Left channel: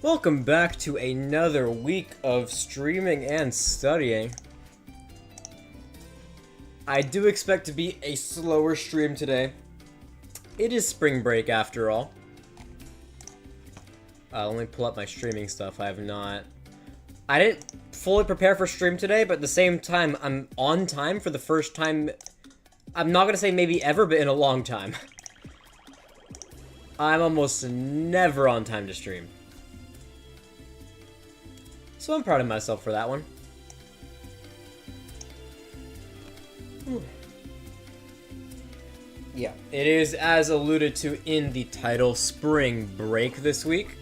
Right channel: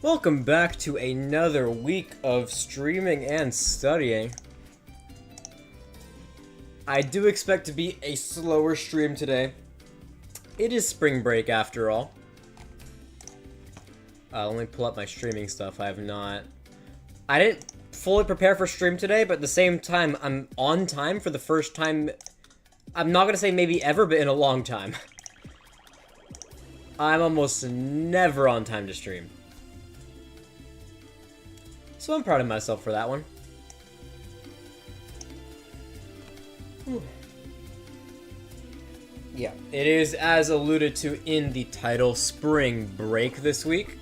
Welcome back to another week of streaming and studying. I do expect to be a slower stream today. It is spring break after all. Let me pull up my streaming stuff. I didn't fully prepare for stream today, but at the same time, I'm on time for the first time. I'm not gonna say maybe ever, but in a long time. I'm almost never on time to stream. So I'm proud of myself for that one. Yeah, it is, as alluded to in the title, spring break this week.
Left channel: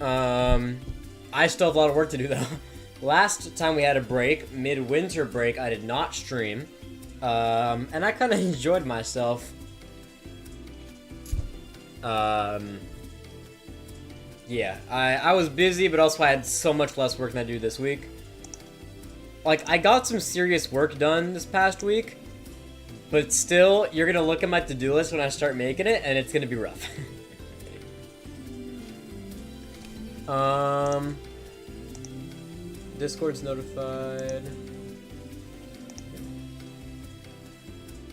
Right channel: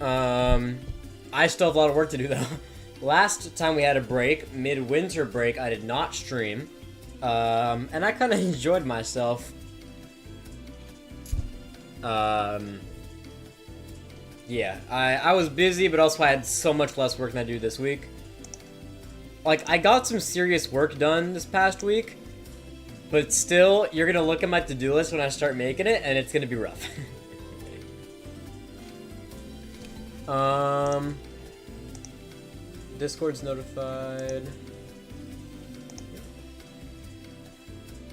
I still have a lot of work to do though. Last time we had a break, mid-winter break, I did not stream. And I kind of enjoyed myself. Yeah, I was busy, but also I had so much less work than I do this week. Like, I got some serious work done this past week, but still, you're gonna look at my to-do list when I start making it, and it's gonna be rough. Discord's notified.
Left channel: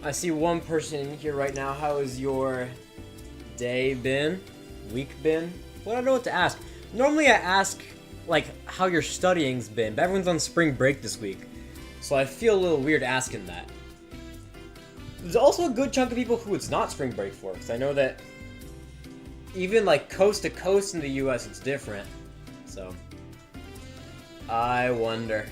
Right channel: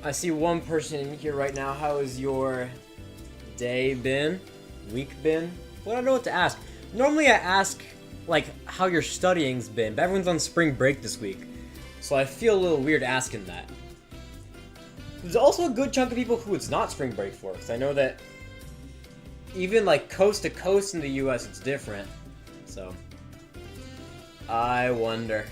I see one person in here right now. How has your day been? Week been? Well, I don't know what to ask. Normally I ask, like, how your studying's been, but everyone's on spring break this week. So I feel a little weird asking that. There's also a good chunk of people who it's not spring break for, because I know that even, like, coast to coast in the US, it's different. So, I wonder.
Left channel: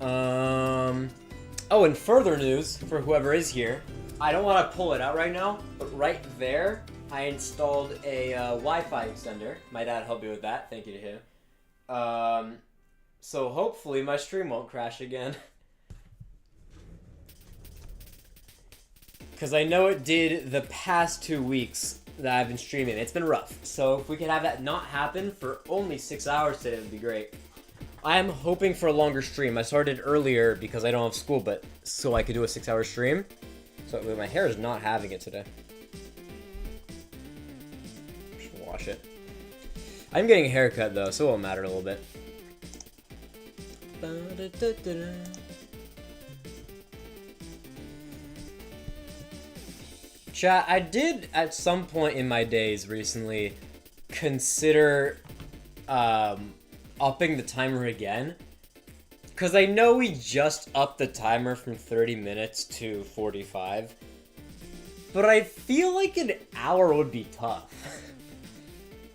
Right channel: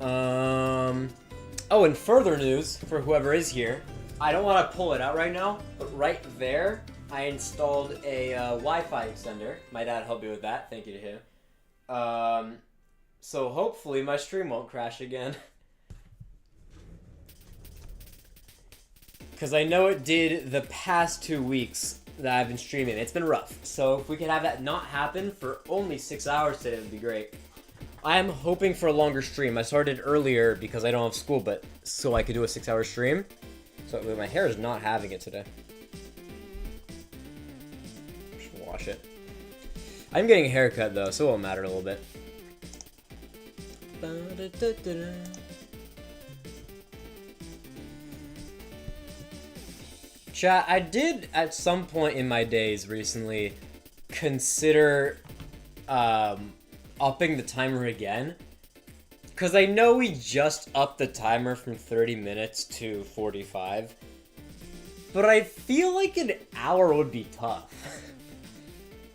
Oh, and further news, for whoever is here, I don't want to pull it out right now, but right there, I installed a Wi-Fi extender. My dad helped me with that. Thank you to him. So hopefully my stream won't crash again. Because I know it did the past 2 weeks that I've been streaming. It's been rough. So if we could have that not happen for only 6 hours today, it would be great. I am hoping for a longer stream. I started earlier because I don't have school, but so I could do a 6-hour stream. So my hair is not having it today. Just wash it. I'm getting a haircut though, so it won't matter a little bit. Chat, I did at some point in my days recently consider upping the timer again. Because I know we just upped the timer from 30 minutes to 45. But I feel like an hour would be tough.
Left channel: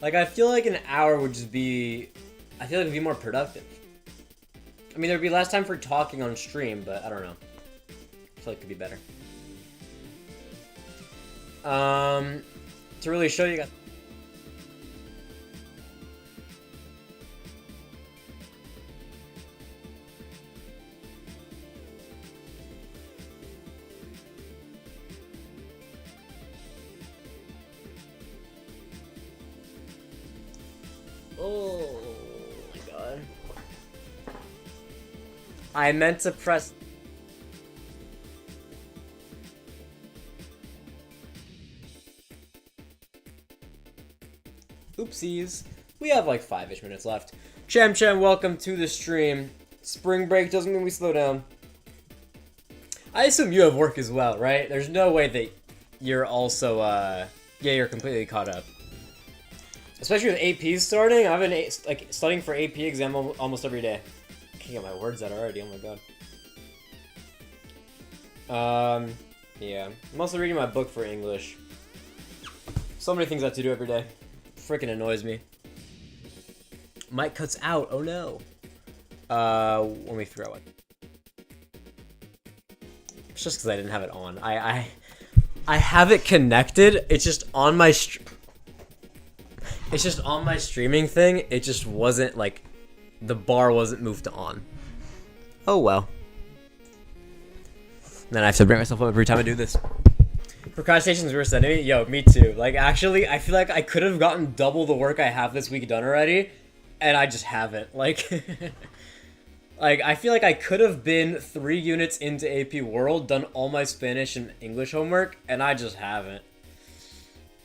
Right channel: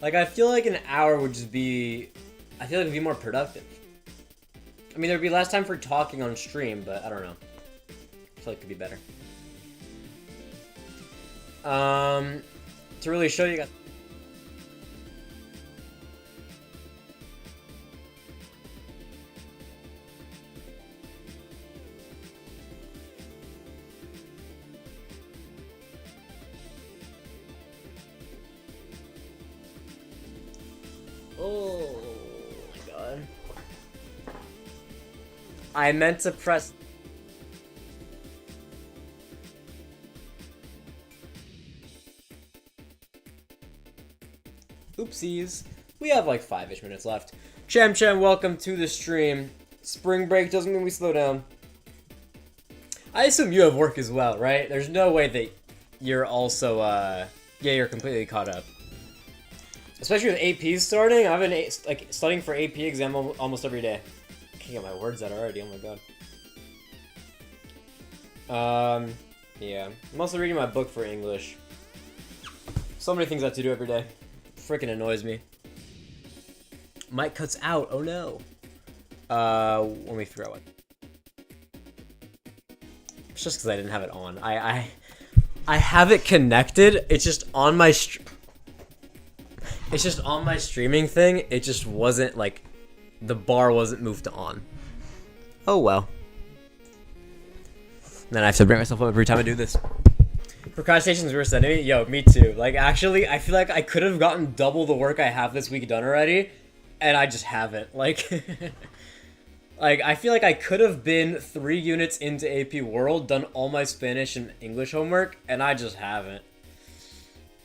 Like, I feel like an hour would just be... I feel like it would be more productive. I mean, there would be less time for talking on stream, but I don't know. I feel like it could be better. To really show you guys... Oh my god. I meant to press... Oopsies. We have like 5-ish minutes left. Cham, welcome to the stream. Spring break doesn't mean we slow down. I assume you have work as well, right? There's no way that you're also, yeah, you're completely caught up. Especially with APs starting, I've been like studying for AP exam almost every day. I can't get my words out already, oh my god. Yeah. I'm also reading my book for English. So many things I have to do every day. Freaking annoys me. Mic cuts out, oh no. Let me figure out what. It's just because I didn't have it on. I have it connected, it's just on my It's just on my streaming thing, it just wasn't, like, the bar wasn't moved to on. Oh well. Then I have to bring myself up every time I do this. Procrastination's worse than enemy? Yo, me too. Like, actually, I feel like I could have gotten double the work I have this week done already, and I just haven't. Like, like, I feel like I could have been 3 units into AP World, done all my Spanish and English homework, and I just haven't.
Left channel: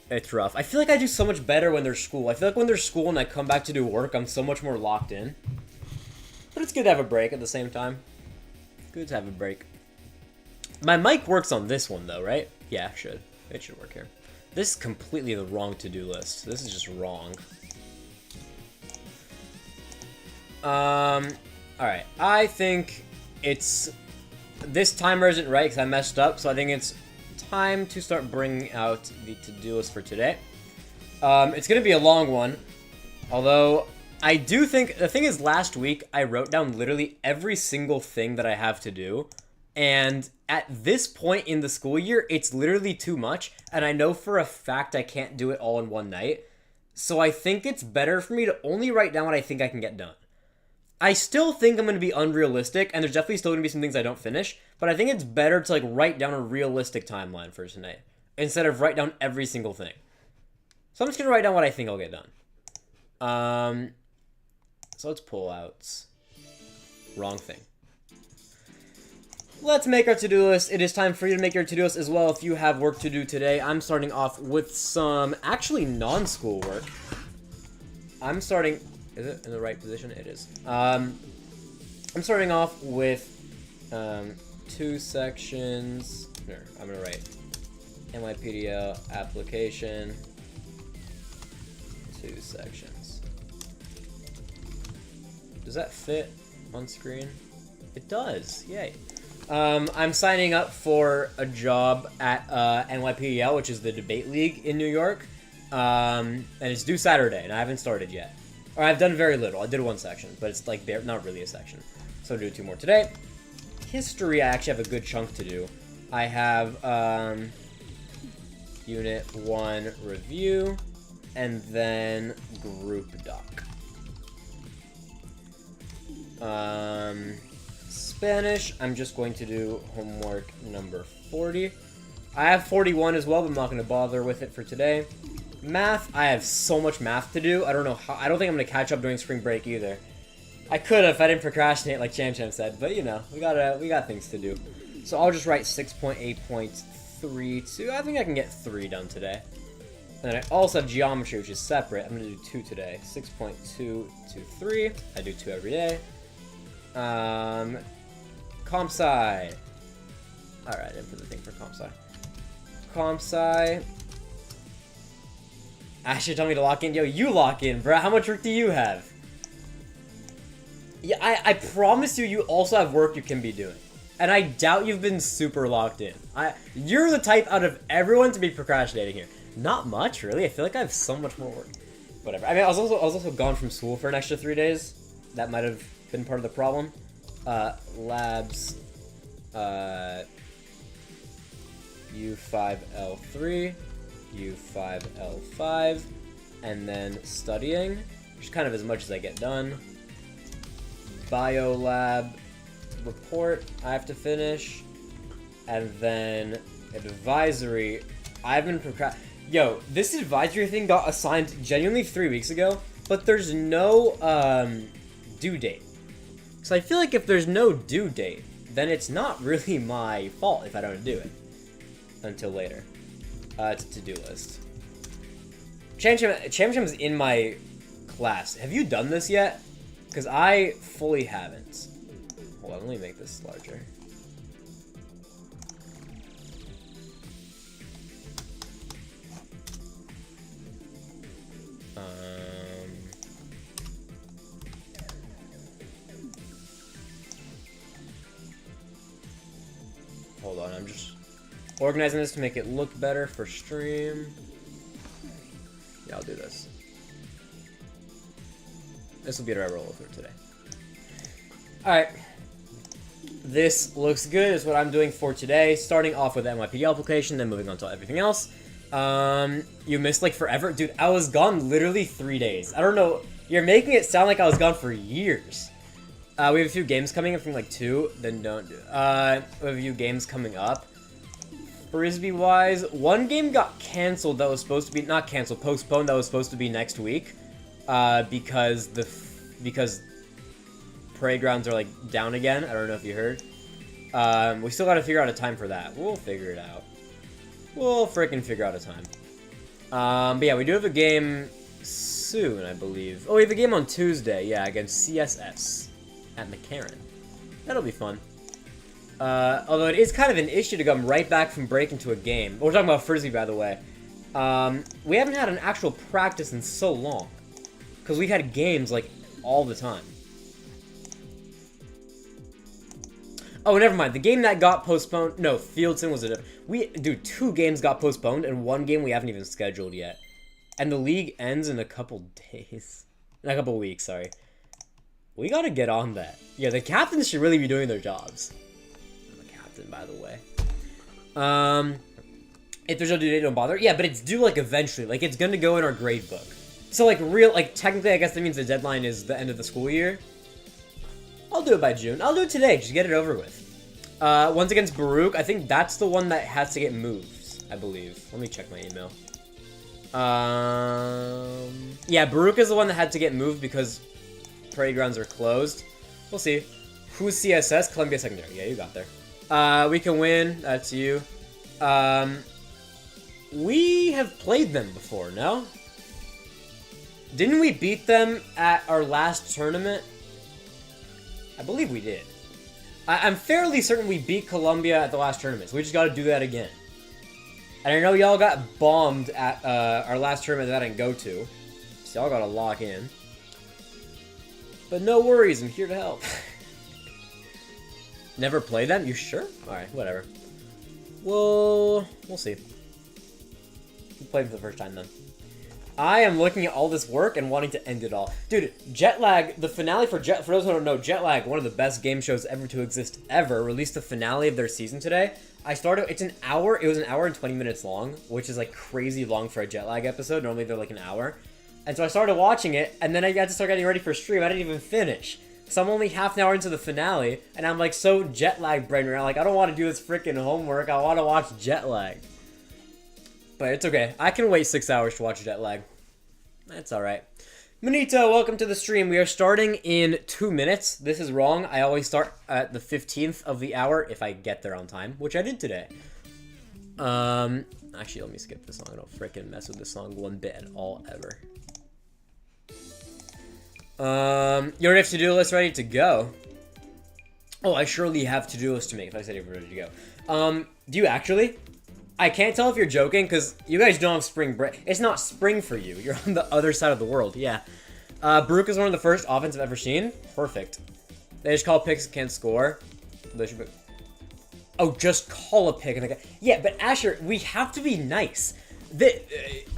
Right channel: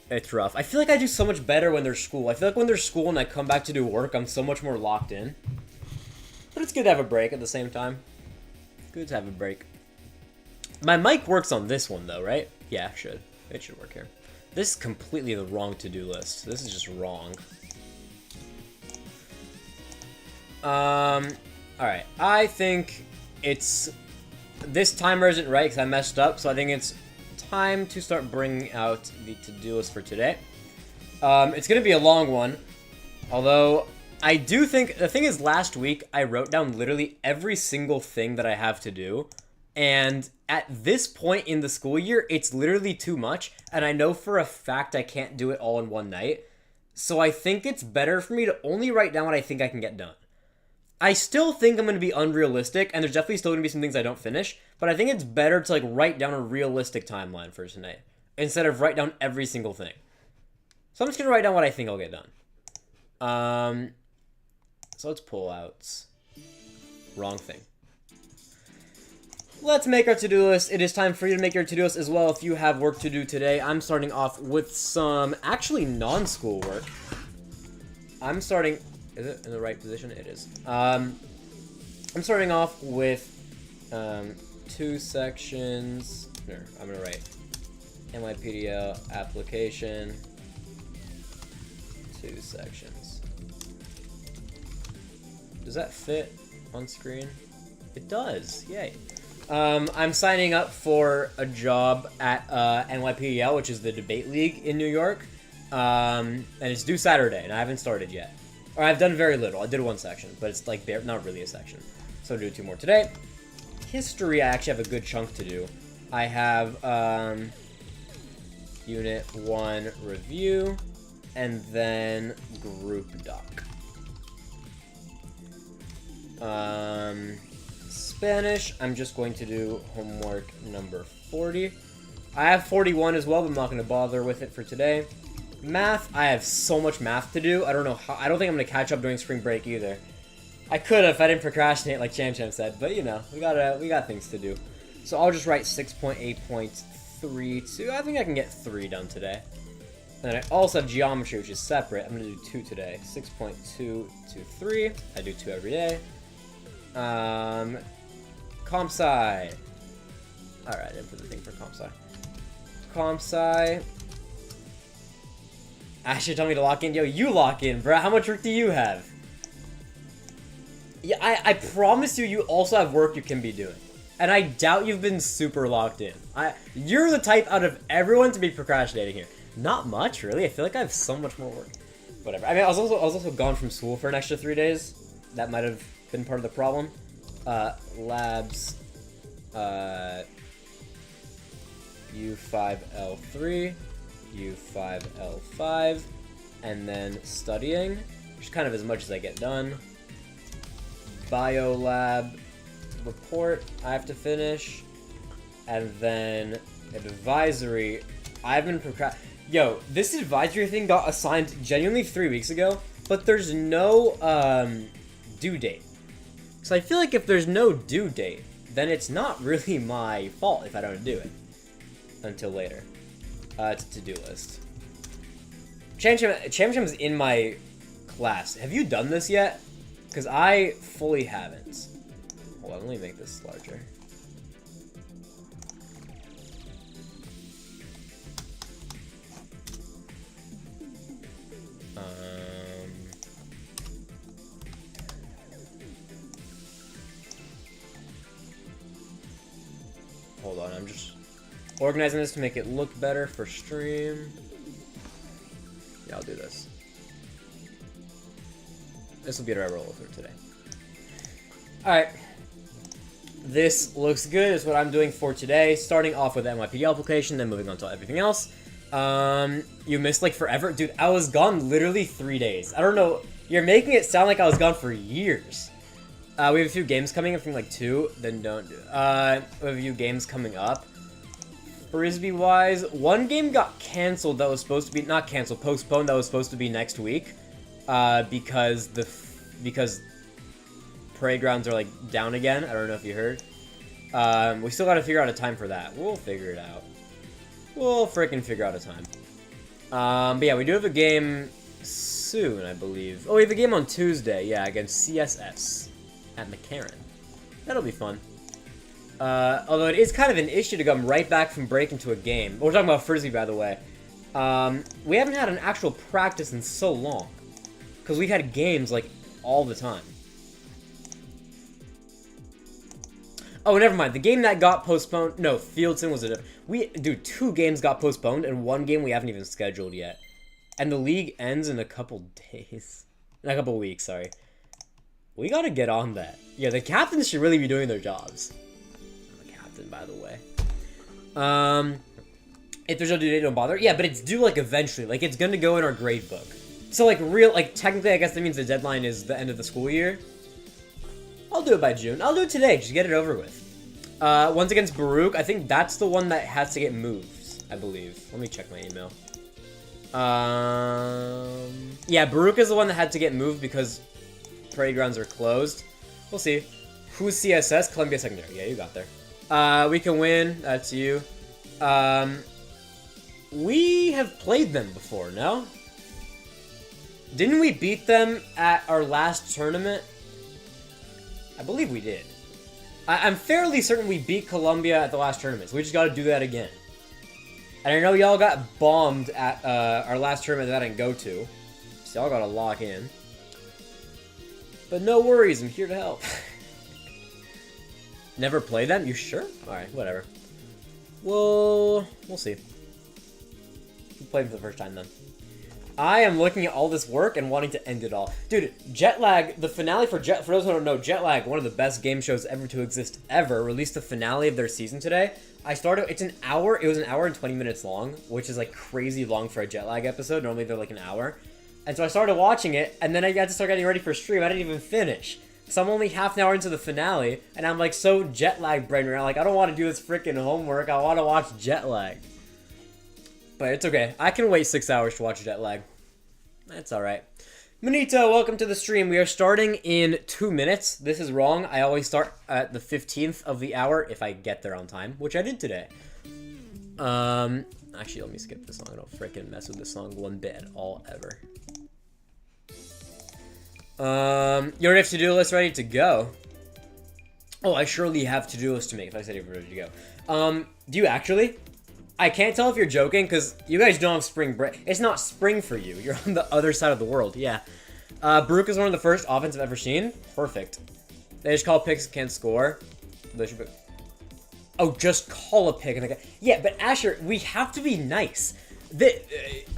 It's rough. I feel like I do so much better when there's school. I feel like when there's school and I come back to do work, I'm so much more locked in. But it's good to have a break at the same time. Good to have a break. My mic works on this one, though, right? Yeah, it should. It should work here. This is completely the wrong to-do list. This is just wrong. Alright. I think it's... This timer isn't right because I messed up, so I think it's time to start bringing out the to-do list for today. It's going to be a long one, although I do think... The thing is, last week, I wrote down literally every single thing that I have to do, and at this point in the school year, it's literally too much, and I know for a fact I can't do it all in one night, so I think it's better for me to only write down what I think I can get done. I still think I'm going to be unrealistic, and there's definitely still going to be some things I don't finish, but I think it's better to, like, write down a realistic timeline for tonight, instead of write down every single thing. So I'm just going to write down what I think I'll get done. So let's pull out. Wrong thing. Let's make our to-do list. It is time for you to make your to-do list as well if you have work to do today. I'm starting off with some actually non-school work. I'm starting... Is it in the right position? It is. I'm starting off with 2 sections. No, I'm going to write NYPDL application. 2 sections. Does that fit on screen? It does. Yay. I'm signing up for a job at NYPDL, which is the debate league in New York. And it's due Saturday, and I haven't started yet. Or I've done very little. I did 1 section, but it's like not really a section. So I'll do 2 more today. History, I actually have a good chunk to do. I have Unit 1 review, and then group doc. Spanish, I'm just going to do homework number 40. I have 41 as well, but I'm not going to bother with it for today. Math, I have so much math to do. I don't know how. I don't think I'm going to catch up during spring break either. I could have if I didn't procrastinate like Cham Cham said, but you know, we got things to do. So I'll just write 6.8.32. I think I can get 3 done today. And I also have geometry, which is separate. I'm going to do 2 today. 6.223. I do 2 every day. Comp sci. Alright, I didn't put the thing for comp sci. Comp sci. Ashley told me to lock in. Yo, you lock in, bro. How much work do you have? Yeah, I promise you also have work you can be doing. And I doubt you've been super locked in. You're the type out of everyone to be procrastinating here. Not much, really. I feel like I have so much more work. Whatever. I mean, I was also gone from school for an extra 3 days. That might have been part of the problem. Labs. U5L3. U5L5, and then studying, which is kind of as much as I get done. Biolab report I have to finish, and then advisory. I've been Yo, this advisory thing got assigned genuinely 3 weeks ago, but there's no due date. So I feel like if there's no due date, then it's not really my fault if I don't do it until later. It's a to-do list. Cham Cham's in my class. Have you done this yet? Because I fully haven't. Hold on, let me make this larger. Hold on, I'm just organizing this to make it look better for stream. Yeah, I'll do this. This will be what I roll through today. Alright. This looks good. Is what I'm doing for today. Starting off with the NYPD application, then moving on to everything else. You missed like forever? Dude, I was gone literally 3 days. I don't know. You're making it sound like I was gone for years. We have a few games coming up, from like 2, then don't do it. We have a few games coming up. Frisbee wise, one game got canceled that was supposed to be not canceled, postponed that was supposed to be next week, because parade grounds are like down again. I don't know if you heard. We still got to figure out a time for that. We'll figure it out. We'll freaking figure out a time. But yeah, we do have a game soon, I believe. Oh, we have a game on Tuesday, yeah, against CSS at McCarran. That'll be fun. Although it is kind of an issue to come right back from break into a game. We're talking about Frisbee, by the way. We haven't had an actual practice in so long. Because we've had games, like, all the time. Oh, never mind. The game that got postponed... No, Fieldson was a... Dude, 2 games got postponed, and 1 game we haven't even scheduled yet. And the league ends in a couple days. In a couple weeks, sorry. We gotta get on that. Yeah, the captains should really be doing their jobs. I'm a captain, by the way. If there's no due date, don't bother. Yeah, but it's due, like, eventually. Like, it's gonna go in our grade book. So, like, technically, I guess that means the deadline is the end of the school year. I'll do it by June. I'll do it today. Just get it over with. Once against Baruch, I think that's the one that has to get moved, I believe. Let me check my email. Yeah, Baruch is the one that had to get moved because parade grounds are closed. We'll see. Who's CSS? Columbia Secondary. Yeah, you got there. We can win. That's you. We have played them before, no? Didn't we beat them at our last tournament? I believe we did. I'm fairly certain we beat Columbia at the last tournament, so we just gotta do that again. And I know y'all got bombed at our last tournament that I didn't go to, so y'all gotta lock in. But no worries, I'm here to help. Never played them? You sure? Alright, whatever. We'll see. We'll play them for the first time then. I am looking at all this work and wanting to end it all. Dude, Jetlag, the finale for those who don't know, Jetlag, one of the best game shows ever to exist ever, released the finale of their season today. It's an hour, it was an hour and 20 minutes long, which is like crazy long for a Jetlag episode. Normally they're like an hour. And so I started watching it, and then I got to start getting ready for stream. I didn't even finish. So I'm only half an hour into the finale, and I'm like so Jetlag brain right now. Like, I don't want to do this freaking homework. I want to watch Jetlag. But it's okay. I can wait 6 hours to watch Jetlag. That's alright. Manito, welcome to the stream. We are starting in 2 minutes. This is wrong. I always start at the 15th of the hour if I get there on time, which I did today. Actually, let me skip this song. I don't freaking mess with this song one bit at all, ever. You already have to-do list ready to go. Oh, I surely have to-do list to make if I said you're ready to go. Do you actually? I can't tell if you're joking, because you guys don't have spring break. It's not spring for you. You're on the other side of the world, yeah. Baruch is one of the first offense I've ever seen. Perfect. They just call picks, can't score. They should be... Oh, just call a pick. And yeah, but Asher, we have to be nice.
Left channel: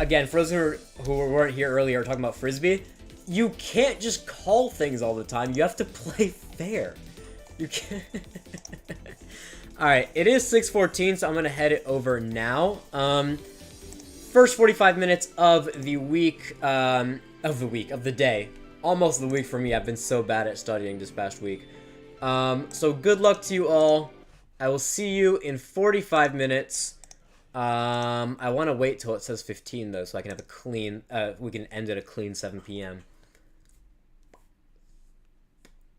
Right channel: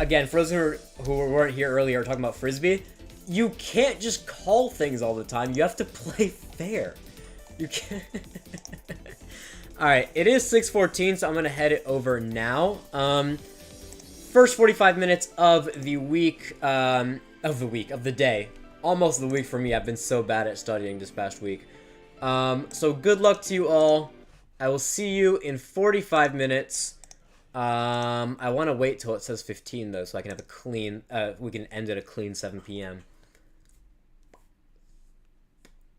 Again, for those who weren't here earlier talking about Frisbee, you can't just call things all the time. You have to play fair. You can't... Alright, it is 6:14, so I'm going to head it over now. First 45 minutes of the week, of the day. Almost the week for me. I've been so bad at studying this past week. So good luck to you all. I will see you in 45 minutes. I want to wait till it says 15, though, so I can have a clean, we can end at a clean 7 p.m.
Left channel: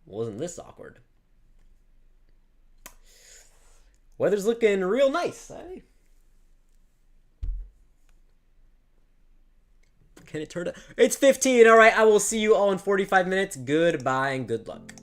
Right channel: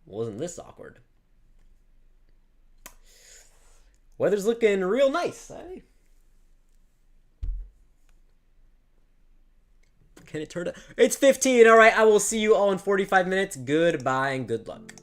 Wasn't this awkward? Weather's looking real nice, eh? Can it turn up? It's 15, alright, I will see you all in 45 minutes. Goodbye and good luck.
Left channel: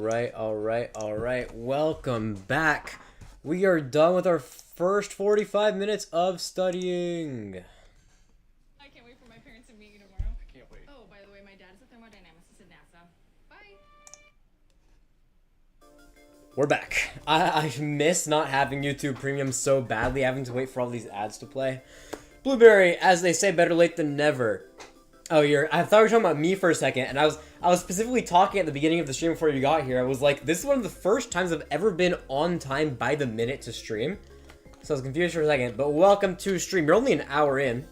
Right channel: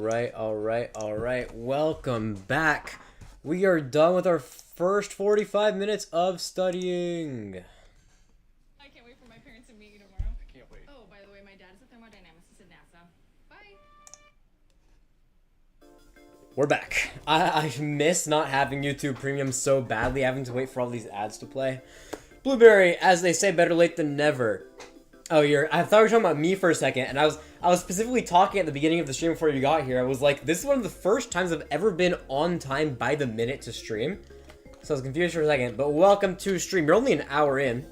Alright. Welcome back. We are done with our first 45 minutes of studying. I can't wait for my parents to meet you tomorrow. I can't wait. Oh, by the way, my dad is a thermodynamicist at NASA. Bye. We're back. I miss not having YouTube Premium so badly, having to wait for all these ads to play. Blueberry, as they say, better late than never. Oh, I thought you were talking about me for a second, and I was specifically talking at the beginning of the stream before you got here. I was like, this is one of the first times I've ever been on time by the minute to stream. So I was confused for a second, but welcome to stream. You're only an hour in.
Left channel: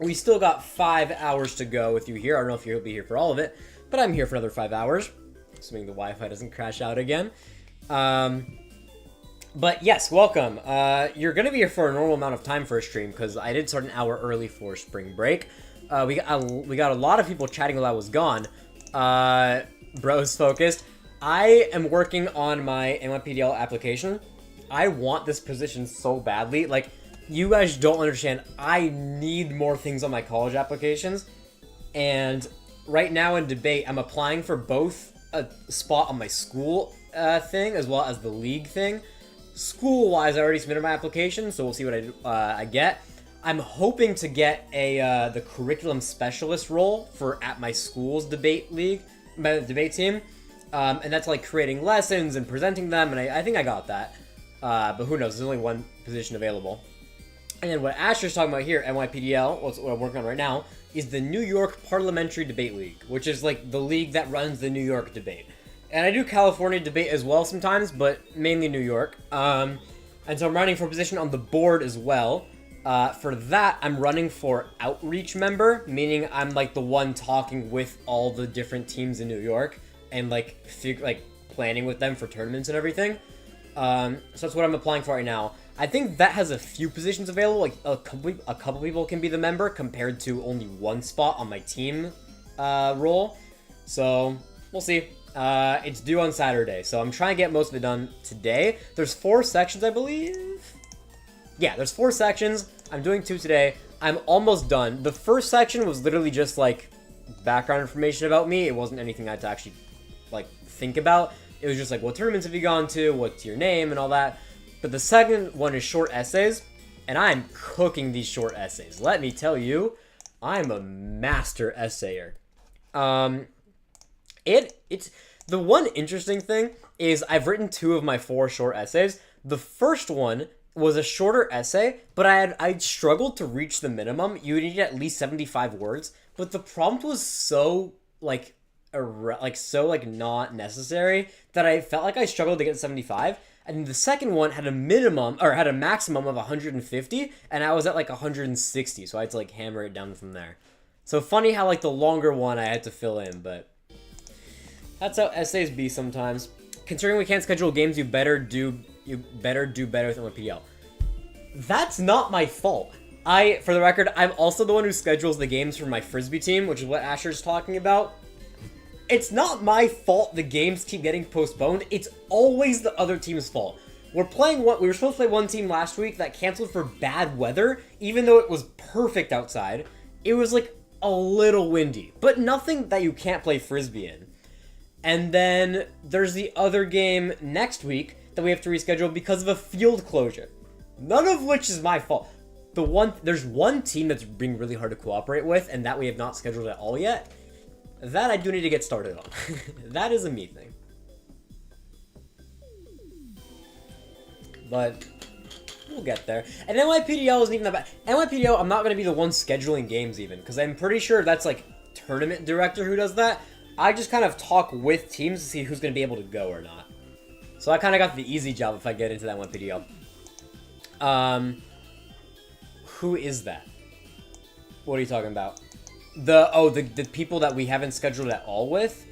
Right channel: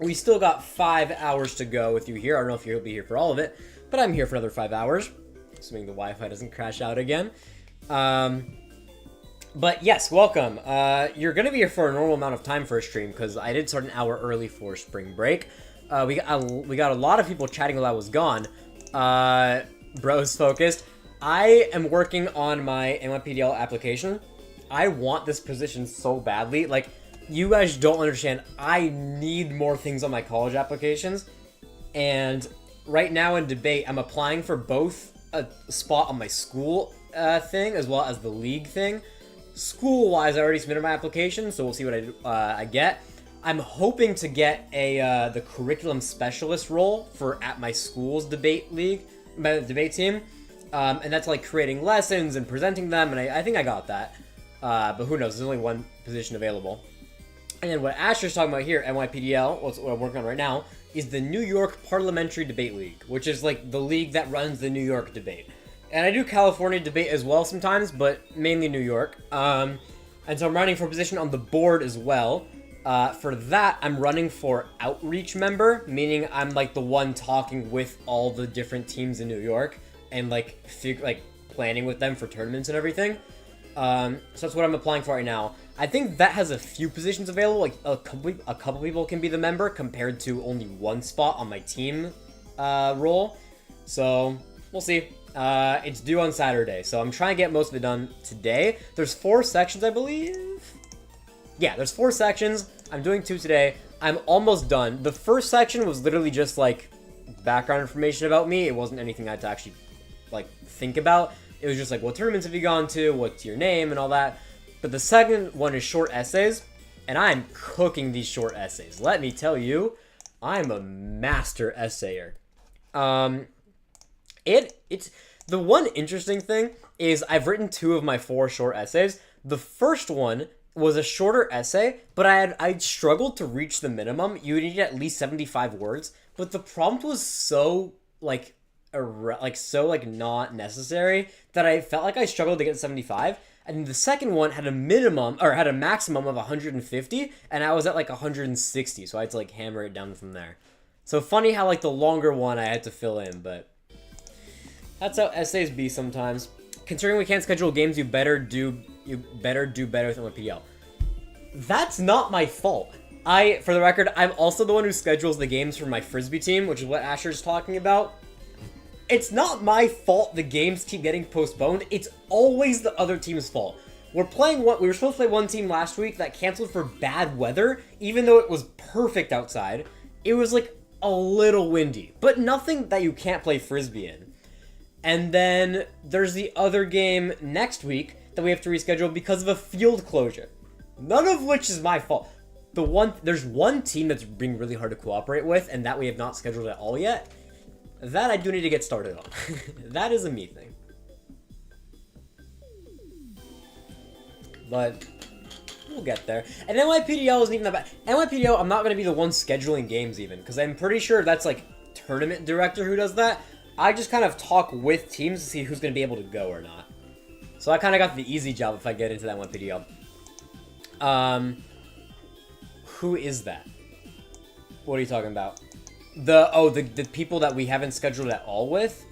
We still got 5 hours to go with you here. I don't know if you'll be here for all of it, but I'm here for another 5 hours, assuming the Wi-Fi doesn't crash out again. But yes, welcome. You're going to be here for a normal amount of time for a stream, because I did start an hour early for spring break. We got a lot of people chatting while I was gone. Bros focused. I am working on my NYPDL application. I want this position so badly. Like, you guys don't understand. I need more things on my college applications. And right now in debate, I'm applying for both a spot on my school thing as well as the league thing. School-wise, I already submitted my application, so we'll see what I get. I'm hoping to get the curriculum specialist role at my school's debate team, and that's like creating lessons and presenting them, and I think I got that. But who knows? There's only one position available. And then what Asher's talking about here, NYPDL, what I'm working on right now, is the New York Parliamentary Debate League, which is like the league that runs the New York debate. And I do California debate as well sometimes, but mainly New York. And so I'm running for a position on the board as well. For that, I'm running for outreach member, meaning I'm like the one talking with all the different teams in New York and like planning with them for tournaments and everything. So that's what I'm applying for right now. I think that has a few positions available. Like a couple people can be the member compared to only one spot on my team role. So we'll see. It's due on Saturday, so I'm trying to get most of it done today. There's 4 sections, I believe. Yeah, there's 4 sections. I'm doing 2 today. I'm almost done. The first section was literally just like background information about me. It wasn't anything I had to actually like think about. It was just like, what tournaments have you gone to? What's your name and all that. But the second one is short essays, and I'm cooking these short essays. Let me tell you, I'm a master essayer. It's the one interesting thing is I've written 2 of my 4 short essays. The first one was a shorter essay, but I struggled to reach the minimum. You needed at least 75 words, but the prompt was so not necessary that I felt like I struggled to get 75. And the second one had a maximum of 150, and I was at like 160, so I had to like hammer it down from there. So funny how like the longer one I had to fill in, but that's how essays be sometimes. Considering we can't schedule games, you better do better with NYPDL. That's not my fault. For the record, I'm also the one who schedules the games for my Frisbee team, which is what Asher's talking about. It's not my fault the games keep getting postponed. It's always the other team's fault. We were supposed to play one team last week that canceled for bad weather, even though it was perfect outside. It was like a little windy, but nothing that you can't play Frisbee in. And then there's the other game next week that we have to reschedule because of a field closure. None of which is my fault. There's one team that's being really hard to cooperate with, and that we have not scheduled at all yet. That I do need to get started on. That is a me thing. But we'll get there. And NYPDL isn't even that bad. NYPDL, I'm not going to be the one scheduling games even, because I'm pretty sure that's like tournament director who does that. I just kind of talk with teams to see who's going to be able to go or not. So I kind of got the easy job if I get into that NYPDL. Who is that? What are you talking about? The people that we haven't scheduled at all with?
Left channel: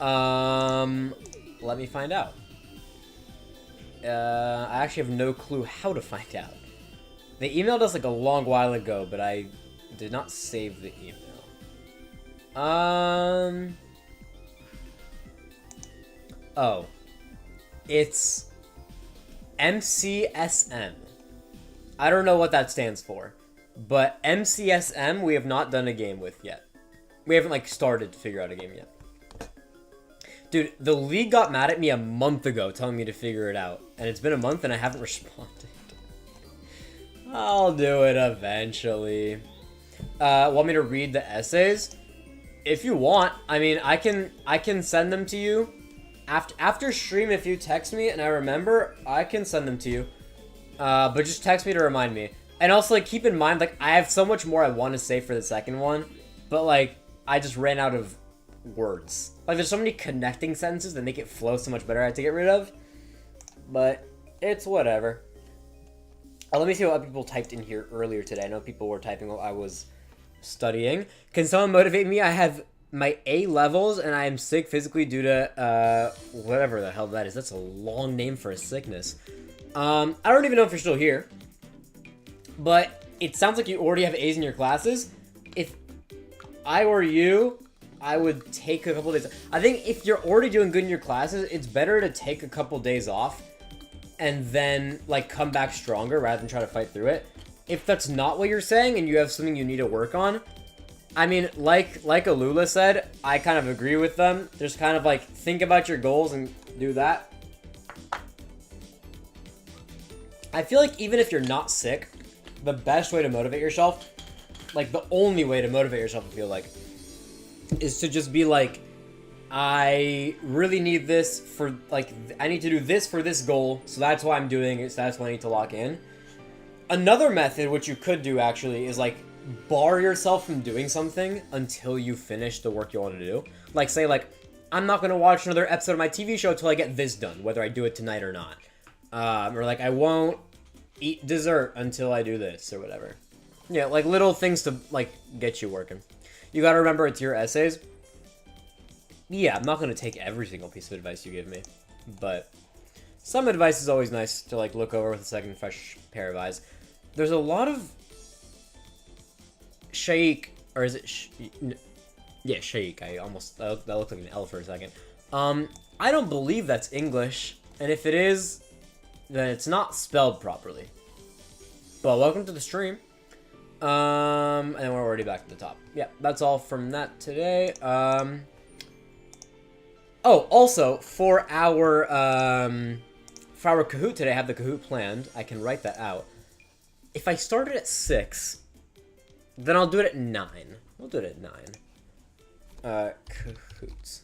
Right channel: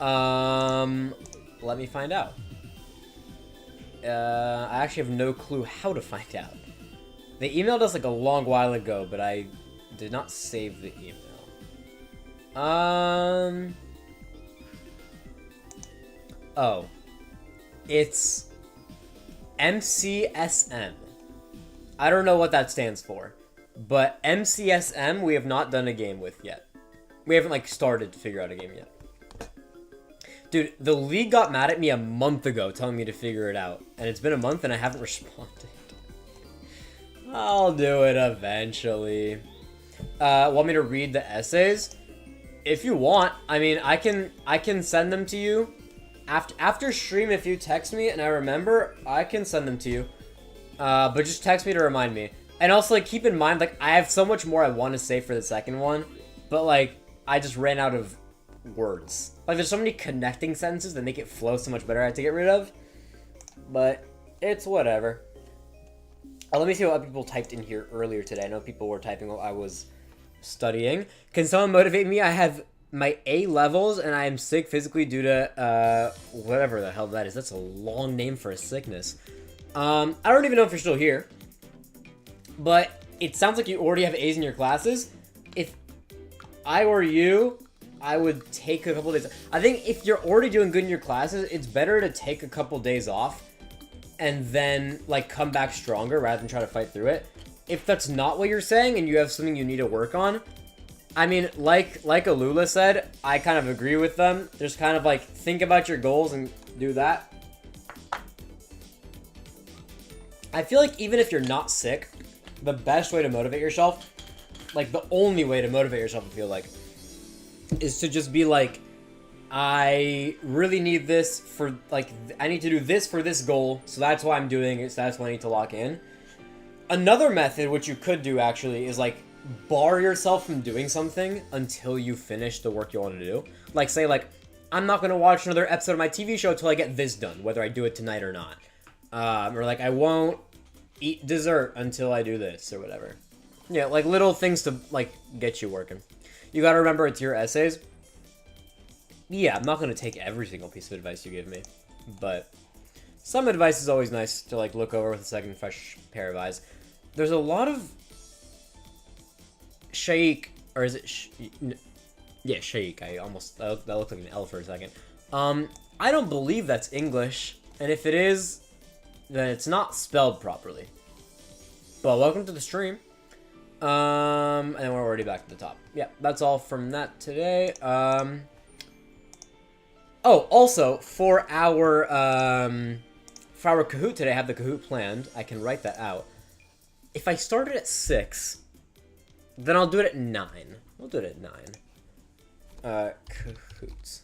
Let me find out. I actually have no clue how to find out. They emailed us like a long while ago, but I did not save the email. Oh. It's MCSM. I don't know what that stands for. But MCSM we have not done a game with yet. We haven't, like, started to figure out a game yet. Dude, the league got mad at me a month ago telling me to figure it out. And it's been a month and I haven't responded. I'll do it eventually. Want me to read the essays? If you want. I mean, I can send them to you. After stream, if you text me and I remember, I can send them to you. But just text me to remind me. And also, like, keep in mind, like, I have so much more I want to say for the second one. But, like, I just ran out of words. Like, there's so many connecting sentences that make it flow so much better I have to get rid of. But it's whatever. Let me see what people typed in here earlier today. I know people were typing while I was studying. Can someone motivate me? I have my A levels and I am sick physically due to, whatever the hell that is. That's a long name for a sickness. I don't even know if you're still here. But it sounds like you already have A's in your classes. If I were you, I would take a couple days. I think if you're already doing good in your classes, it's better to take a couple days off and then, like, come back stronger rather than try to fight through it. If that's not what you're saying and you have something you need to work on, I mean, like Alula said, I kind of agree with them. Just kind of, like, think about your goals and do that. I feel like even if you're not sick, the best way to motivate yourself, like, the only way to motivate yourself, I feel like, is to just be like, I really need this for, like, I need to do this for this goal, so that's why I'm doing it, so that's why I need to lock in. Another method, which you could do, actually, is, like, bar yourself from doing something until you finish the work you want to do. Like, say, like, I'm not going to watch another episode of my TV show until I get this done, whether I do it tonight or not. Or, like, I won't eat dessert until I do this, or whatever. Yeah, like, little things to, like, get you working. You gotta remember it's your essays. Yeah, I'm not gonna take every single piece of advice you give me, but some advice is always nice to, like, look over with a second fresh pair of eyes. There's a lot of Shaikh, or is it yeah, Shaikh. That looked like an L for a second. I don't believe that's English, and if it is, then it's not spelled properly. But welcome to the stream. And then we're already back to the top. Yeah, that's all from that today. Oh, also, for our Kahoot today, I have the Kahoot planned. I can write that out. If I started at 6, then I'll do it at 9. We'll do it at 9. Kahoots.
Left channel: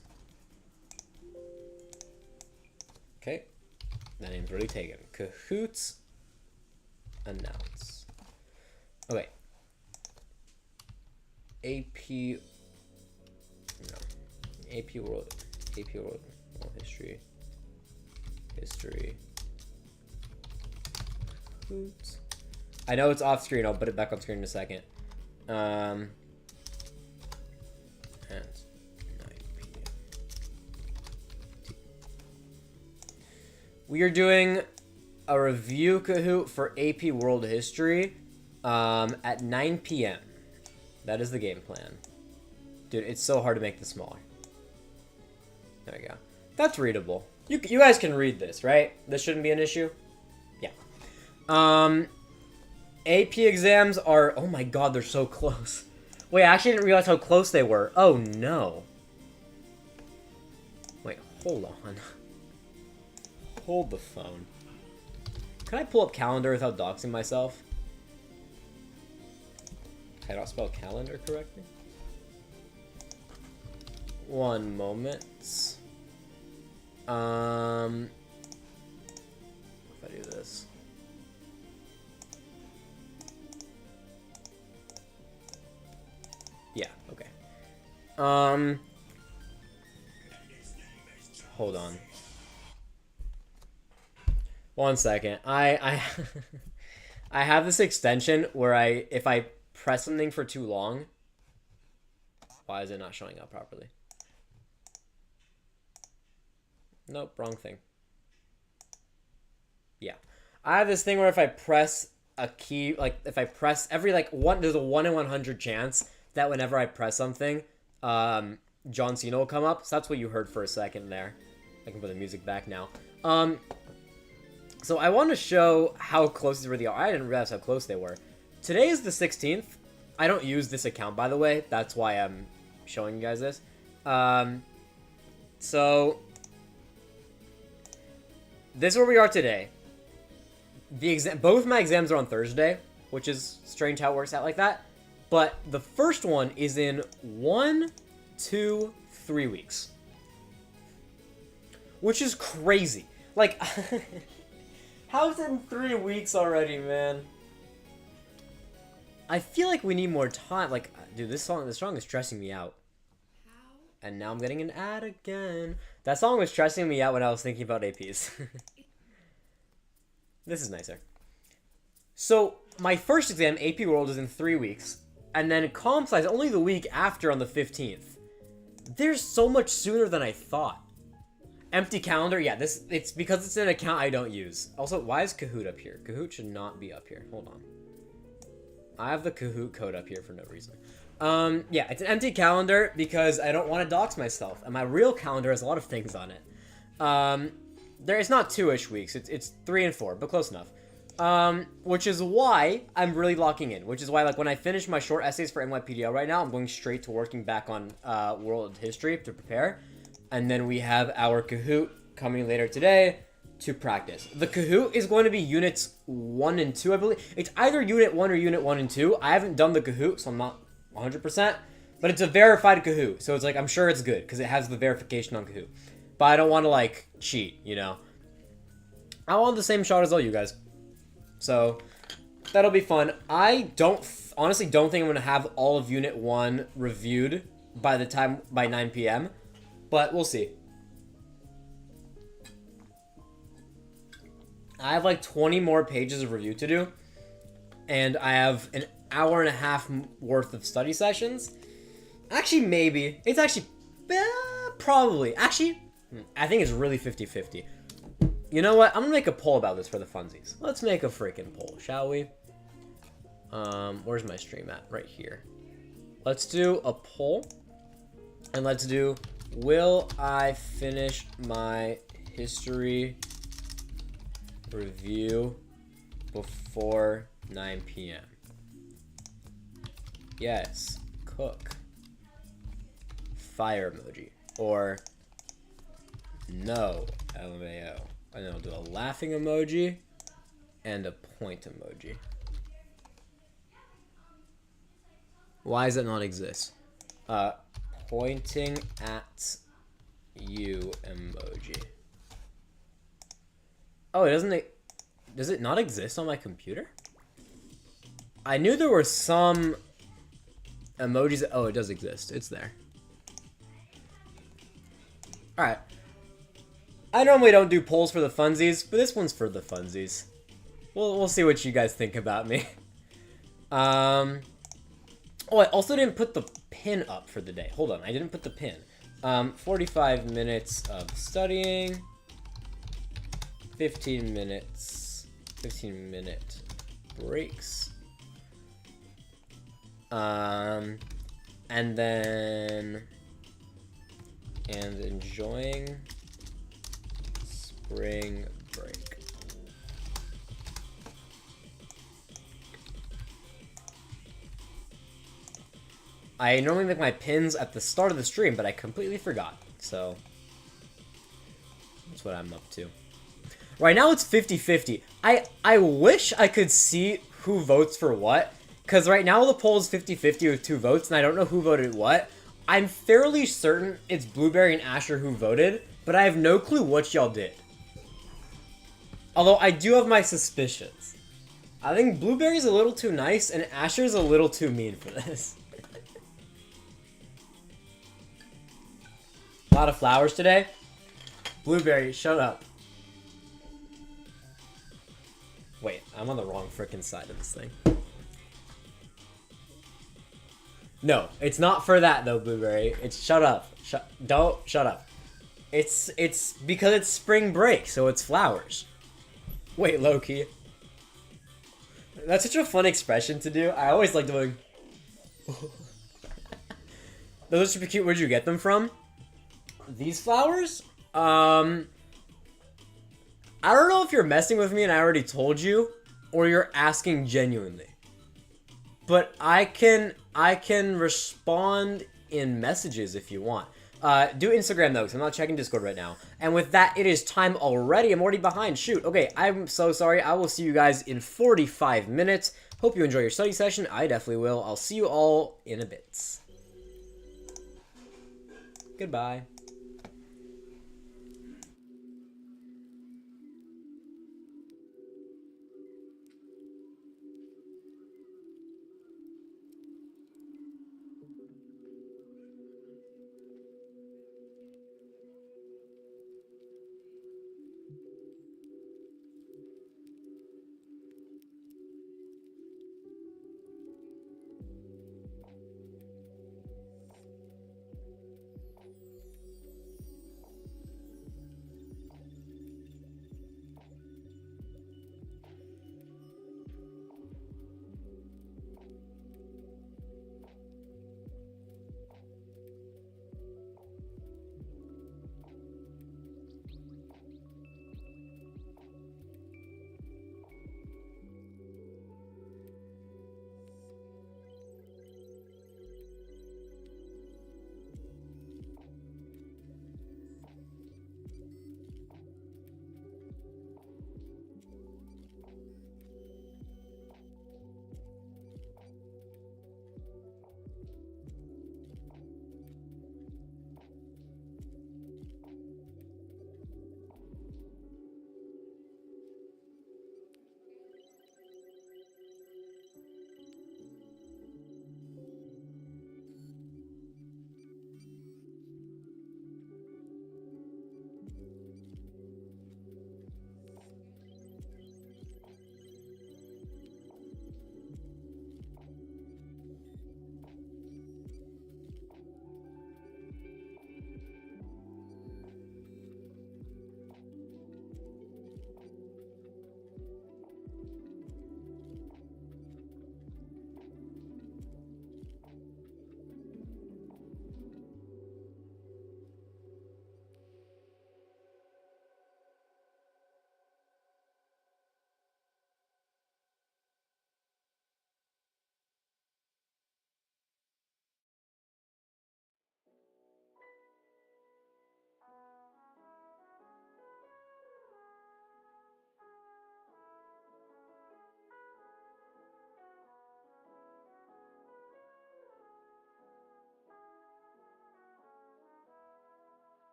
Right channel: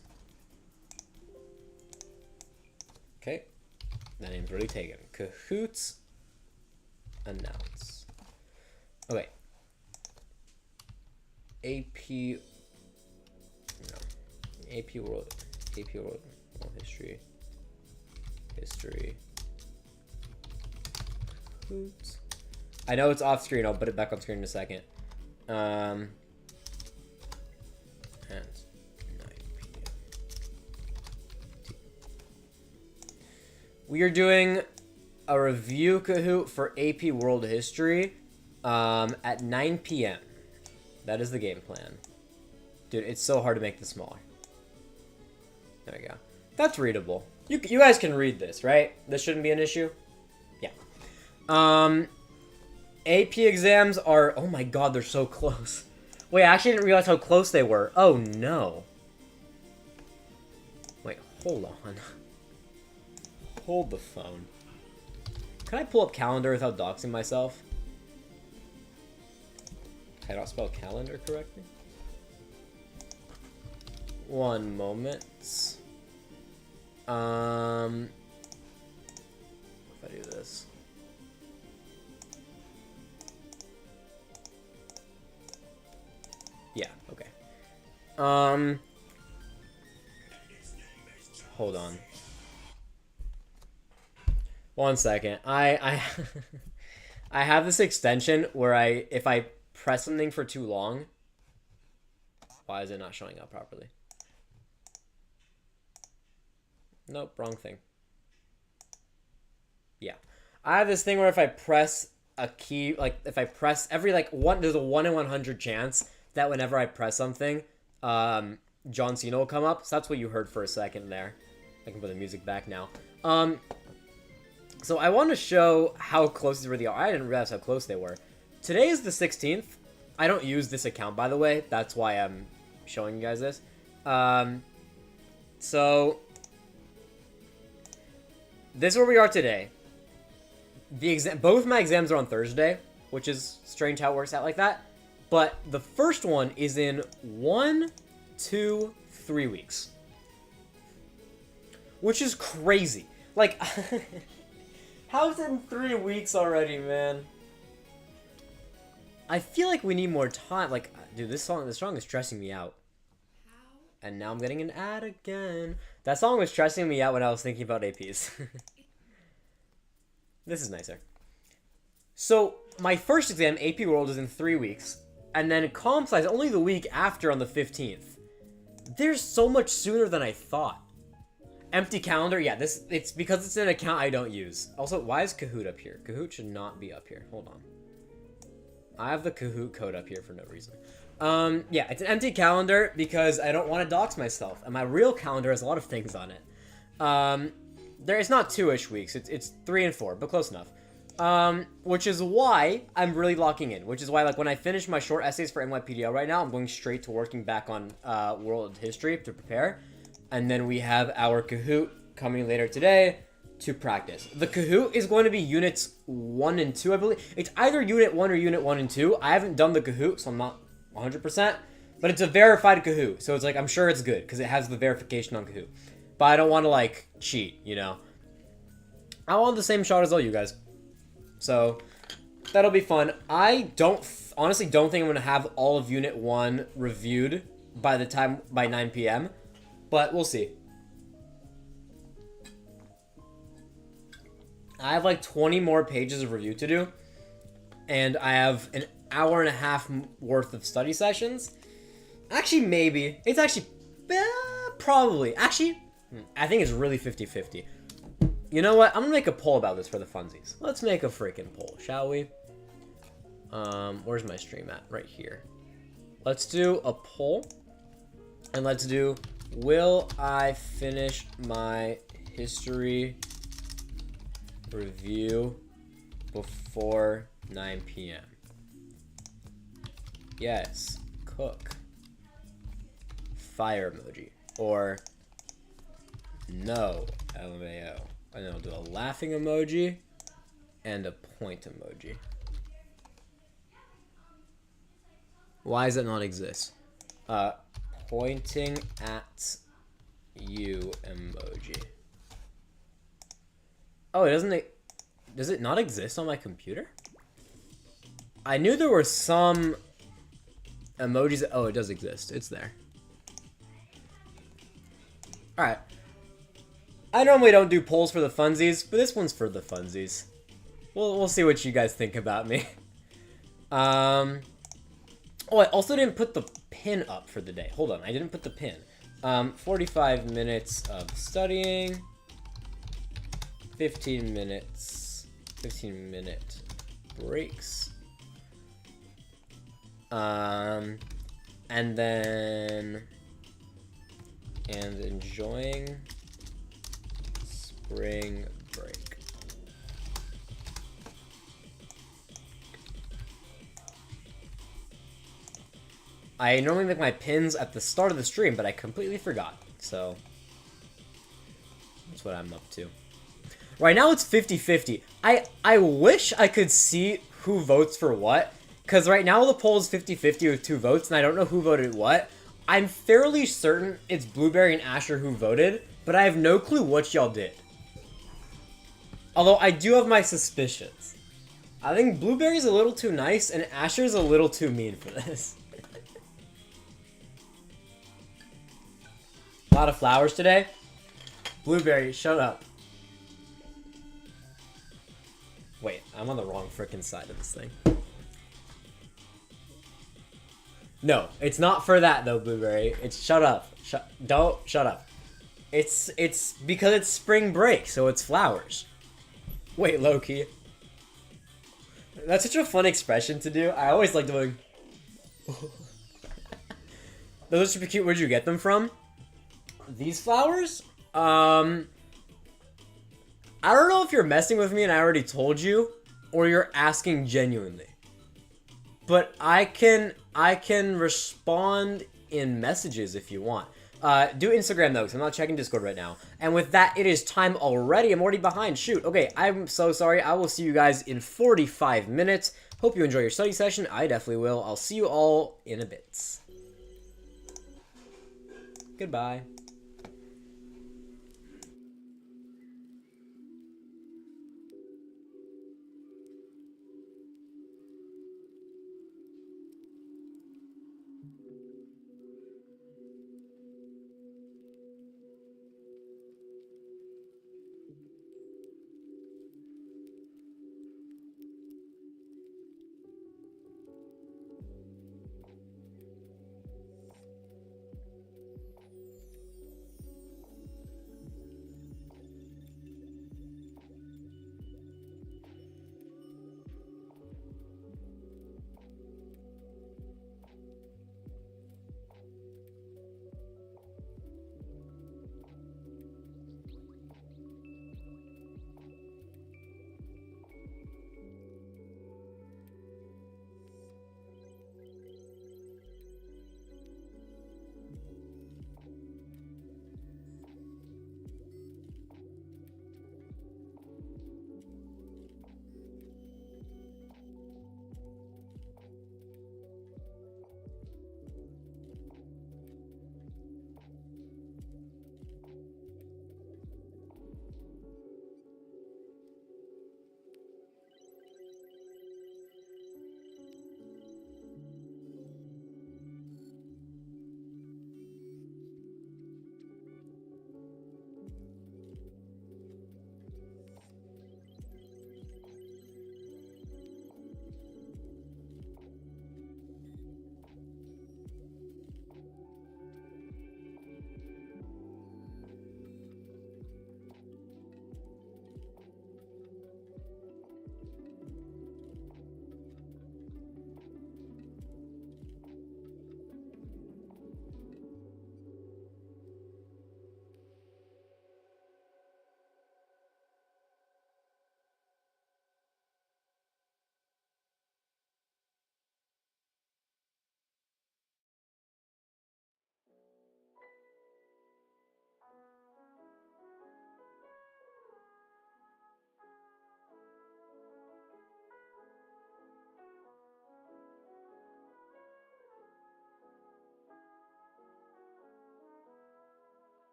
Okay. That name's already taken. Kahoots. Announce. Okay. AP World History. Oops. I know it's off screen. I'll put it back on screen in a second. And 9 p.m. We are doing a review Kahoot for AP World History at 9 p.m. That is the game plan. Dude, it's so hard to make this smaller. There we go. That's readable. You guys can read this, right? This shouldn't be an issue? Yeah. AP exams are... Oh my god, they're so close. Wait, I actually didn't realize how close they were. Oh no. Wait, hold on. Hold the phone. Can I pull up calendar without doxing myself? Can I not spell calendar correctly? One moment. If I do this. Yeah, okay. Hold on. One second. I I have this extension where if I press something for too long, why is it not showing up properly? Nope, wrong thing. Yeah. I have this thing where if I press a key, like if I press every there's a 1 in 100 chance that whenever I press something, John Cena will come up. So that's what you heard for a second there. I can put the music back now. So I want to show how close these really are. I didn't realize how close they were. Today is the 16th. I don't use this account, by the way. That's why I'm showing you guys this. So this is where we are today. Both my exams are on Thursday, which is strange how it works out like that. But the first one is in 1, 2, 3 weeks. Which is crazy. Like, how's it in 3 weeks already, man? I feel like we need more time. Like, dude, this song is stressing me out. And now I'm getting an ad again. That song was stressing me out when I was thinking about APs. This is nicer. So, my first exam, AP World, is in 3 weeks. And then Comp Sci is only the week after on the 15th. There's so much sooner than I thought. Empty calendar, yeah, it's because it's an account I don't use. Also, why is Kahoot up here? Kahoot should not be up here. Hold on. I have the Kahoot code up here for no reason. Yeah, it's an empty calendar because I don't want to dox myself. And my real calendar has a lot of things on it. It's not 2-ish weeks. It's 3 and 4, but close enough. Which is why I'm really locking in. Which is why, like, when I finish my short essays for NYPDL right now, I'm going straight to working back on world history to prepare. And then we have our Kahoot coming later today to practice. The Kahoot is going to be units 1 and 2, I believe. It's either unit 1 or unit 1 and 2. I haven't done the Kahoot, so I'm not 100%. But it's a verified Kahoot, so it's like, I'm sure it's good because it has the verification on Kahoot. But I don't want to, like, cheat, you know? I want the same shot as all you guys. So, that'll be fun. I honestly don't think I'm going to have all of Unit 1 reviewed by 9 p.m. But we'll see. I have like 20 more pages of review to do. And I have an hour and a half worth of study sessions. Actually, maybe. It's actually, probably. Actually, I think it's really 50-50. You know what? I'm going to make a poll about this for the funsies. Let's make a freaking poll, shall we? Where's my stream at? Right here. Let's do a poll. And let's do, will I finish my history review before 9 p.m.? Yes. Cook. Fire emoji. Or no. LMAO. And then I'll do a laughing emoji and a point emoji. Why does it not exist? Pointing at you emoji. Oh, does it not exist on my computer? I knew there were some emojis. Oh, it does exist. It's there. Alright. I normally don't do polls for the funsies, but this one's for the funsies. We'll see what you guys think about me. Oh, I also didn't put the pin up for the day. Hold on, I didn't put the pin. 45 minutes of studying. 15 minute breaks. And enjoying spring break. I normally make my pins at the start of the stream, but I completely forgot. So, that's what I'm up to. Right now it's 50-50. I wish I could see who votes for what. Because right now the poll is 50-50 with 2 votes, and I don't know who voted what. I'm fairly certain it's Blueberry and Asher who voted, but I have no clue what y'all did. Although I do have my suspicions. I think Blueberry's a little too nice, and Asher's a little too mean for this. A lot of flowers today. Blueberry, shut up. Wait, I'm on the wrong frickin' side of this thing. No, it's not for that though, Blueberry. It's shut up. Shut up. It's because it's spring break, so it's flowers. Wait, Loki. That's such a fun expression to do. I always like doing. Those are super cute. Where'd you get them from? These flowers? I don't know if you're messing with me and I already told you, or you're asking genuinely. But I can respond in messages if you want. Do Instagram though, because I'm not checking Discord right now. And with that, it is time already. I'm already behind. Shoot. Okay, I'm so sorry. I will see you guys in 45 minutes. Hope you enjoy your study session. I definitely will. I'll see you all in a bit. Goodbye.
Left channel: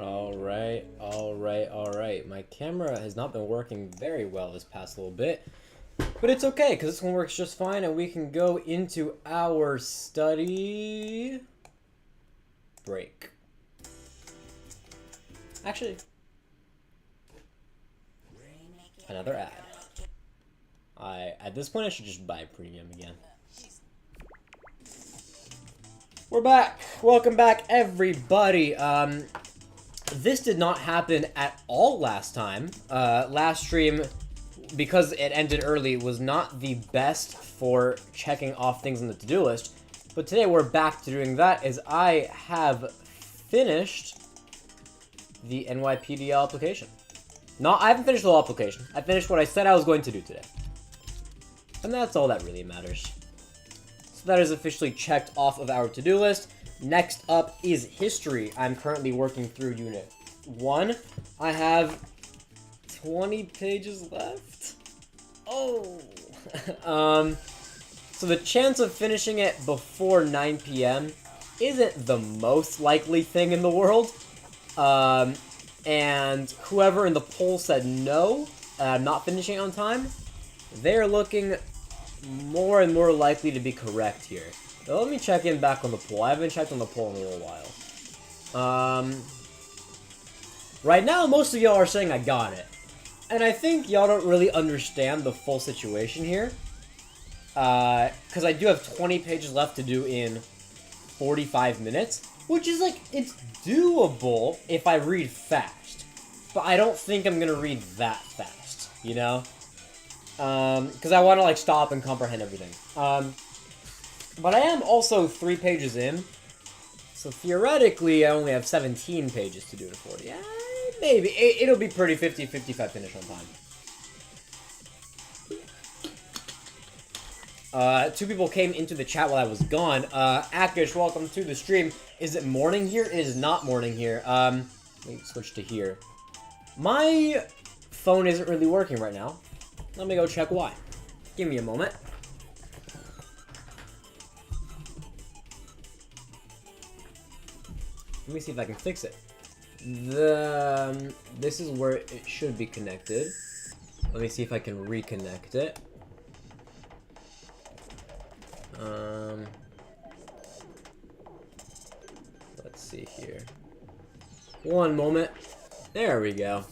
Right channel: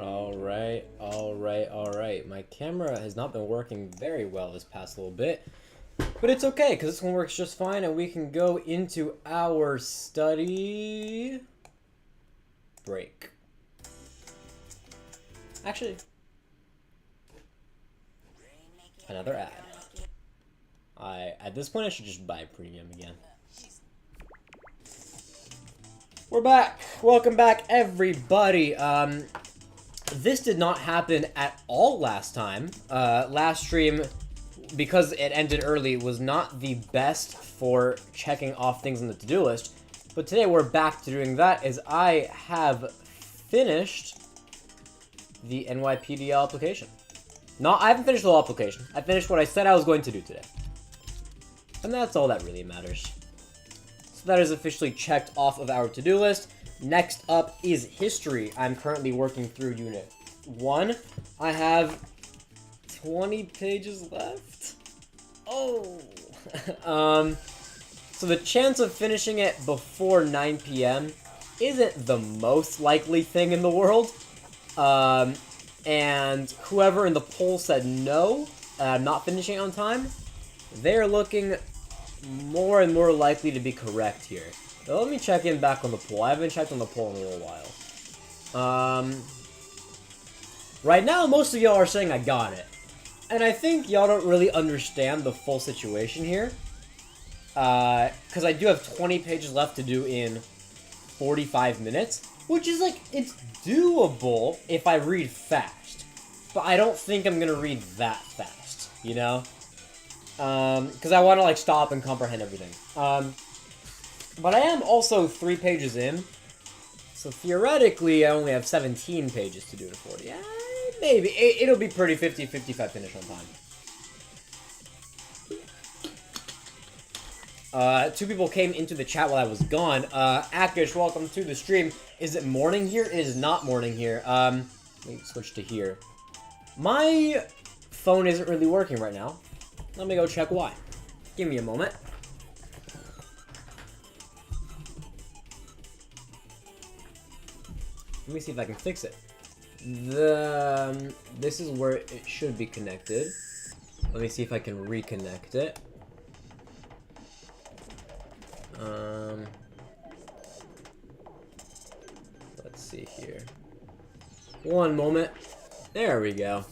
Alright, alright, alright. My camera has not been working very well this past little bit. But it's okay, because this one works just fine, and we can go into our study break. Actually, another ad. At this point, I should just buy premium again. We're back! Welcome back, everybody! This did not happen at all last time. Last stream, because it ended early, was not the best for checking off things on the to-do list. But today we're back to doing that, as I have finished the NYPDL application. No, I haven't finished the whole application. I finished what I said I was going to do today. And that's all that really matters. So that is officially checked off of our to-do list. Next up is history. I'm currently working through unit 1. I have 20 pages left. Oh. So the chance of finishing it before 9 p.m. isn't the most likely thing in the world. And whoever in the poll said no, not finishing on time, they're looking more and more likely to be correct here. Now let me check in back on the poll. I haven't checked on the poll in a little while. Right now, most of y'all are saying I got it. And I think y'all don't really understand the full situation here. Because I do have 20 pages left to do in 45 minutes. Which is like, it's doable if I read fast. But I don't think I'm gonna read that fast, you know? Because I want to, like, stop and comprehend everything. But I am also 3 pages in. So theoretically, I only have 17 pages to do to 40. Yeah, maybe. It'll be pretty 50-55 finish on time. 2 people came into the chat while I was gone. Akish, welcome to the stream. Is it morning here? It is not morning here. Let me switch to here. My phone isn't really working right now. Let me go check why. Give me a moment. Let me see if I can fix it. This is where it should be connected. Let me see if I can reconnect it. Let's see here. One moment. There we go.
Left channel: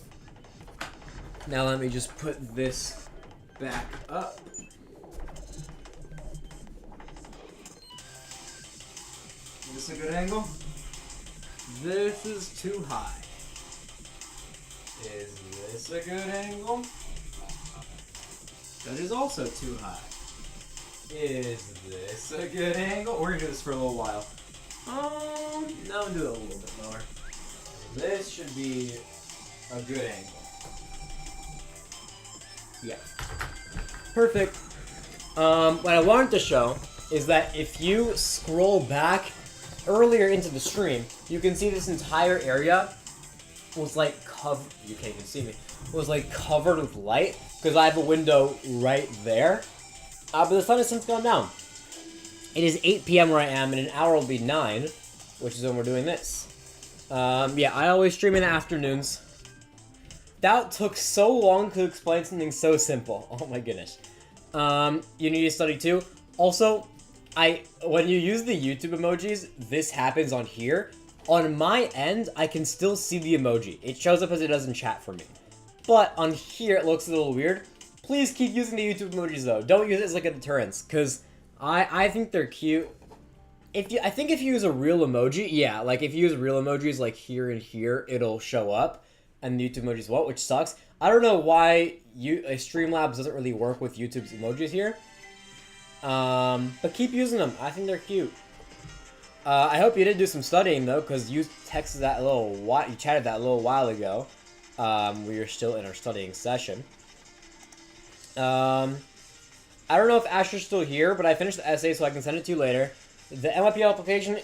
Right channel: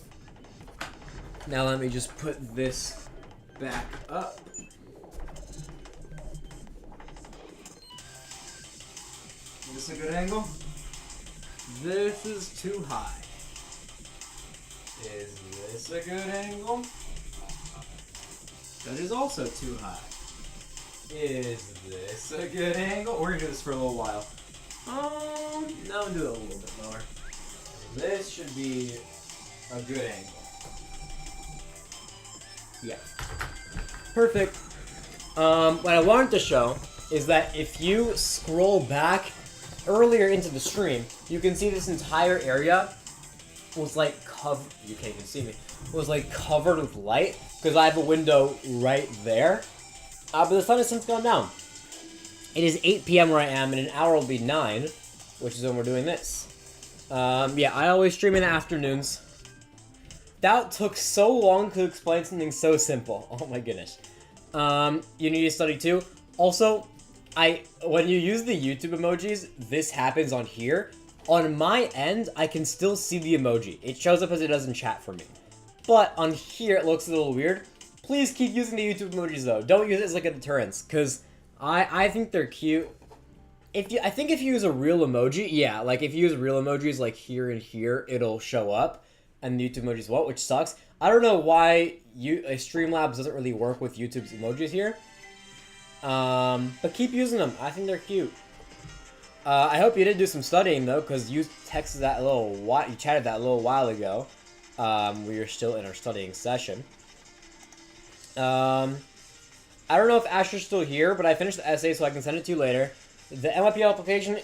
Now let me just put this back up. Is this a good angle? This is too high. Is this a good angle? That is also too high. Is this a good angle? We're gonna do this for a little while. Now do it a little bit lower. This should be a good angle. Yeah. Perfect. What I wanted to show is that if you scroll back earlier into the stream, you can see this entire area was like covered. You can't even see me. Was like covered with light because I have a window right there. But the sun has since gone down. It is 8 p.m. where I am, and in an hour will be 9, which is when we're doing this. Yeah, I always stream in the afternoons. That took so long to explain something so simple. Oh my goodness. You need to study too. Also, when you use the YouTube emojis, this happens on here. On my end, I can still see the emoji. It shows up as it does in chat for me. But on here, it looks a little weird. Please keep using the YouTube emojis though. Don't use it as like a deterrence, because I think they're cute. I think if you use a real emoji, yeah, like if you use real emojis like here and here, it'll show up. And the YouTube emojis won't, which sucks. I don't know why Streamlabs doesn't really work with YouTube's emojis here. But keep using them. I think they're cute. I hope you did do some studying though, because you texted that a little while. You chatted that a little while ago. We were still in our studying session. I don't know if Asher's still here, but I finished the essay, so I can send it to you later. The NYPL application,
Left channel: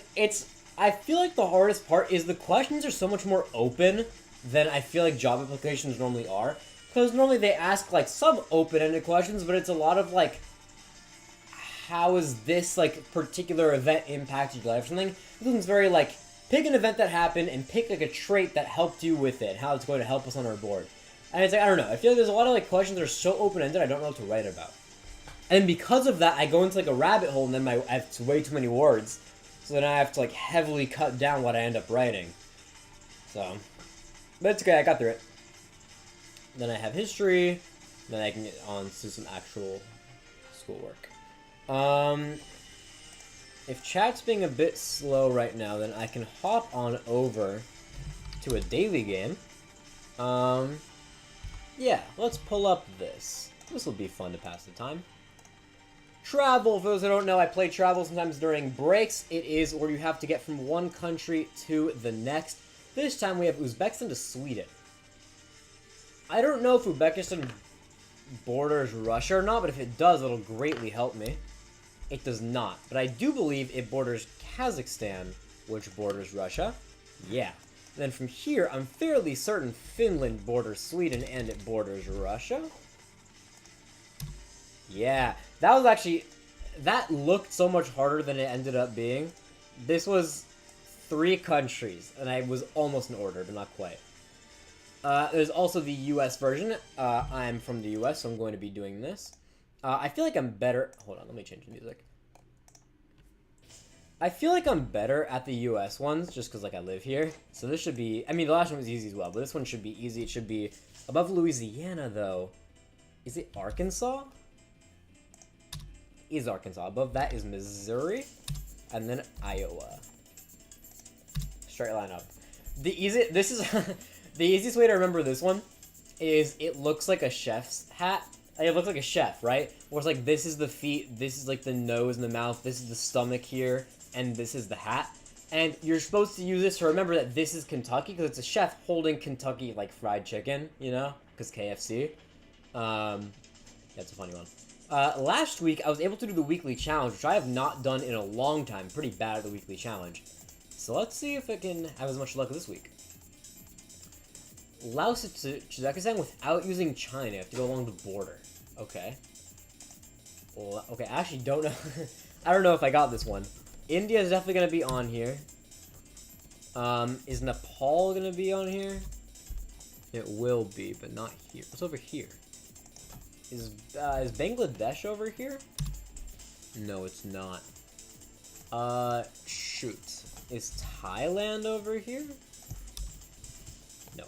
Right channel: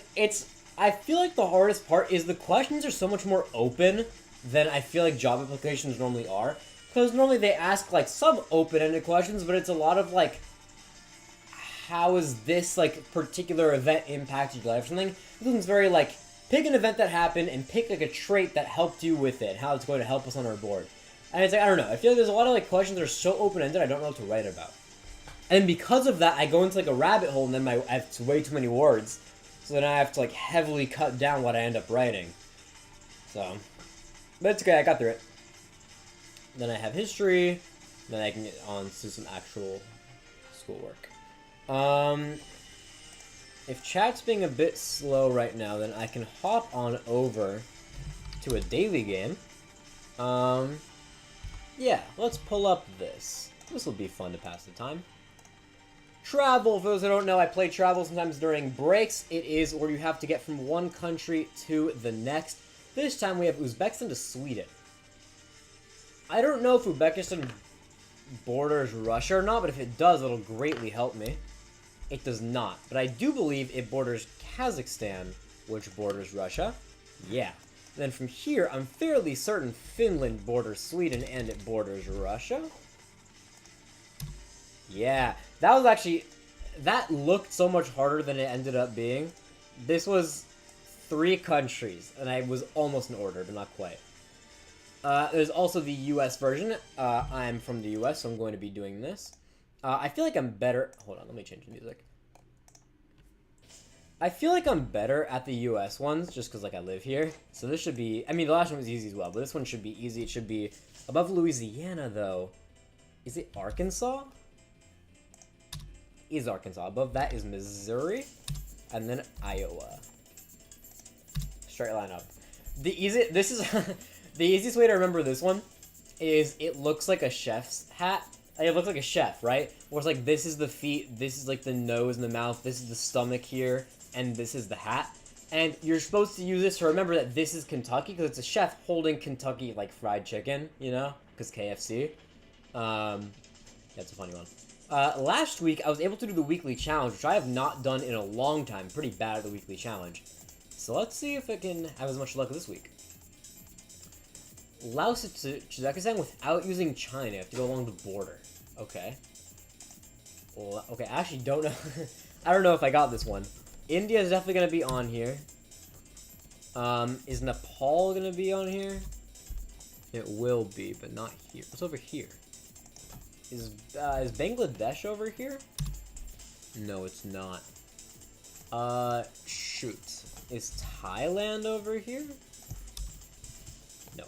I feel like the hardest part is the questions are so much more open than I feel like job applications normally are. Because normally they ask, like, some open-ended questions, but it's a lot of, like, how is this, like, particular event impacted your life or something? This one's very, like, pick an event that happened and pick like a trait that helped you with it, how it's going to help us on our board. And it's like, I don't know, I feel like there's a lot of like questions that are so open-ended I don't know what to write about. And because of that, I go into like a rabbit hole, and then I have way too many words, so then I have to like heavily cut down what I end up writing. So, but it's okay, I got through it. Then I have history, then I can get on to some actual schoolwork. If chat's being a bit slow right now, then I can hop on over to a daily game. Yeah, let's pull up this. This will be fun to pass the time. Travel, for those who don't know, I play travel sometimes during breaks. It is where you have to get from one country to the next. This time we have Uzbekistan to Sweden. I don't know if Uzbekistan borders Russia or not, but if it does, it'll greatly help me. It does not, but I do believe it borders Kazakhstan, which borders Russia. Yeah. And then from here, I'm fairly certain Finland borders Sweden and it borders Russia. Yeah, that was actually... That looked so much harder than it ended up being. This was 3 countries, and I was almost in order, but not quite. There's also the US version. I'm from the US, so I'm going to be doing this. I feel like I'm better... Hold on, let me change the music. I feel like I'm better at the US ones, just because, like, I live here. So this should be... I mean, the last one was easy as well, but this one should be easy. It should be above Louisiana, though. Is it Arkansas? Is Arkansas. Above that is Missouri, and then Iowa. Straight line up. The easiest way to remember this one is it looks like a chef's hat. It looks like a chef, right? Where it's like, this is the feet, this is like the nose and the mouth, this is the stomach here, and this is the hat. And you're supposed to use this to remember that this is Kentucky, because it's a chef holding Kentucky, like, fried chicken, you know? Because KFC. That's a funny one. Last week, I was able to do the weekly challenge, which I have not done in a long time. Pretty bad at the weekly challenge. So let's see if I can have as much luck this week. Laos to Kazakhstan without using China. You have to go along the border. Okay. Well, okay, I actually don't know. I don't know if I got this one. India is definitely going to be on here. Is Nepal going to be on here? It will be, but not here. What's over here? Is Bangladesh over here? No, it's not. Shoot. Is Thailand over here? No.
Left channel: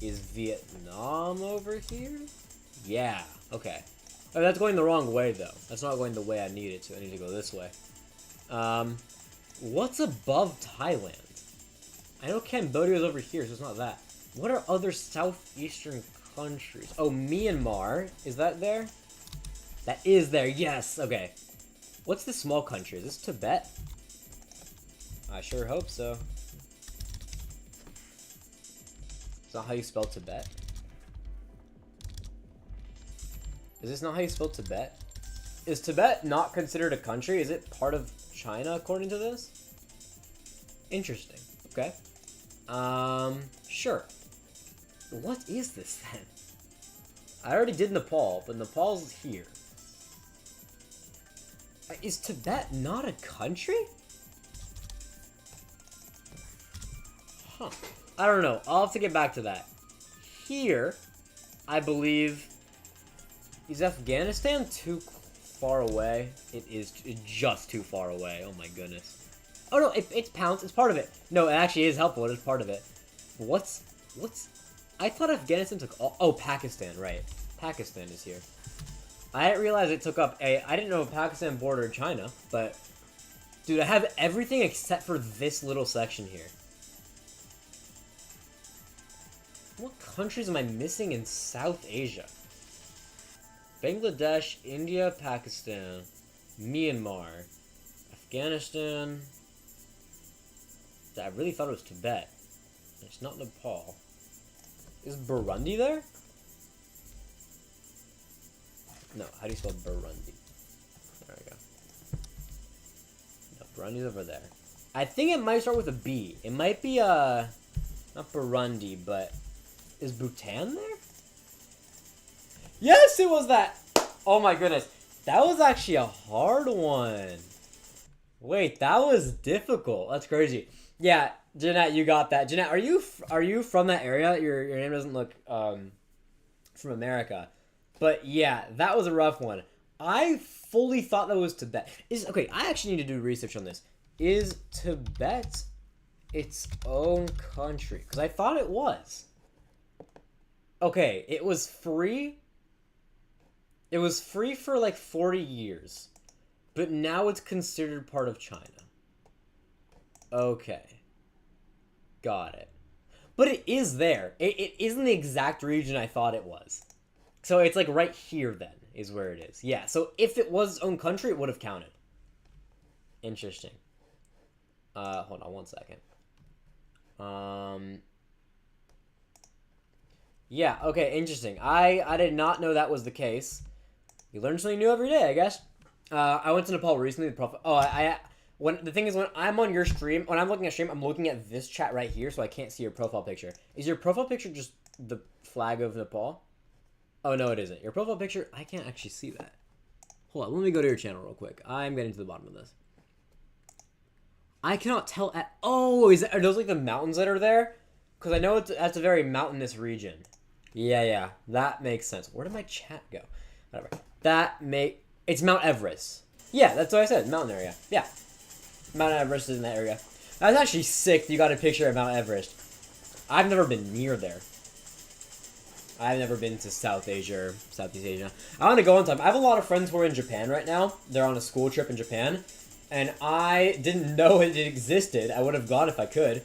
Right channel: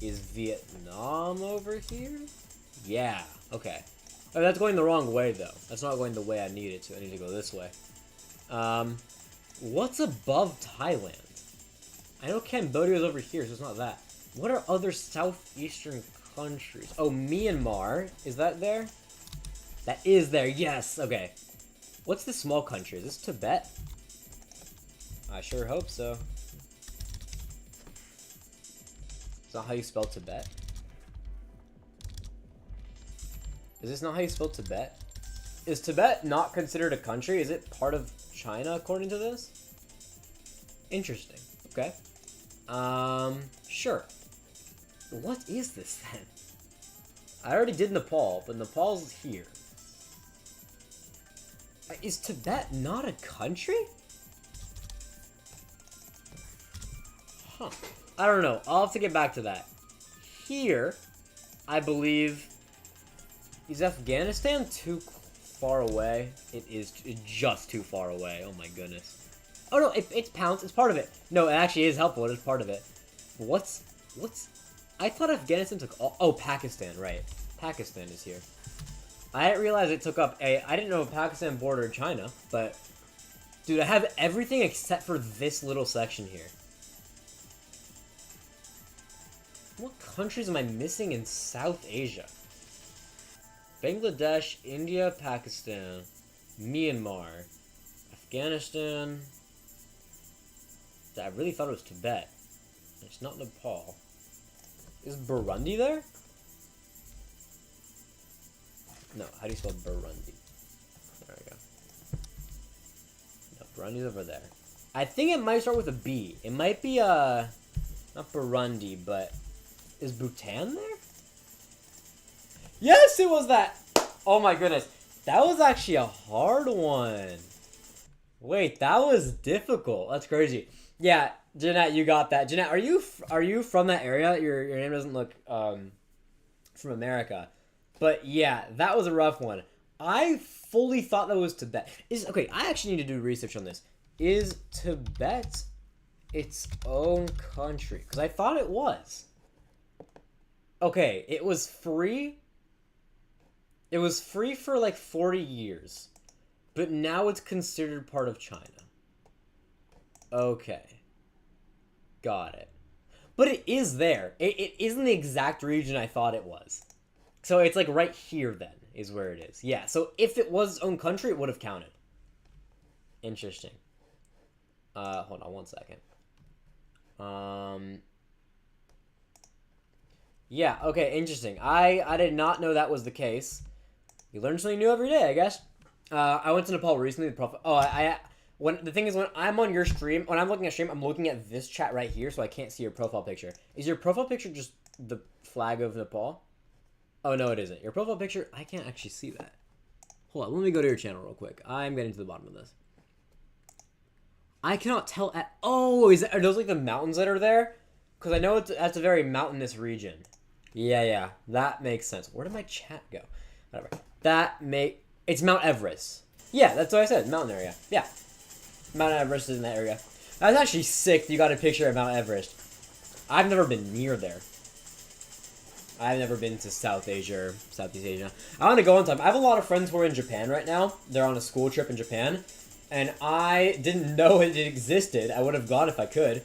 Is Vietnam over here? Yeah, okay. Oh, that's going the wrong way, though. That's not going the way I need it to. I need to go this way. What's above Thailand? I know Cambodia's over here, so it's not that. What are other southeastern countries? Oh, Myanmar. Is that there? That is there, yes! Okay. What's this small country? Is this Tibet? I sure hope so. Is that how you spell Tibet? Is this not how you spell Tibet? Is Tibet not considered a country? Is it part of China according to this? Interesting. Okay. Sure. What is this then? I already did Nepal, but Nepal's here. Is Tibet not a country? Huh. I don't know. I'll have to get back to that. Here, I believe... Is Afghanistan too far away? It is just too far away. Oh my goodness. Oh no, it's pounds. It's part of it. No, it actually is helpful. It is part of it. What's... I thought Afghanistan took all... Oh, Pakistan, right. Pakistan is here. I didn't realize it took up a... I didn't know Pakistan bordered China, but... Dude, I have everything except for this little section here. What countries am I missing in South Asia? Bangladesh, India, Pakistan, Myanmar, Afghanistan. I really thought it was Tibet. It's not Nepal. Is Burundi there? No, how do you spell Burundi? There we go. No, Burundi's over there. I think it might start with a B. It might be, not Burundi, but... Is Bhutan there? Yes, it was that! Oh my goodness. That was actually a hard one. Wait, that was difficult. That's crazy. Yeah, Jeanette, you got that. Jeanette, are you from that area? Your name doesn't look from America, but yeah, that was a rough one. I fully thought that was Tibet. Okay? I actually need to do research on this. Is Tibet its own country? Because I thought it was. Okay, it was free. It was free for like 40 years, but now it's considered part of China. Okay. Got it. But it is there. It isn't the exact region I thought it was. So it's like right here then is where it is. Yeah, so if it was its own country, it would have counted. Interesting. Hold on one second. Yeah, okay, interesting. I did not know that was the case. You learn something new every day, I guess. I went to Nepal recently. When the thing is, when I'm on your stream, when I'm looking at stream, I'm looking at this chat right here, so I can't see your profile picture. Is your profile picture just the flag of Nepal? Oh, no, it isn't. Your profile picture, I can't actually see that. Hold on, let me go to your channel real quick. I'm getting to the bottom of this. I cannot tell at... Oh, are those like the mountains that are there? Because I know that's a very mountainous region. Yeah, that makes sense. Where did my chat go? Whatever. It's Mount Everest. Yeah, that's what I said. Mountain area. Yeah. Mount Everest is in that area. That's actually sick. You got a picture of Mount Everest. I've never been near there. I've never been to South Asia or Southeast Asia. I want to go on time. I have a lot of friends who are in Japan right now. They're on a school trip in Japan. And I didn't know it existed. I would have gone if I could.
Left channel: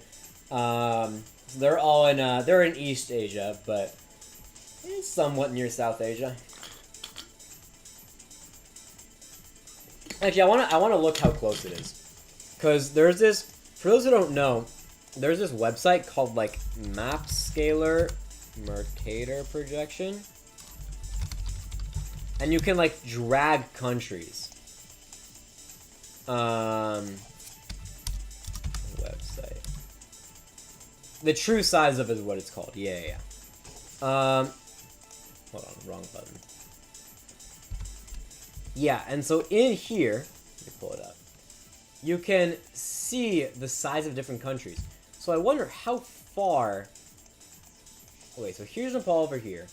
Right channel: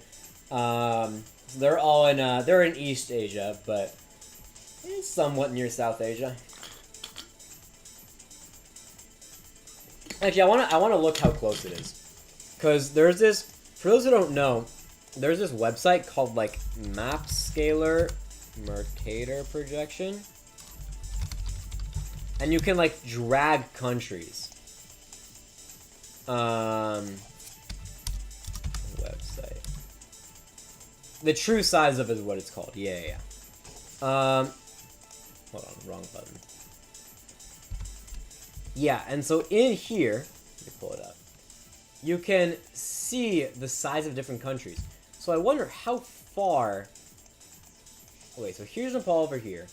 So they're all in, they're in East Asia, but it's somewhat near South Asia. Actually, I want to look how close it is. Because there's this, for those who don't know, there's this website called, like, Map Scaler Mercator Projection. And you can, like, drag countries. Website. The true size of it is what it's called. Yeah. Hold on, wrong button. Yeah, and so in here, let me pull it up. You can see the size of different countries. So I wonder how far... Okay, so here's Nepal over here.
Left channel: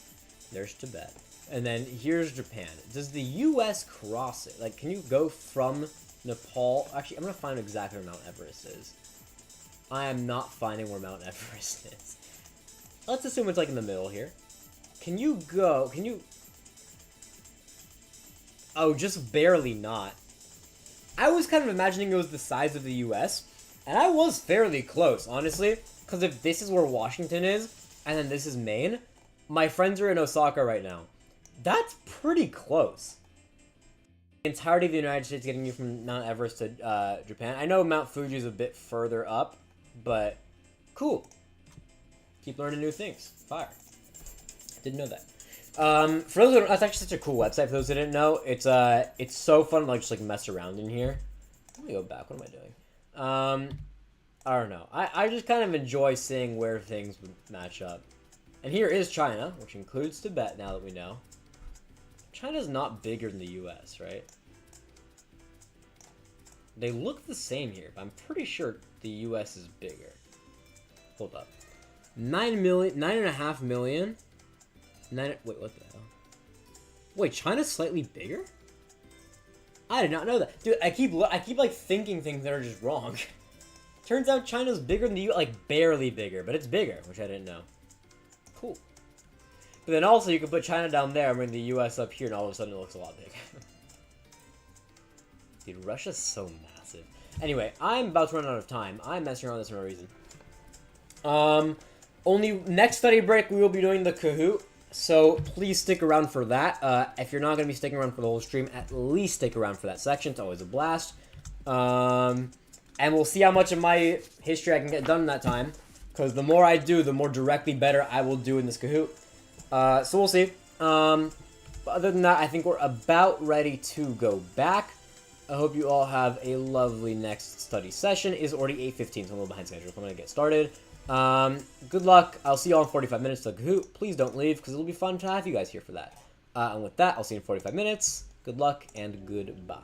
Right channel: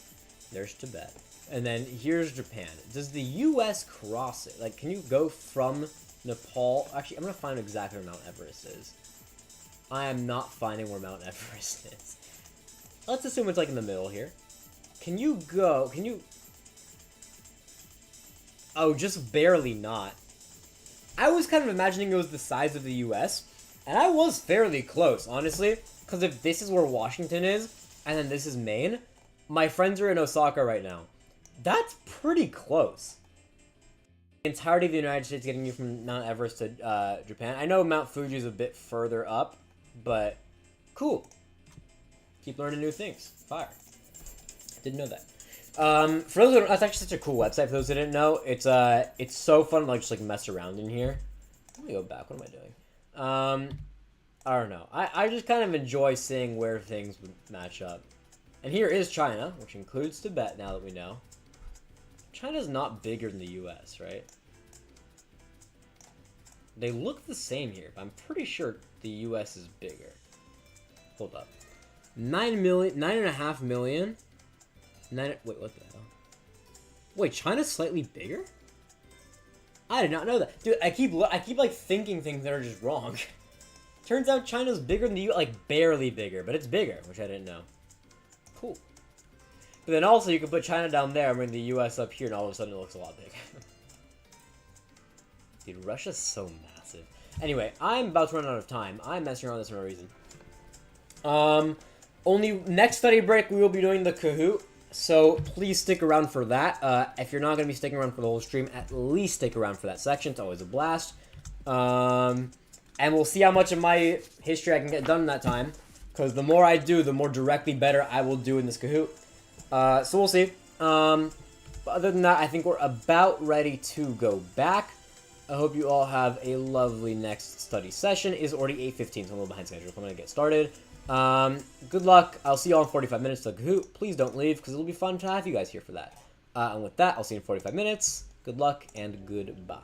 There's Tibet. And then here's Japan. Does the U.S. cross it? Like, can you go from Nepal? Actually, I'm going to find exactly where Mount Everest is. I am not finding where Mount Everest is. Let's assume it's, like, in the middle here. Can you go... Can you... Oh, just barely not. I was kind of imagining it was the size of the U.S., and I was fairly close, honestly. Because if this is where Washington is, and then this is Maine, my friends are in Osaka right now. That's pretty close. The entirety of the United States getting you from Mount Everest to Japan. I know Mount Fuji is a bit further up, but cool. Keep learning new things. Fire. Didn't know that. For those who don't, that's actually such a cool website. For those who didn't know, it's so fun to like just like mess around in here. Let me go back. What am I doing? I don't know. I just kind of enjoy seeing where things would match up. And here is China, which includes Tibet. Now that we know, China's not bigger than the U.S., right? They look the same here, but I'm pretty sure the U.S. is bigger. Hold up. 9.5 million. Wait, what the hell? Wait, China's slightly bigger? I did not know that. Dude, I keep like thinking things that are just wrong. Turns out China's bigger than the U.S., like barely bigger, but it's bigger, which I didn't know. Cool. But then also you can put China down there and bring the U.S. up here, and all of a sudden it looks a lot bigger. Dude, Russia's so massive. Anyway, I'm about to run out of time. I'm messing around with this for no reason. Only next study break we will be doing the Kahoot. So please stick around for that. If you're not going to be sticking around for the whole stream, at least stick around for that section. It's always a blast. And we'll see how much of my history I can get done in that time. Because the more I do, the more directly better I will do in this Kahoot. So we'll see. But other than that, I think we're about ready to go back. I hope you all have a lovely next study session. It is already 8:15, so I'm a little behind schedule. I'm going to get started. Good luck. I'll see you all in 45 minutes to Kahoot. Please don't leave, because it'll be fun to have you guys here for that. And with that, I'll see you in 45 minutes. Good luck, and goodbye.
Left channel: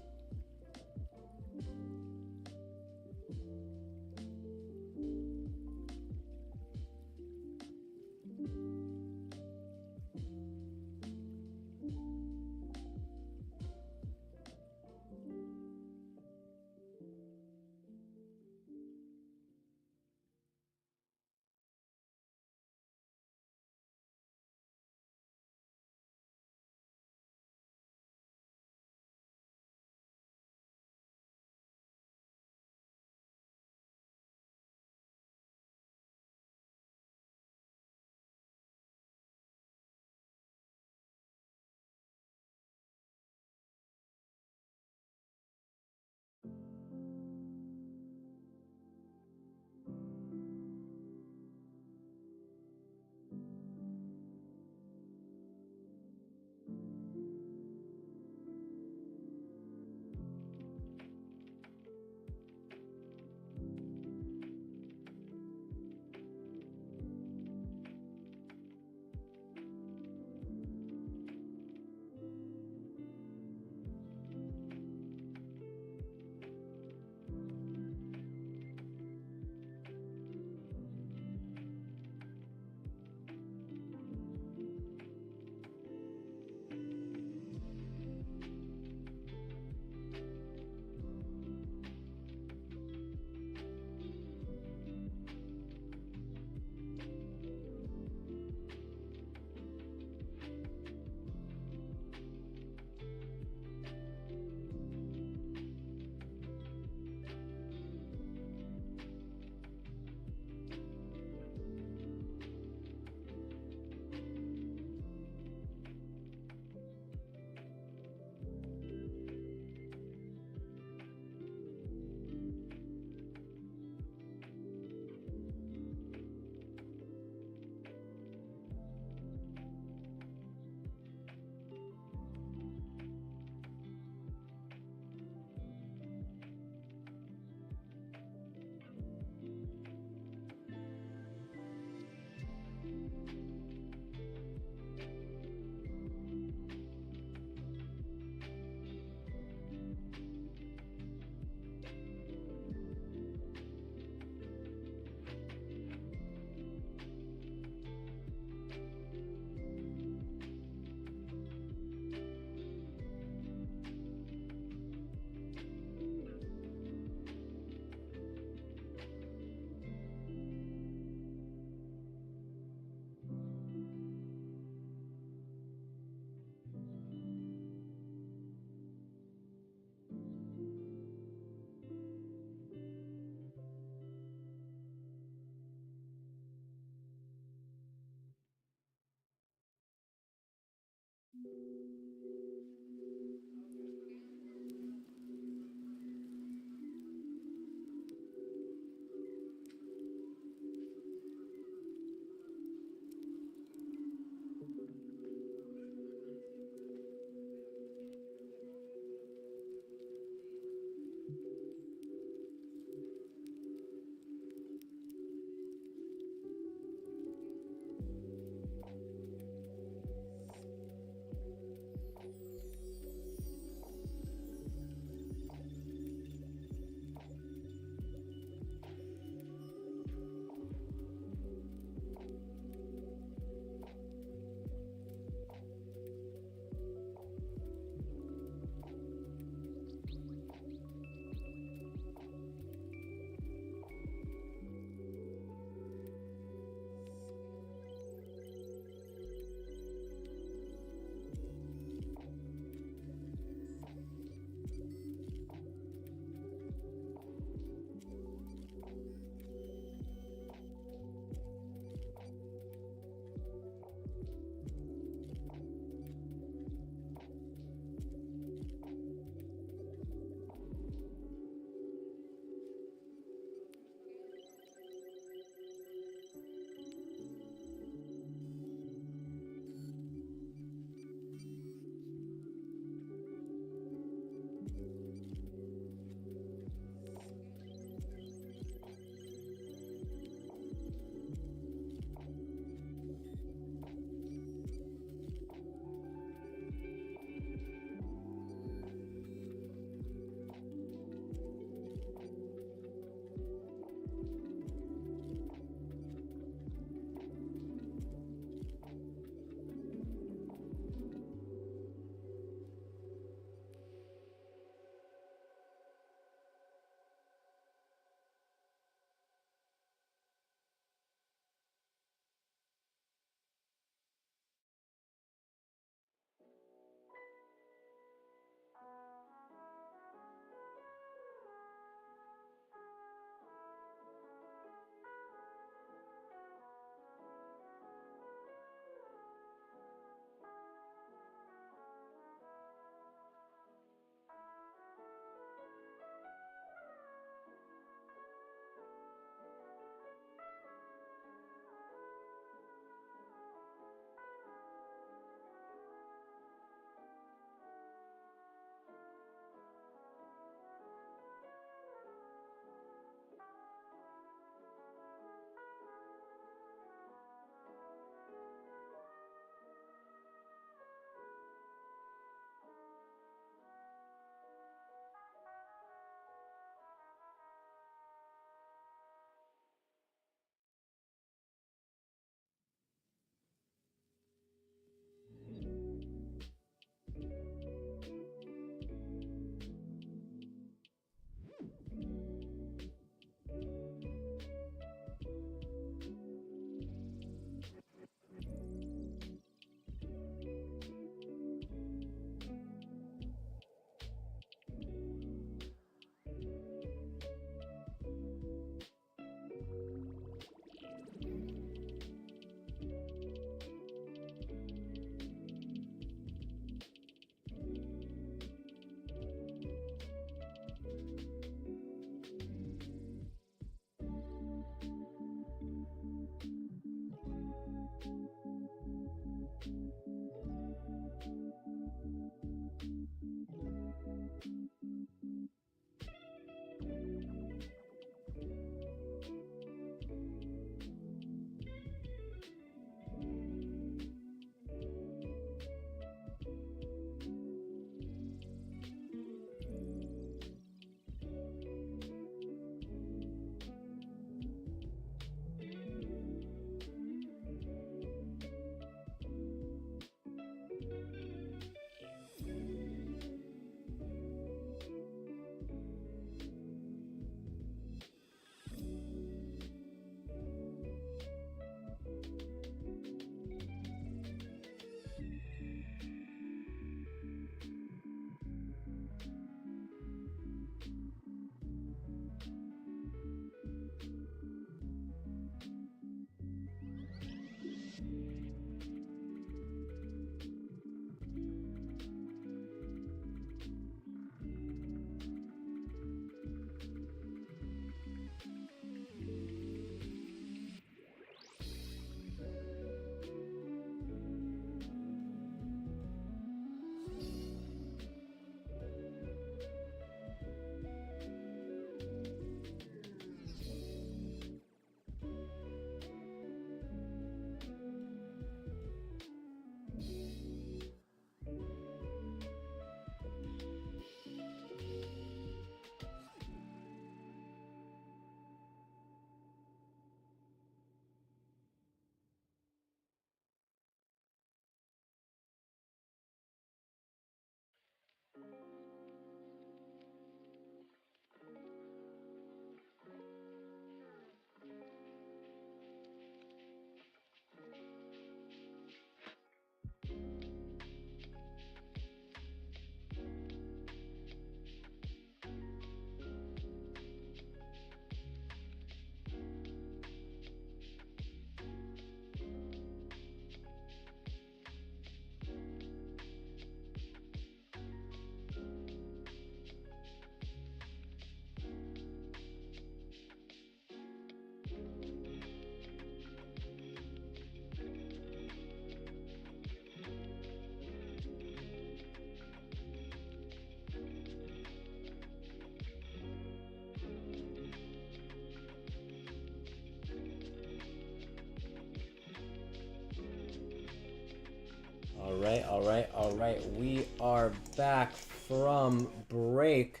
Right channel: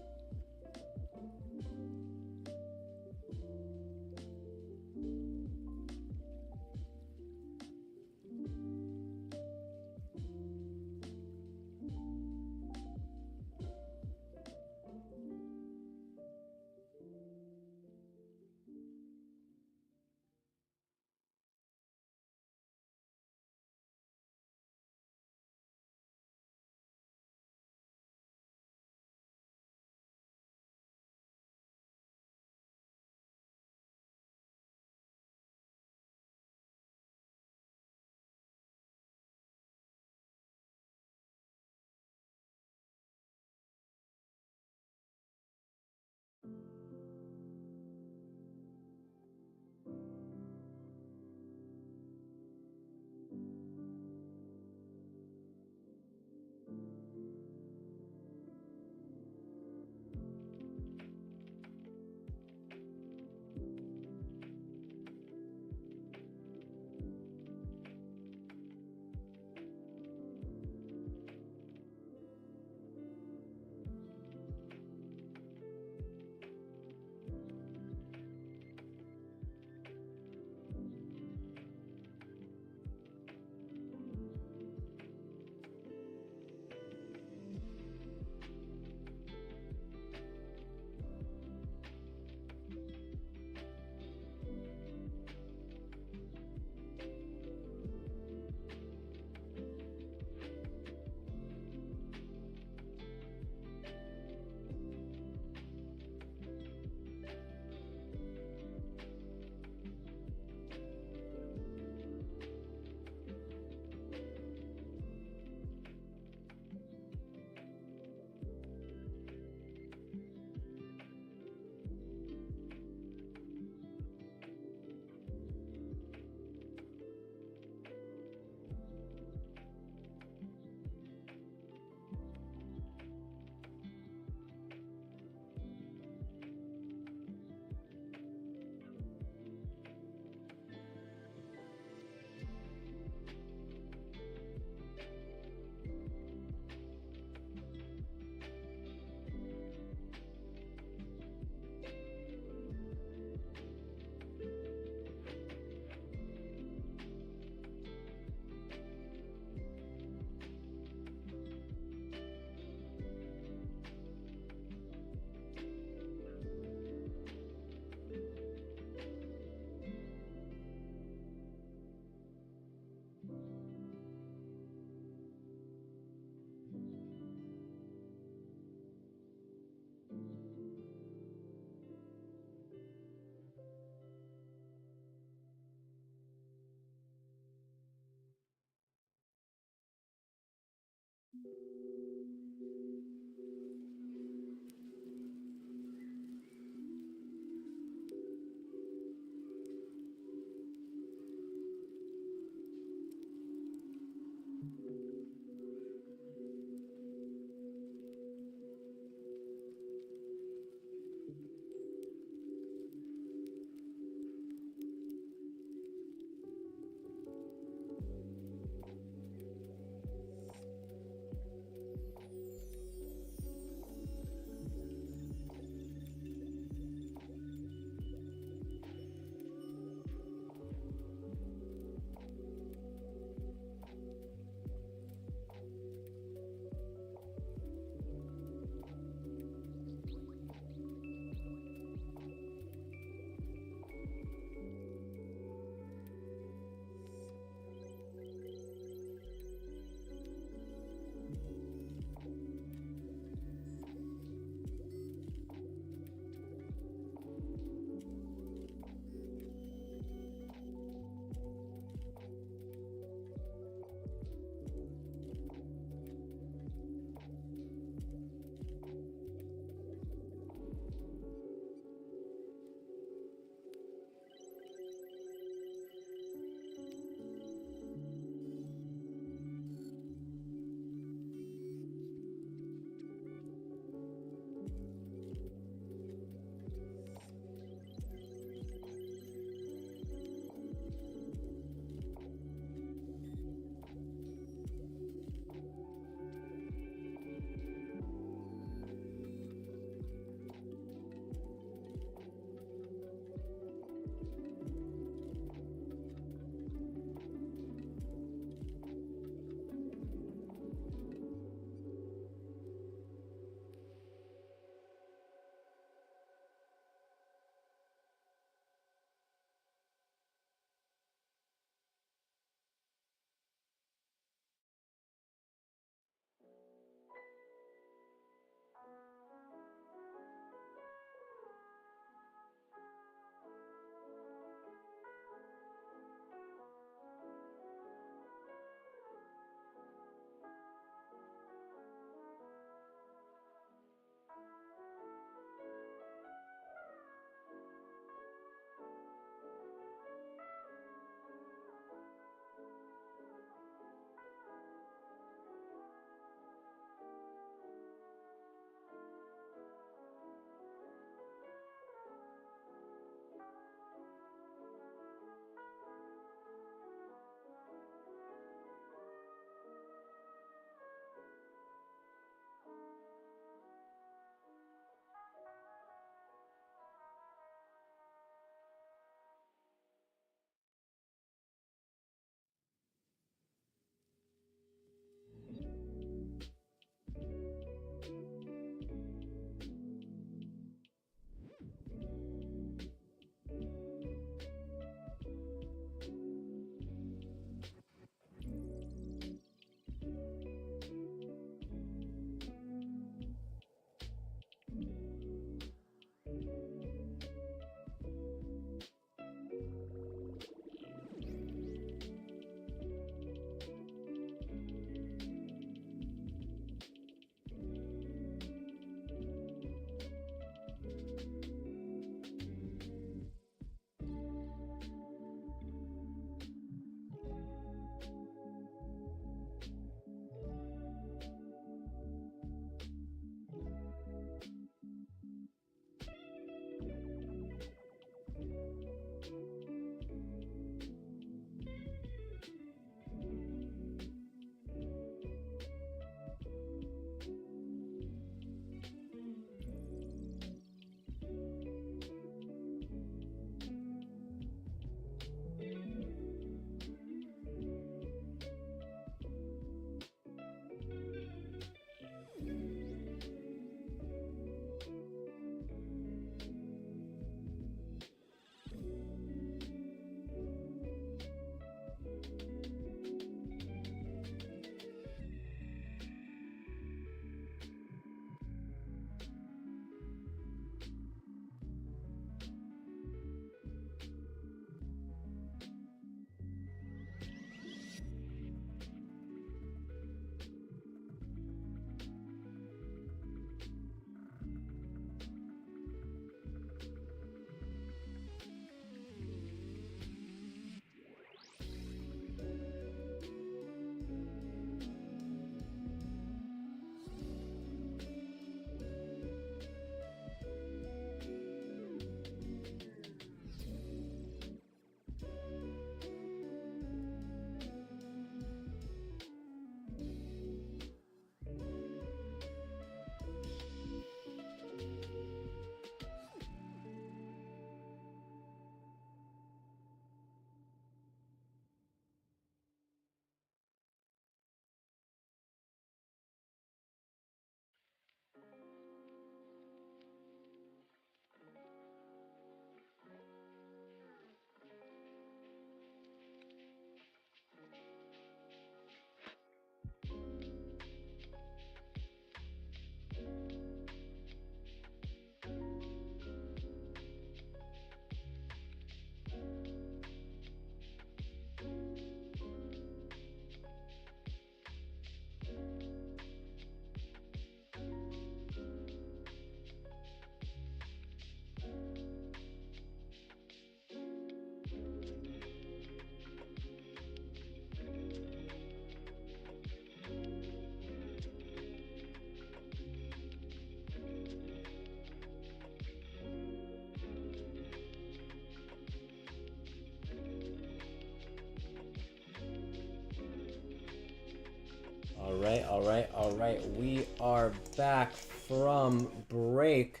Alright. We are back from break.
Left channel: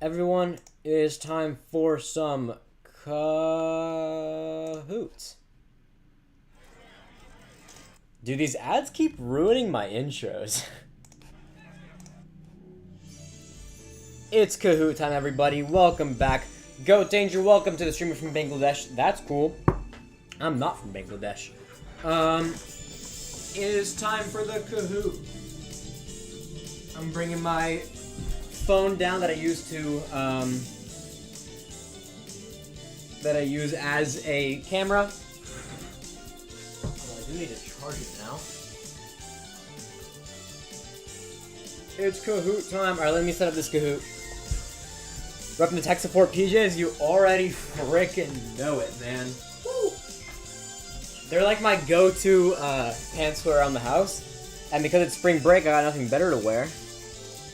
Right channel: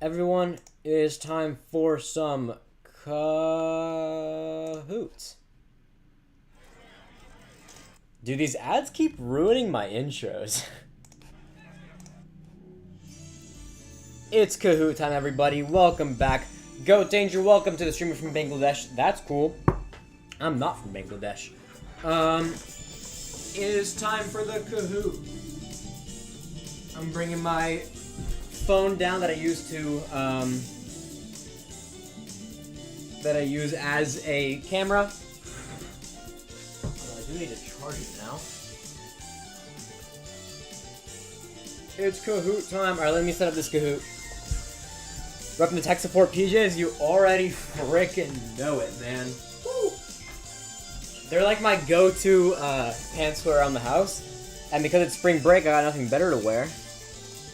Everyone, it is time for some Kahoot. Dude, these ads keep ruining my intros. It's Kahoot time, everybody. Welcome back. Goat Danger, welcome to the streamer from Bangladesh. That's cool. I'm not from Bangladesh. It is time for the Kahoot. I'm bringing my phone down that I use as a camera. Although I do need to charge it now. It's Kahoot time. Alright, let me set up this Kahoot. Repping the tech support PJs, you already frickin' know it, man. Woo. They're like my go-to pants to wear around the house. And because it's spring break, I got nothing better to wear.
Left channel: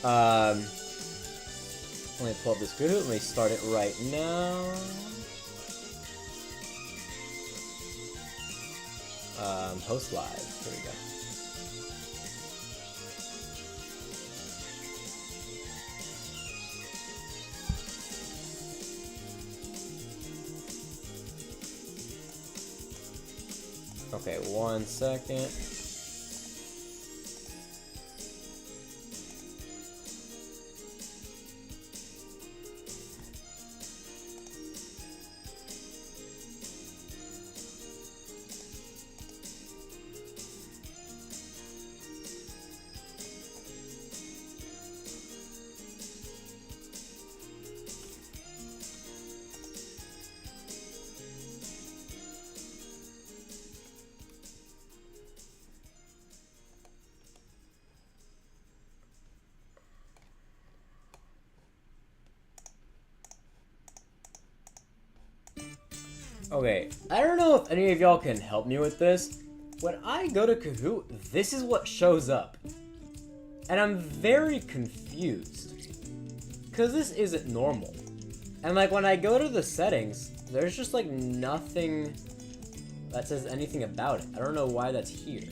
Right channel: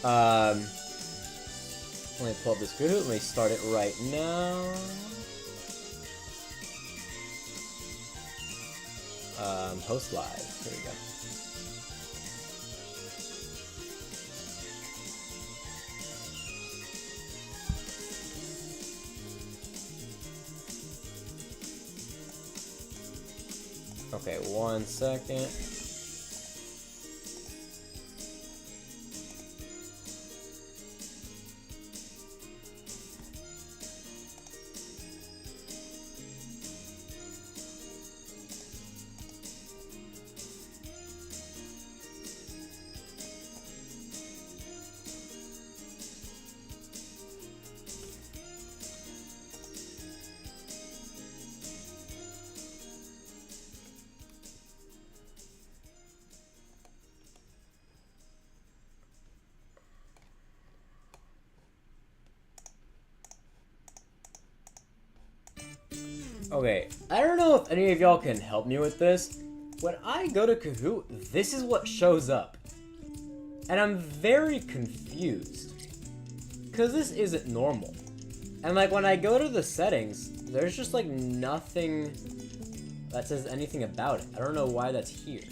Let me pull up this Kahoot. Let me start it right now. Host live. Here we go. Okay, 1 second. Okay, I don't know if any of y'all can help me with this. When I go to Kahoot, this is what shows up. And I'm very confused. Because this isn't normal. And like when I go to the settings, there's just like nothing that says anything about it. I don't know why that's here.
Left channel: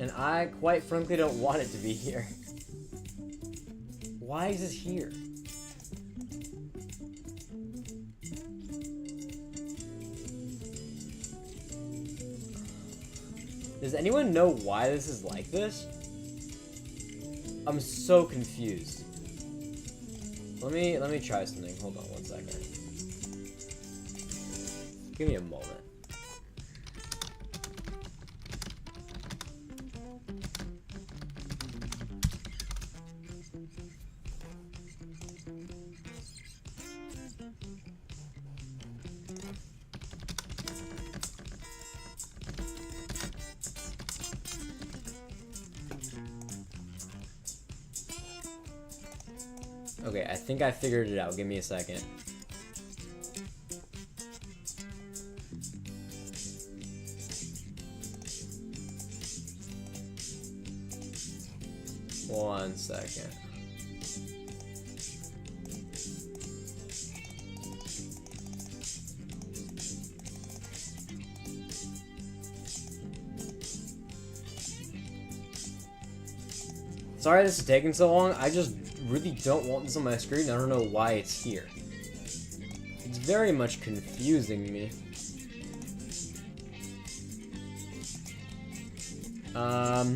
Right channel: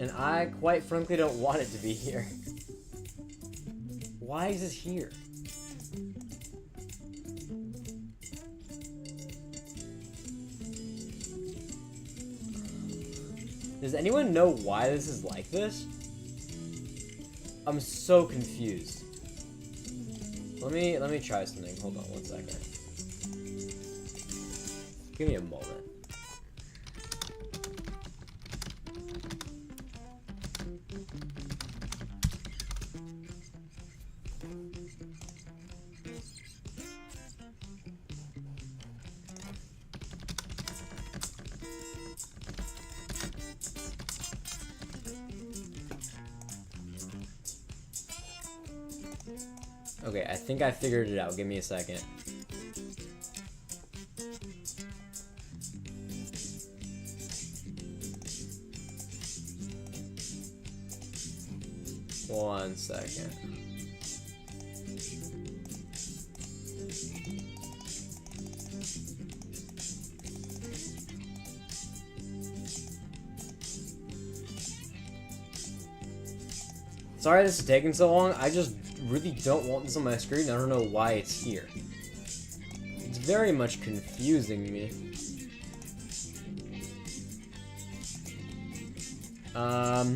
And I quite frankly don't want it to be here. Why is this here? Does anyone know why this is like this? I'm so confused. Let me try something. Hold on 1 second. Give me a moment. Okay, I think I figured it out. Give me a second. One second. Sorry this is taking so long. I just really don't want this on my screen. I don't know why it's here. It's very much confusing me. But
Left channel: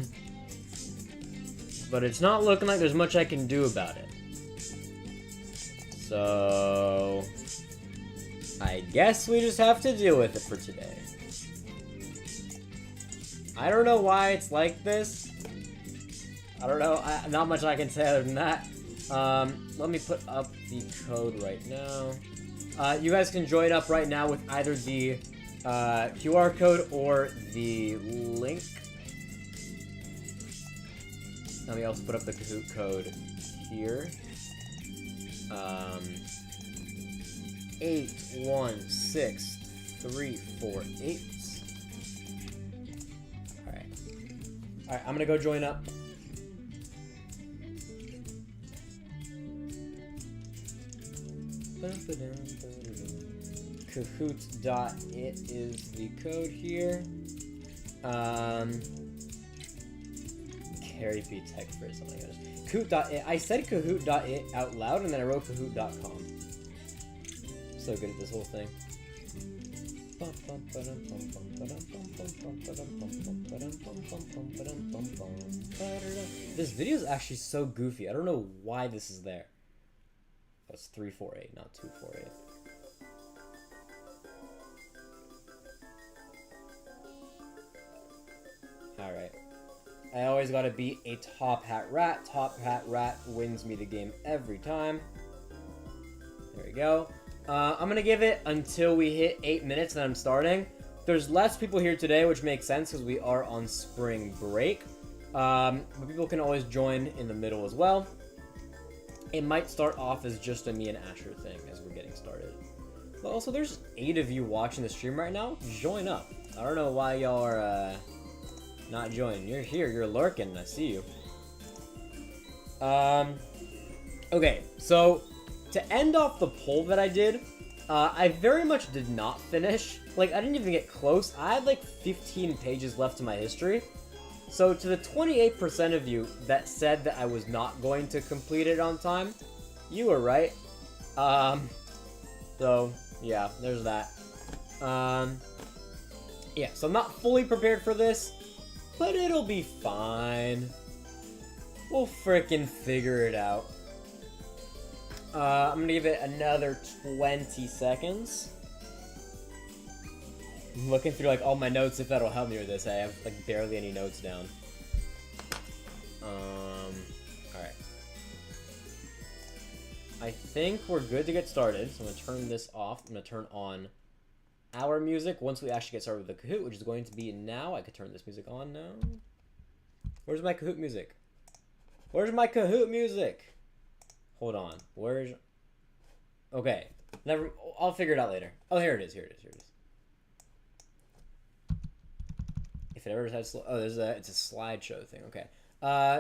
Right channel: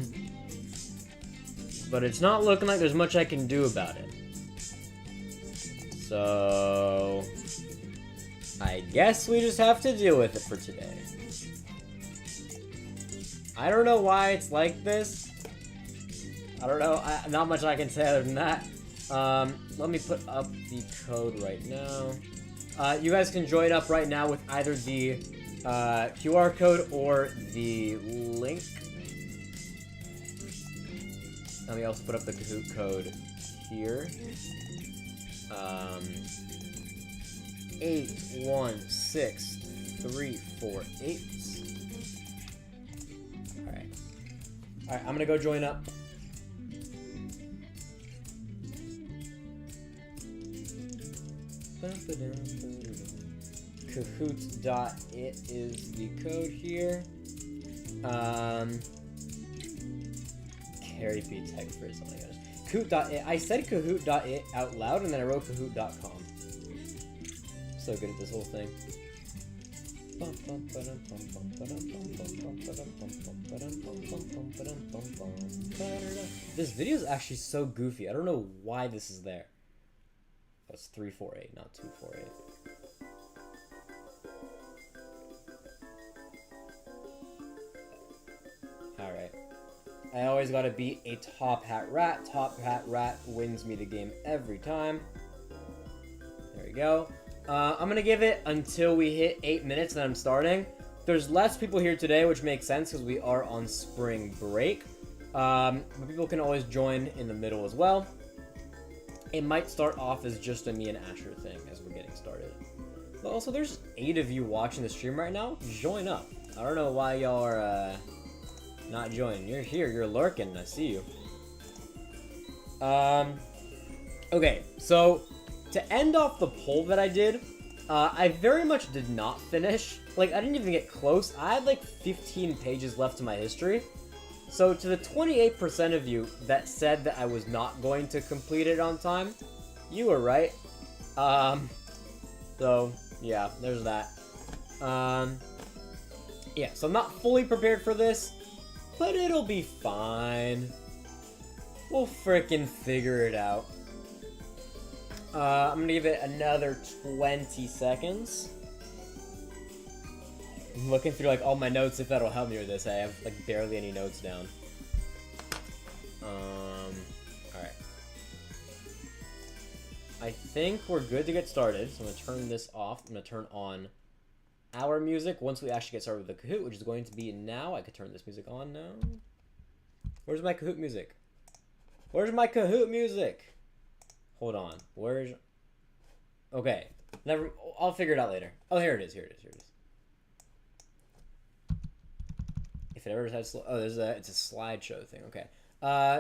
it's not looking like there's much I can do about it. So I guess we just have to deal with it for today. I don't know why it's like this. I don't know. Not much I can say other than that. Let me put up the code right now. You guys can join up right now with either the QR code or the link. Let me also put up the Kahoot code here. 816348. Alright. Alright, I'm gonna go join up. Kahoot.it is the code here. Harry P. Tech first. Oh my gosh. Kahoot.it. I said Kahoot.it out loud and then I wrote Kahoot.com. So good at this whole thing. This video is actually so goofy. I don't know why this is there. That's 348, not 248. Alright. I always gotta beat a top hat rat. Top hat rat wins me the game every time. There we go. I'm gonna give it until we hit 8 minutes, then I'm starting. There's less people here today, which makes sense because we are on spring break. But people can always join in the middle as well. It might start off as just a me and Asher thing as we're getting started. But also, there's 8 of you watching the stream right now. Join up. I don't know why y'all are not joining. You're here. You're lurking. I see you. Okay, so to end off the poll that I did, I very much did not finish. Like, I didn't even get close. I had like 15 pages left to my history. So to the 28% of you that said that I was not going to complete it on time, you were right. So yeah, there's that. Yeah, so I'm not fully prepared for this, but it'll be fine. We'll frickin' figure it out. I'm gonna give it another 20 seconds. I'm looking through like all my notes if that'll help me with this. I have like barely any notes down. Alright. I think we're good to get started, so I'm gonna turn this off. I'm gonna turn on our music once we actually get started with the Kahoot, which is going to be now. I could turn this music on now. Where's my Kahoot music? Where's my Kahoot music? Hold on. Where's... Okay. Never... I'll figure it out later. Oh, here it is. Here it is. Here it is. If it ever has... Oh, there's a... It's a slideshow thing. Okay.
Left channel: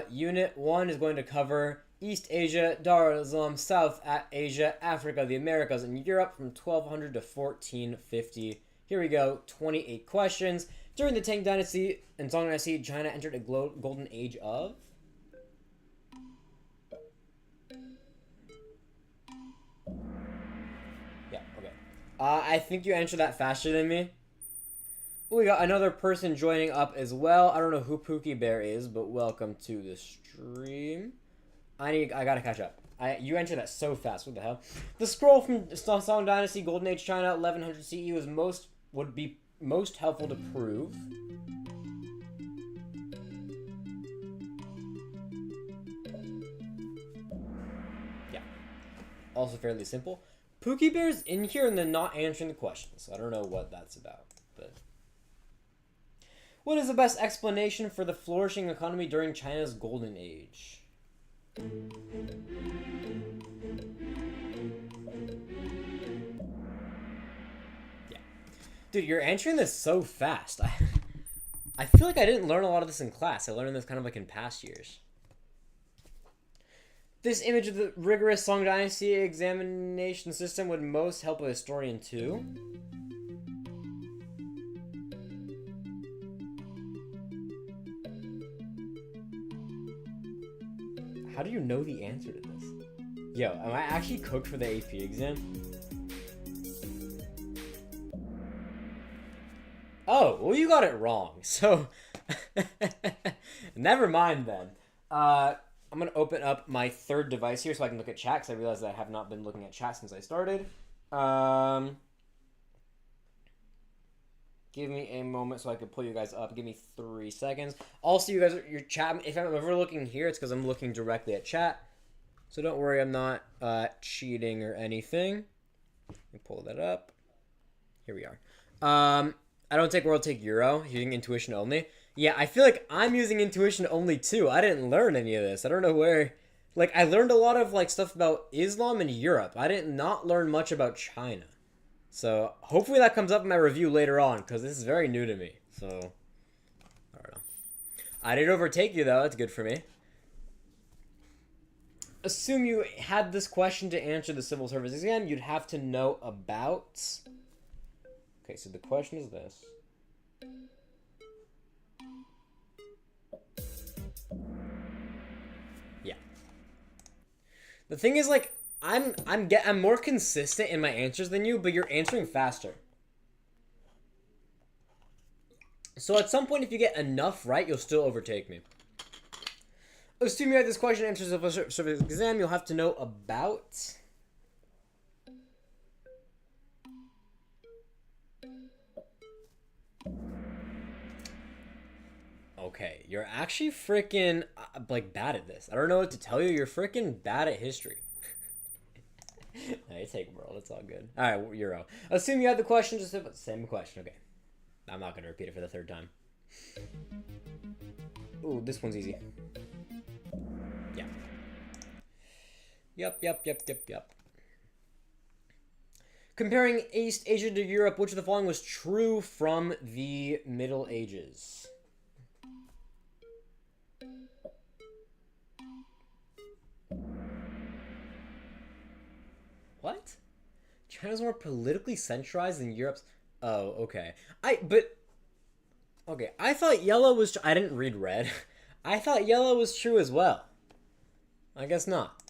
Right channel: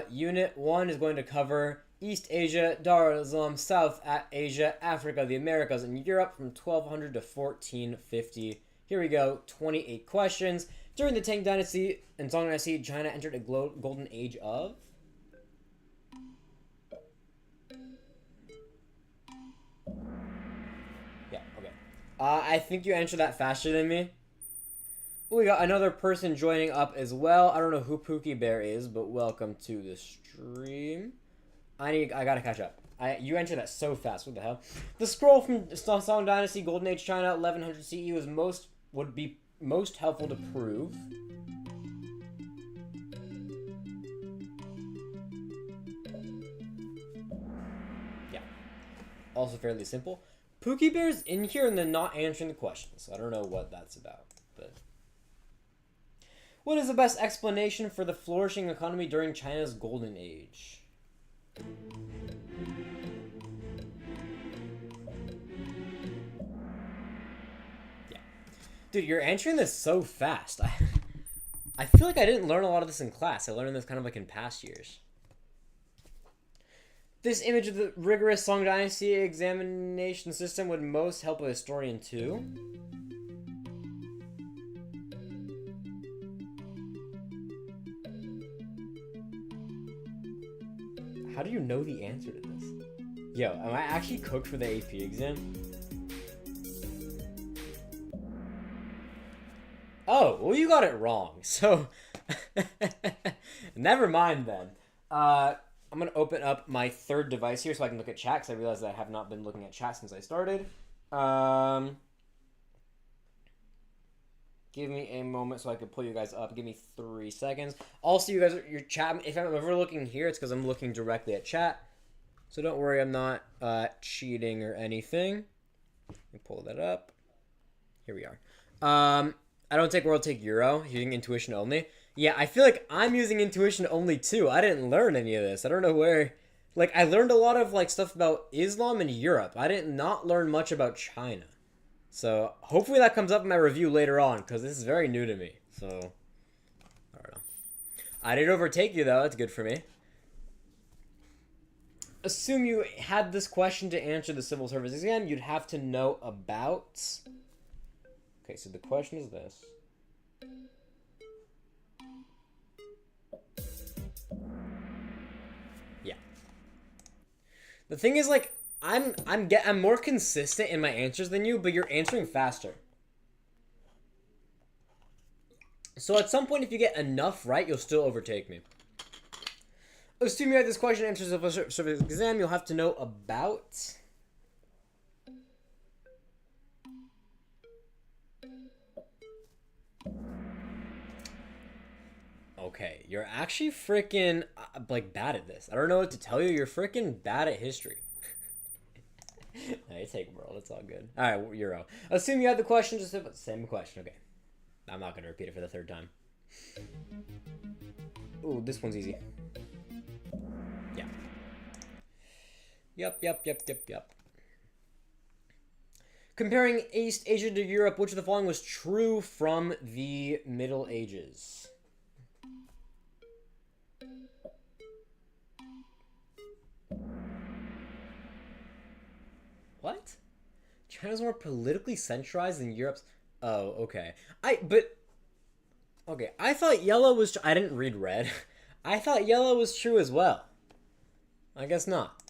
Unit 1 is going to cover East Asia, Dar es Salaam, South Asia, Africa, the Americas, and Europe from 1200 to 1450. Here we go. 28 questions. During the Tang Dynasty and Song Dynasty, China entered a golden age of... Yeah, okay. I think you answered that faster than me. We got another person joining up as well. I don't know who Pookie Bear is, but welcome to the stream. I gotta catch up. You answered that so fast. What the hell? The scroll from Song Dynasty, Golden Age China, 1100 CE would be most helpful to prove. Yeah. Also fairly simple. Pookie Bear's in here and then not answering the questions. I don't know what that's about, but... What is the best explanation for the flourishing economy during China's golden age? Yeah. Dude, you're answering this so fast. I feel like I didn't learn a lot of this in class. I learned this kind of like in past years. This image of the rigorous Song Dynasty examination system would most help a historian too. How do you know the answer to this? Yo, am I actually cooked for the AP exam? Oh, well you got it wrong, so... Never mind then. I'm gonna open up my third device here so I can look at chat, because I realized that I have not been looking at chat since I started. Give me a moment so I can pull you guys up. Give me 3 seconds. Also, you guys, your chat, if I'm ever looking here, it's because I'm looking directly at chat. So don't worry, I'm not cheating or anything. Let me pull that up. Here we are. I don't take World, take Euro. Using intuition only. Yeah, I feel like I'm using intuition only too. I didn't learn any of this. I don't know where... Like, I learned a lot of, like, stuff about Islam and Europe. I did not learn much about China. So, hopefully that comes up in my review later on, because this is very new to me. So, I don't know. I did overtake you, though. That's good for me. Assume you had this question to answer the civil service exam, you'd have to know about... Okay, so the question is this. The thing is, like, I'm more consistent in my answers than you, but you're answering faster. So at some point, if you get enough right, you'll still overtake me. Assuming you have this question answers of a service exam, you'll have to know about. Okay, you're actually freaking like bad at this. I don't know what to tell you. You're freaking bad at history. I take world. It's all good. All right, Euro. Assume you had the question. Just same question. Okay, I'm not gonna repeat it for the third time. Ooh, this one's easy. Yeah. Yep. Comparing East Asia to Europe, which of the following was true from the Middle Ages? What? China's more politically centralized than Europe's. Oh, okay. Okay, I thought yellow was. I didn't read red. I thought yellow was true as well. I guess not.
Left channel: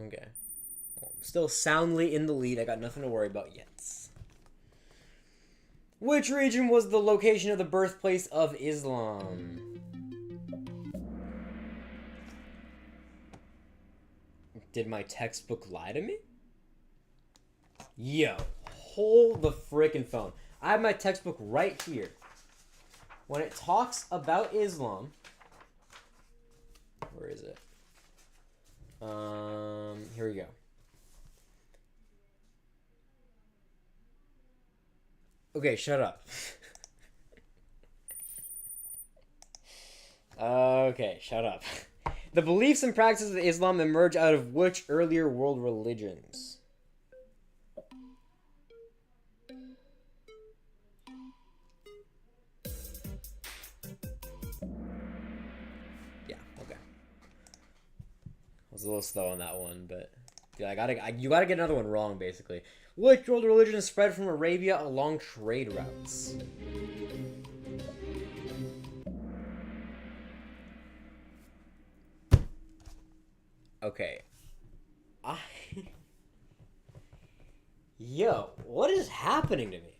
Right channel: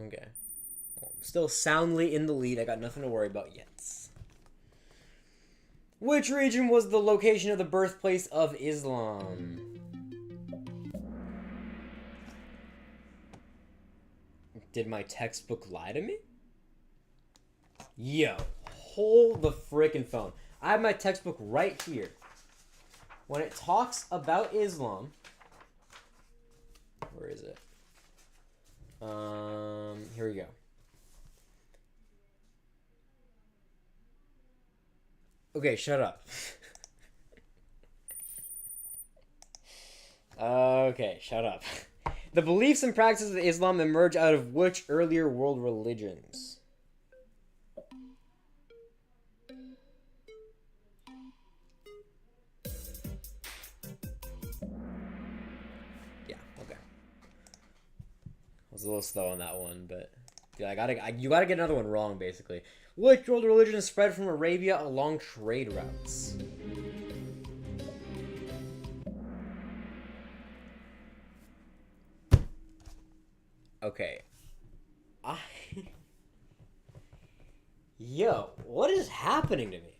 Okay. Well, I'm still soundly in the lead. I got nothing to worry about yet. Which region was the location of the birthplace of Islam? Did my textbook lie to me? Yo, hold the frickin' phone. I have my textbook right here. When it talks about Islam, where is it? Here we go. Okay, shut up. Okay, shut up. The beliefs and practices of Islam emerge out of which earlier world religions? Yeah, okay. I was a little slow on that one, but dude, you gotta get another one wrong, basically. Which world religion spread from Arabia along trade routes? Okay. Yo, what is happening to me?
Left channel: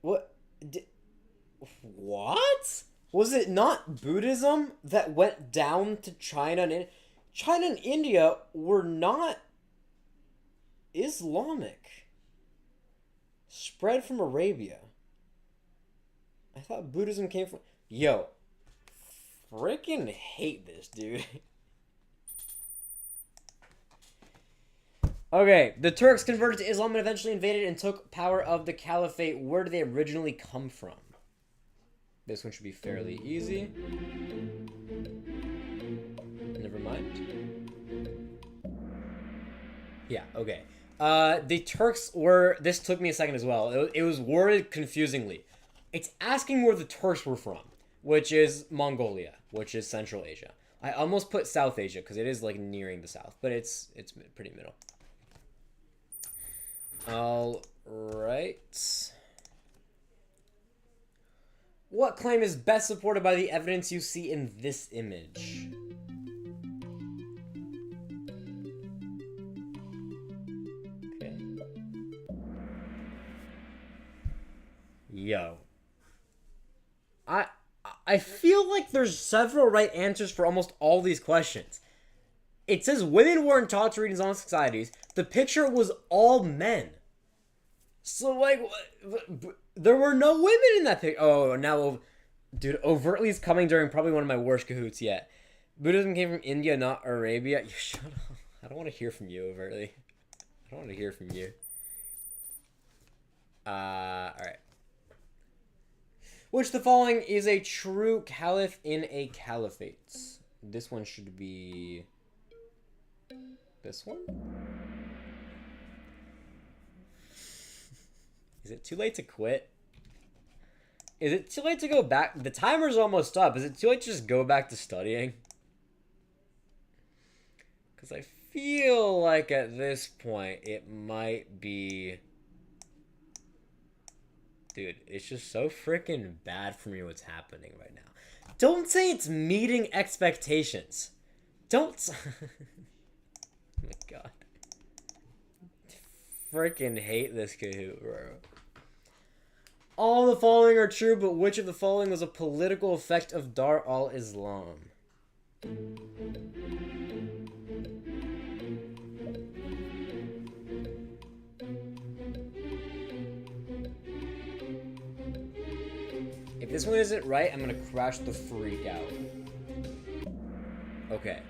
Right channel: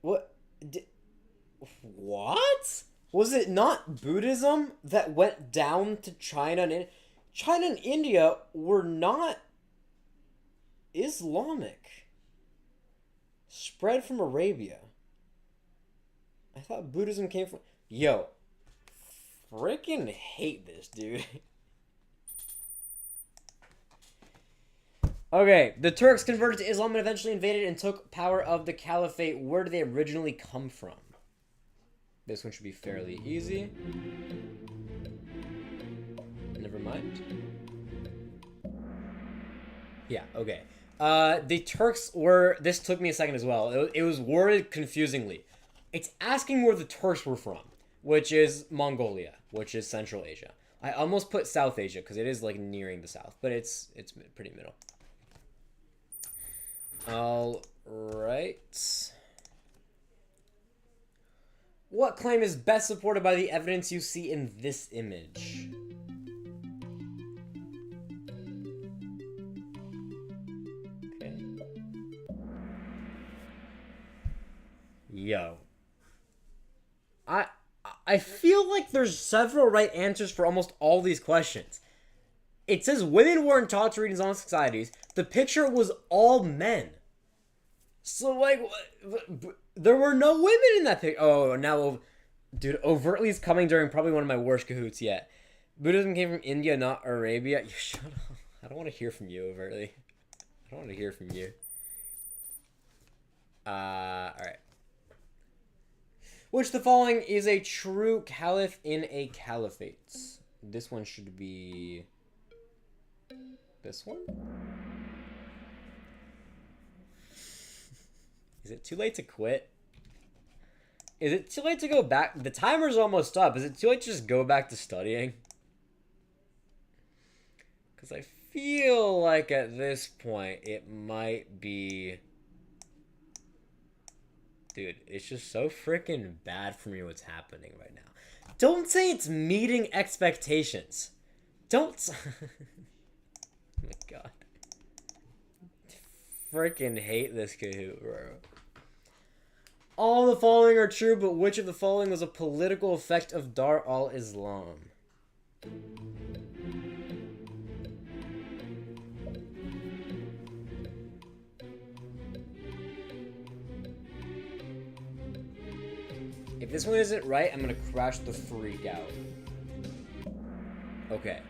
What? What? Was it not Buddhism that went down to China and China and India were not Islamic? Spread from Arabia. I thought Buddhism came from. Yo, freaking hate this, dude. Okay, the Turks converted to Islam and eventually invaded and took power of the caliphate. Where did they originally come from? This one should be fairly easy. Never mind. Yeah, okay. The Turks were... This took me a second as well. It was worded confusingly. It's asking where the Turks were from, which is Mongolia, which is Central Asia. I almost put South Asia because it is like nearing the south, but it's pretty middle. All right. What claim is best supported by the evidence you see in this image? Okay. Yo. I feel like there's several right answers for almost all these questions. It says women weren't taught to read in Islamic societies. The picture was all men. So, like, there were no women in that picture. Oh, now, dude, overtly is coming during probably one of my worst Kahoots yet. Buddhism came from India, not Arabia. You shut up. I don't want to hear from you, overtly. I don't want to hear from you. Alright. Which the following is a true caliph in a caliphate? This one should be... this one? Is it too late to quit? Is it too late to go back? The timer's almost up. Is it too late to just go back to studying? Because I feel like at this point it might be... Dude, it's just so freaking bad for me what's happening right now. Don't say it's meeting expectations. Don't. Oh my god. Freaking hate this Kahoot, bro. All the following are true, but which of the following was a political effect of Dar al-Islam? If this one isn't right, I'm gonna crash the freak out. Okay.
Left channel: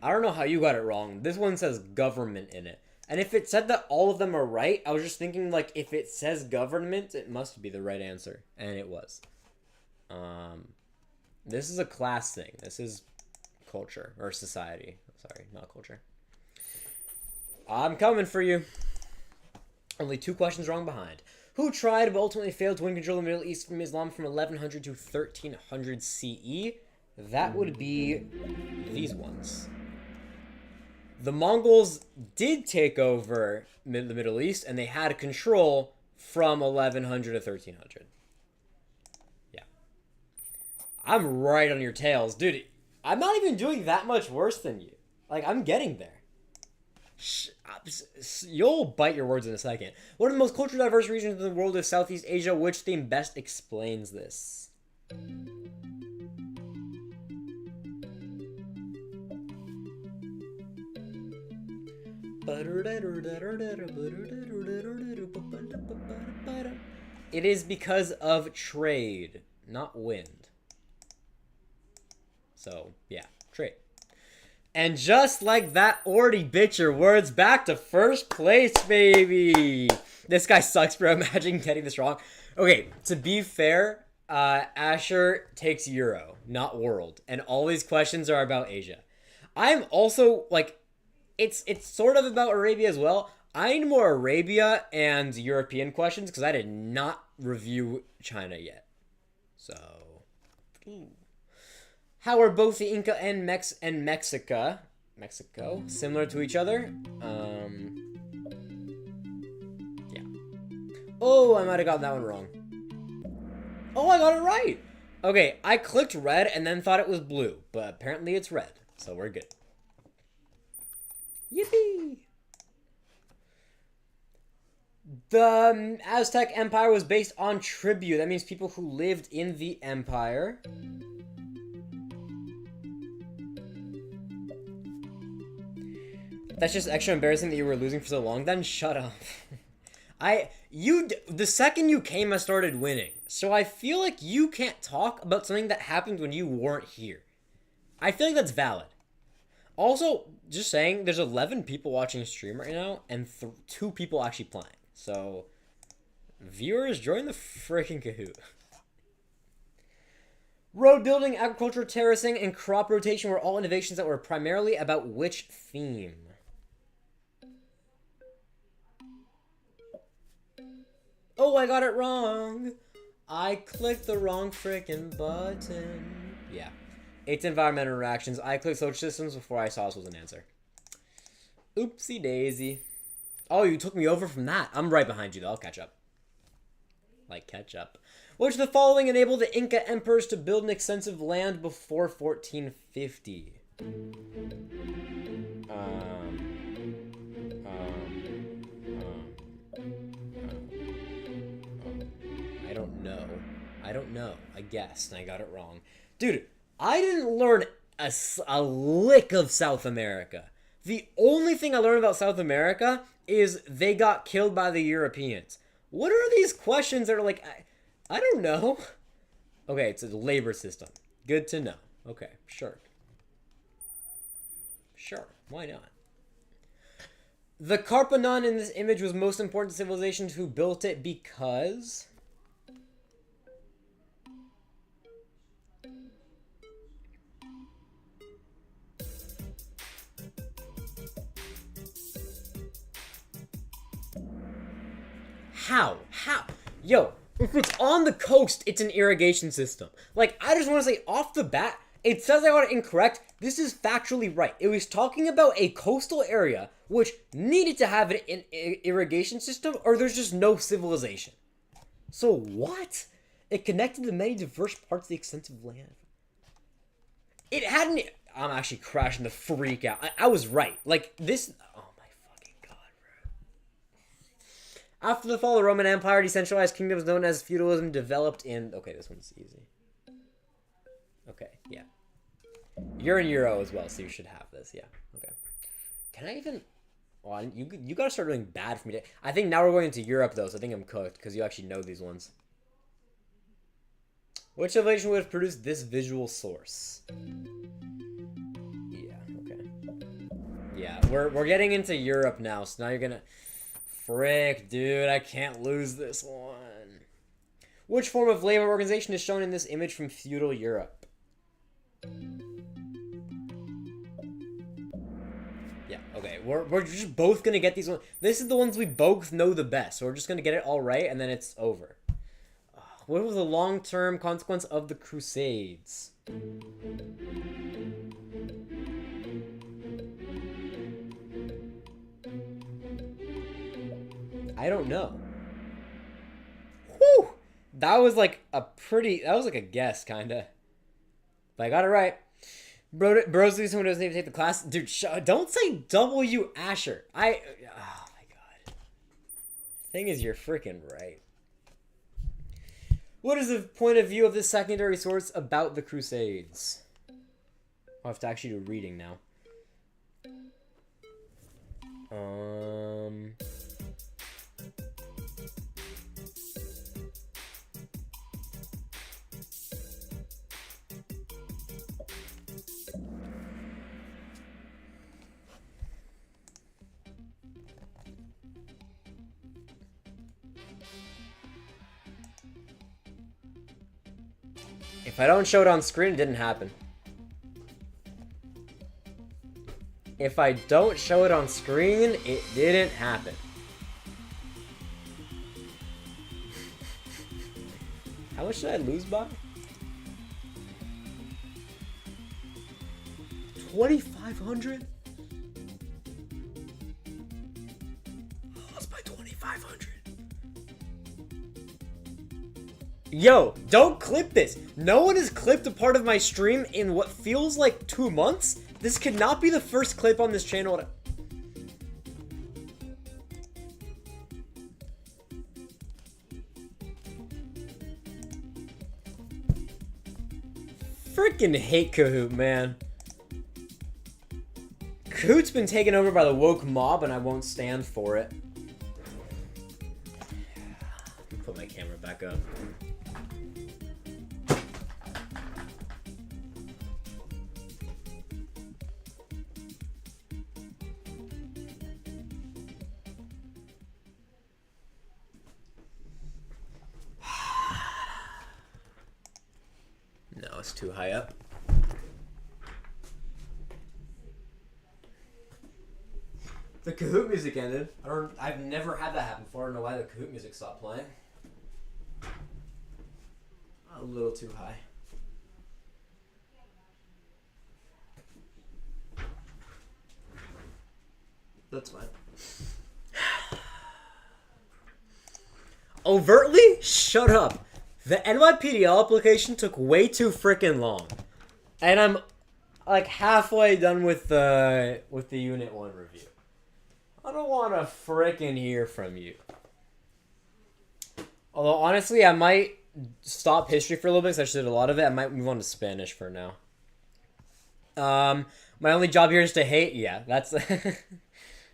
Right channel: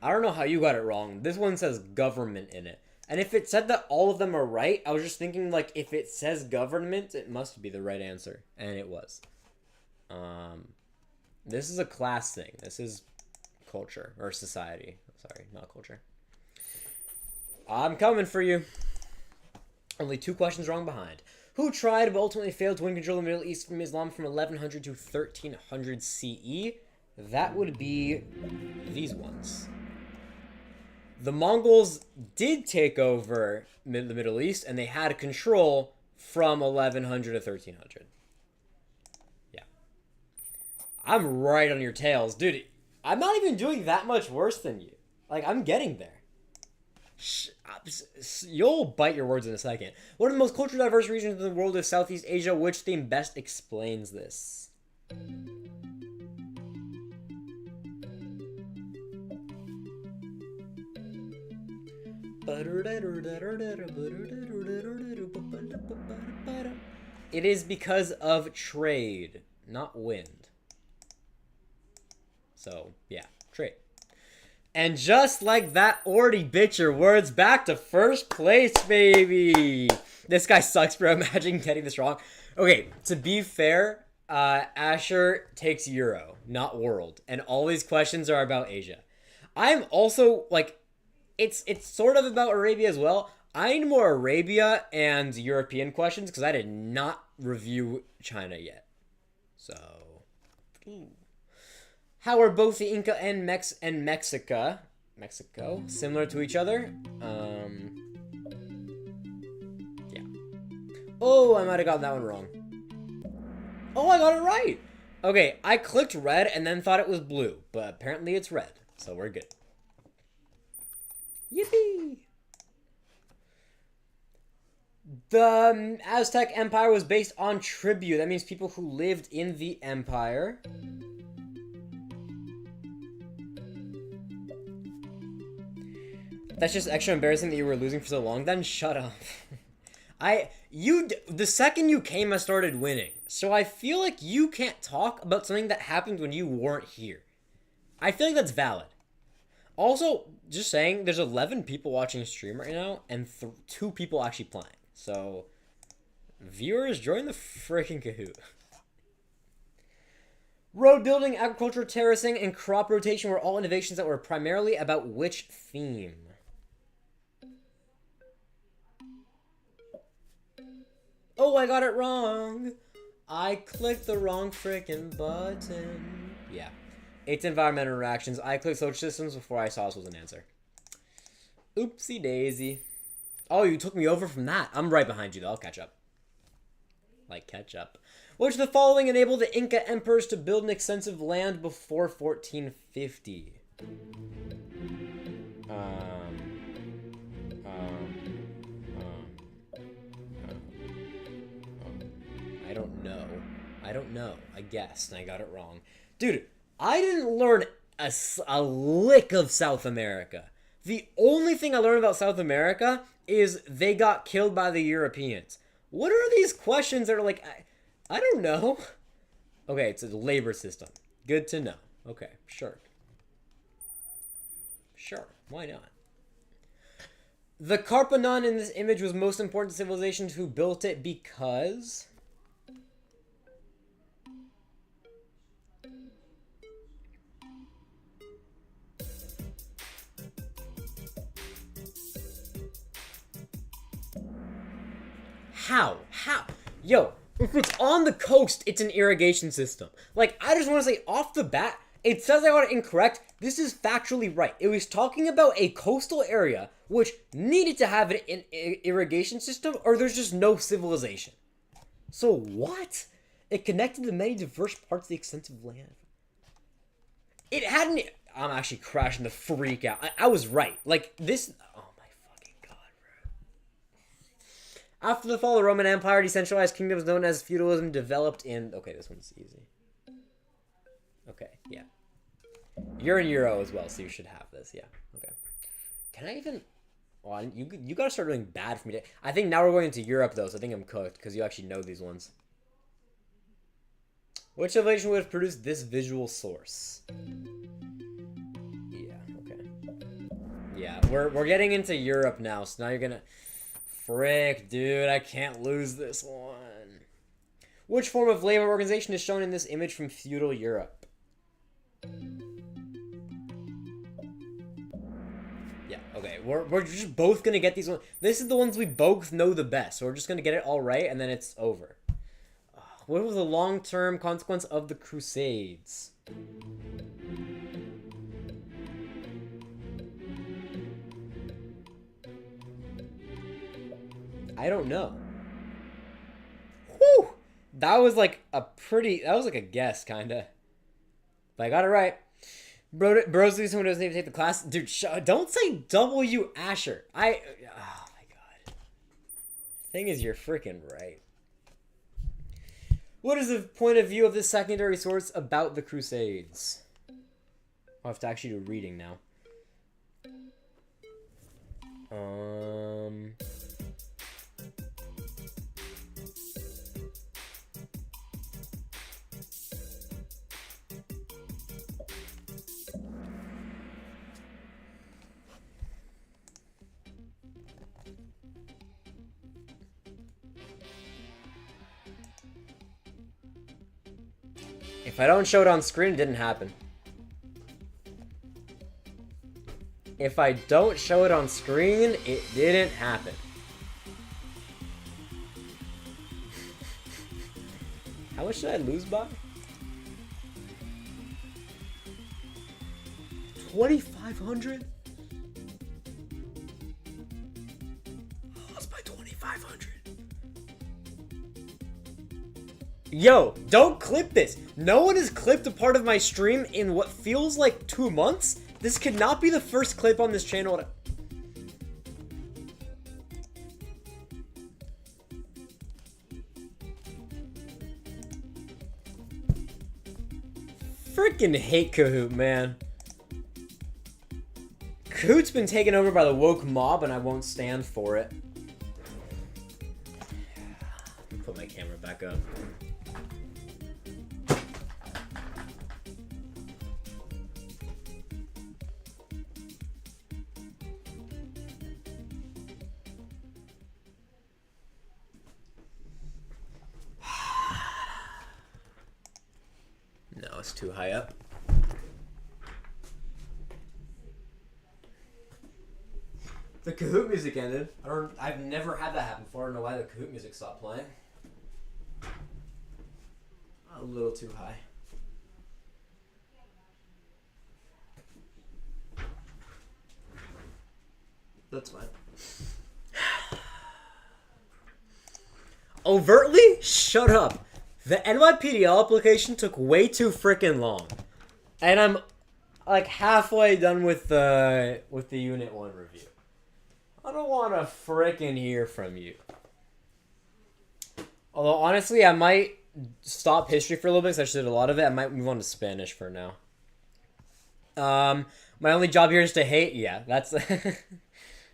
I don't know how you got it wrong. This one says government in it. And if it said that all of them are right, I was just thinking, like, if it says government, it must be the right answer. And it was. This is a class thing. This is culture. Or society. Sorry, not culture. I'm coming for you. Only 2 questions wrong behind. Who tried but ultimately failed to win control of the Middle East from Islam from 1100 to 1300 CE? That would be these ones. The Mongols did take over the Middle East, and they had control from 1100 to 1300. Yeah. I'm right on your tails. Dude, I'm not even doing that much worse than you. Like, I'm getting there. You'll bite your words in a second. One of the most culturally diverse regions in the world is Southeast Asia. Which theme best explains this? It is because of trade, not wind. So, yeah, trade. And just like that, already bit your words back to first place, baby. This guy sucks, bro. Imagine getting this wrong. Okay, to be fair, Asher takes Euro, not world. And all these questions are about Asia. I'm also, like, it's sort of about Arabia as well. I need more Arabia and European questions because I did not review China yet. So, how are both the Inca and Mexico similar to each other? Yeah. Oh, I might have gotten that one wrong. Oh, I got it right. Okay, I clicked red and then thought it was blue, but apparently it's red, so we're good. Yippee! The Aztec Empire was based on tribute. That means people who lived in the empire. That's just extra embarrassing that you were losing for so long. Then shut up. The second you came, I started winning. So I feel like you can't talk about something that happened when you weren't here. I feel like that's valid. Also, just saying, there's 11 people watching stream right now, and 2 people actually playing. So, viewers, join the freaking Kahoot. Road building, agriculture, terracing, and crop rotation were all innovations that were primarily about which theme? Oh, I got it wrong. I clicked the wrong freaking button. Yeah. It's environmental interactions. I clicked social systems before I saw this was an answer. Oopsie daisy. Oh, you took me over from that. I'm right behind you, though. I'll catch up. Like, catch up. Which of the following enabled the Inca emperors to build an extensive land before 1450? I don't know. I guessed, and I got it wrong. Dude, I didn't learn a lick of South America. The only thing I learned about South America is they got killed by the Europeans. What are these questions that are like, I don't know. Okay, it's a labor system. Good to know. Okay, sure. Sure, why not? The Carpanon in this image was most important to civilizations who built it because... How? Yo, if it's on the coast, it's an irrigation system. Like, I just want to say off the bat, it says I got it incorrect. This is factually right. It was talking about a coastal area which needed to have an irrigation system or there's just no civilization. So what? It connected to many diverse parts of the extensive land. It hadn't... I'm actually crashing the freak out. I was right. Like, this... Oh, my fucking God, bro. After the fall of the Roman Empire, decentralized kingdoms known as feudalism developed in... Okay, this one's easy. Okay, yeah. You're in Euro as well, so you should have this. Yeah, okay. Can I even... Well, you gotta start doing bad for me. I think now we're going into Europe, though, so I think I'm cooked, because you actually know these ones. Which civilization would have produced this visual source? Yeah, okay. Yeah, we're getting into Europe now, so now you're gonna... Frick, dude, I can't lose this one. Which form of labor organization is shown in this image from feudal Europe? Yeah, okay. We're just both gonna get these ones. This is the ones we both know the best, so we're just gonna get it all right, and then it's over. What was the long-term consequence of the Crusades? I don't know. Whew! That was like a pretty... That was like a guess, kinda. But I got it right. Bros, someone doesn't even take the class. Dude, don't say W. Asher. Oh my God. Thing is, you're freaking right. What is the point of view of the secondary source about the Crusades? I'll have to actually do reading now. If I don't show it on screen, it didn't happen. If I don't show it on screen, it didn't happen. How much did I lose by? 2,500? I lost by 2,500. Yo, don't clip this. No one has clipped a part of my stream in what feels like 2 months. This could not be the first clip on this channel. Freaking hate Kahoot, man. Kahoot's been taken over by the woke mob, and I won't stand for it. Let me put my camera back up. No, it's too high up. The Kahoot music ended. I've never had that happen before. I don't know why the Kahoot music stopped playing. A little too high. That's fine. Overtly? Shut up. The NYPDL application took way too freaking long. And I'm like halfway done with the Unit 1 review. I don't want to frickin' hear from you. Although, honestly, I might stop history for a little bit because I just did a lot of it. I might move on to Spanish for now. My only job here is to hate. Yeah, that's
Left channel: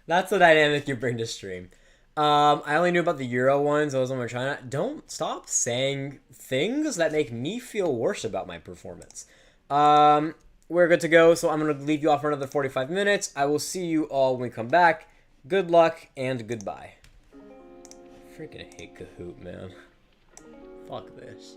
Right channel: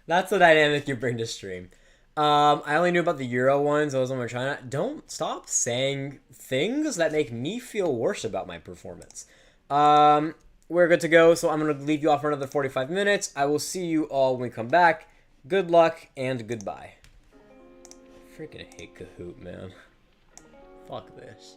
that's the dynamic you bring to stream. I only knew about the Euro ones. Those ones were China. Don't stop saying things that make me feel worse about my performance. We're good to go, so I'm going to leave you off for another 45 minutes. I will see you all when we come back. Good luck and goodbye. Freaking hate Kahoot, man. Fuck this.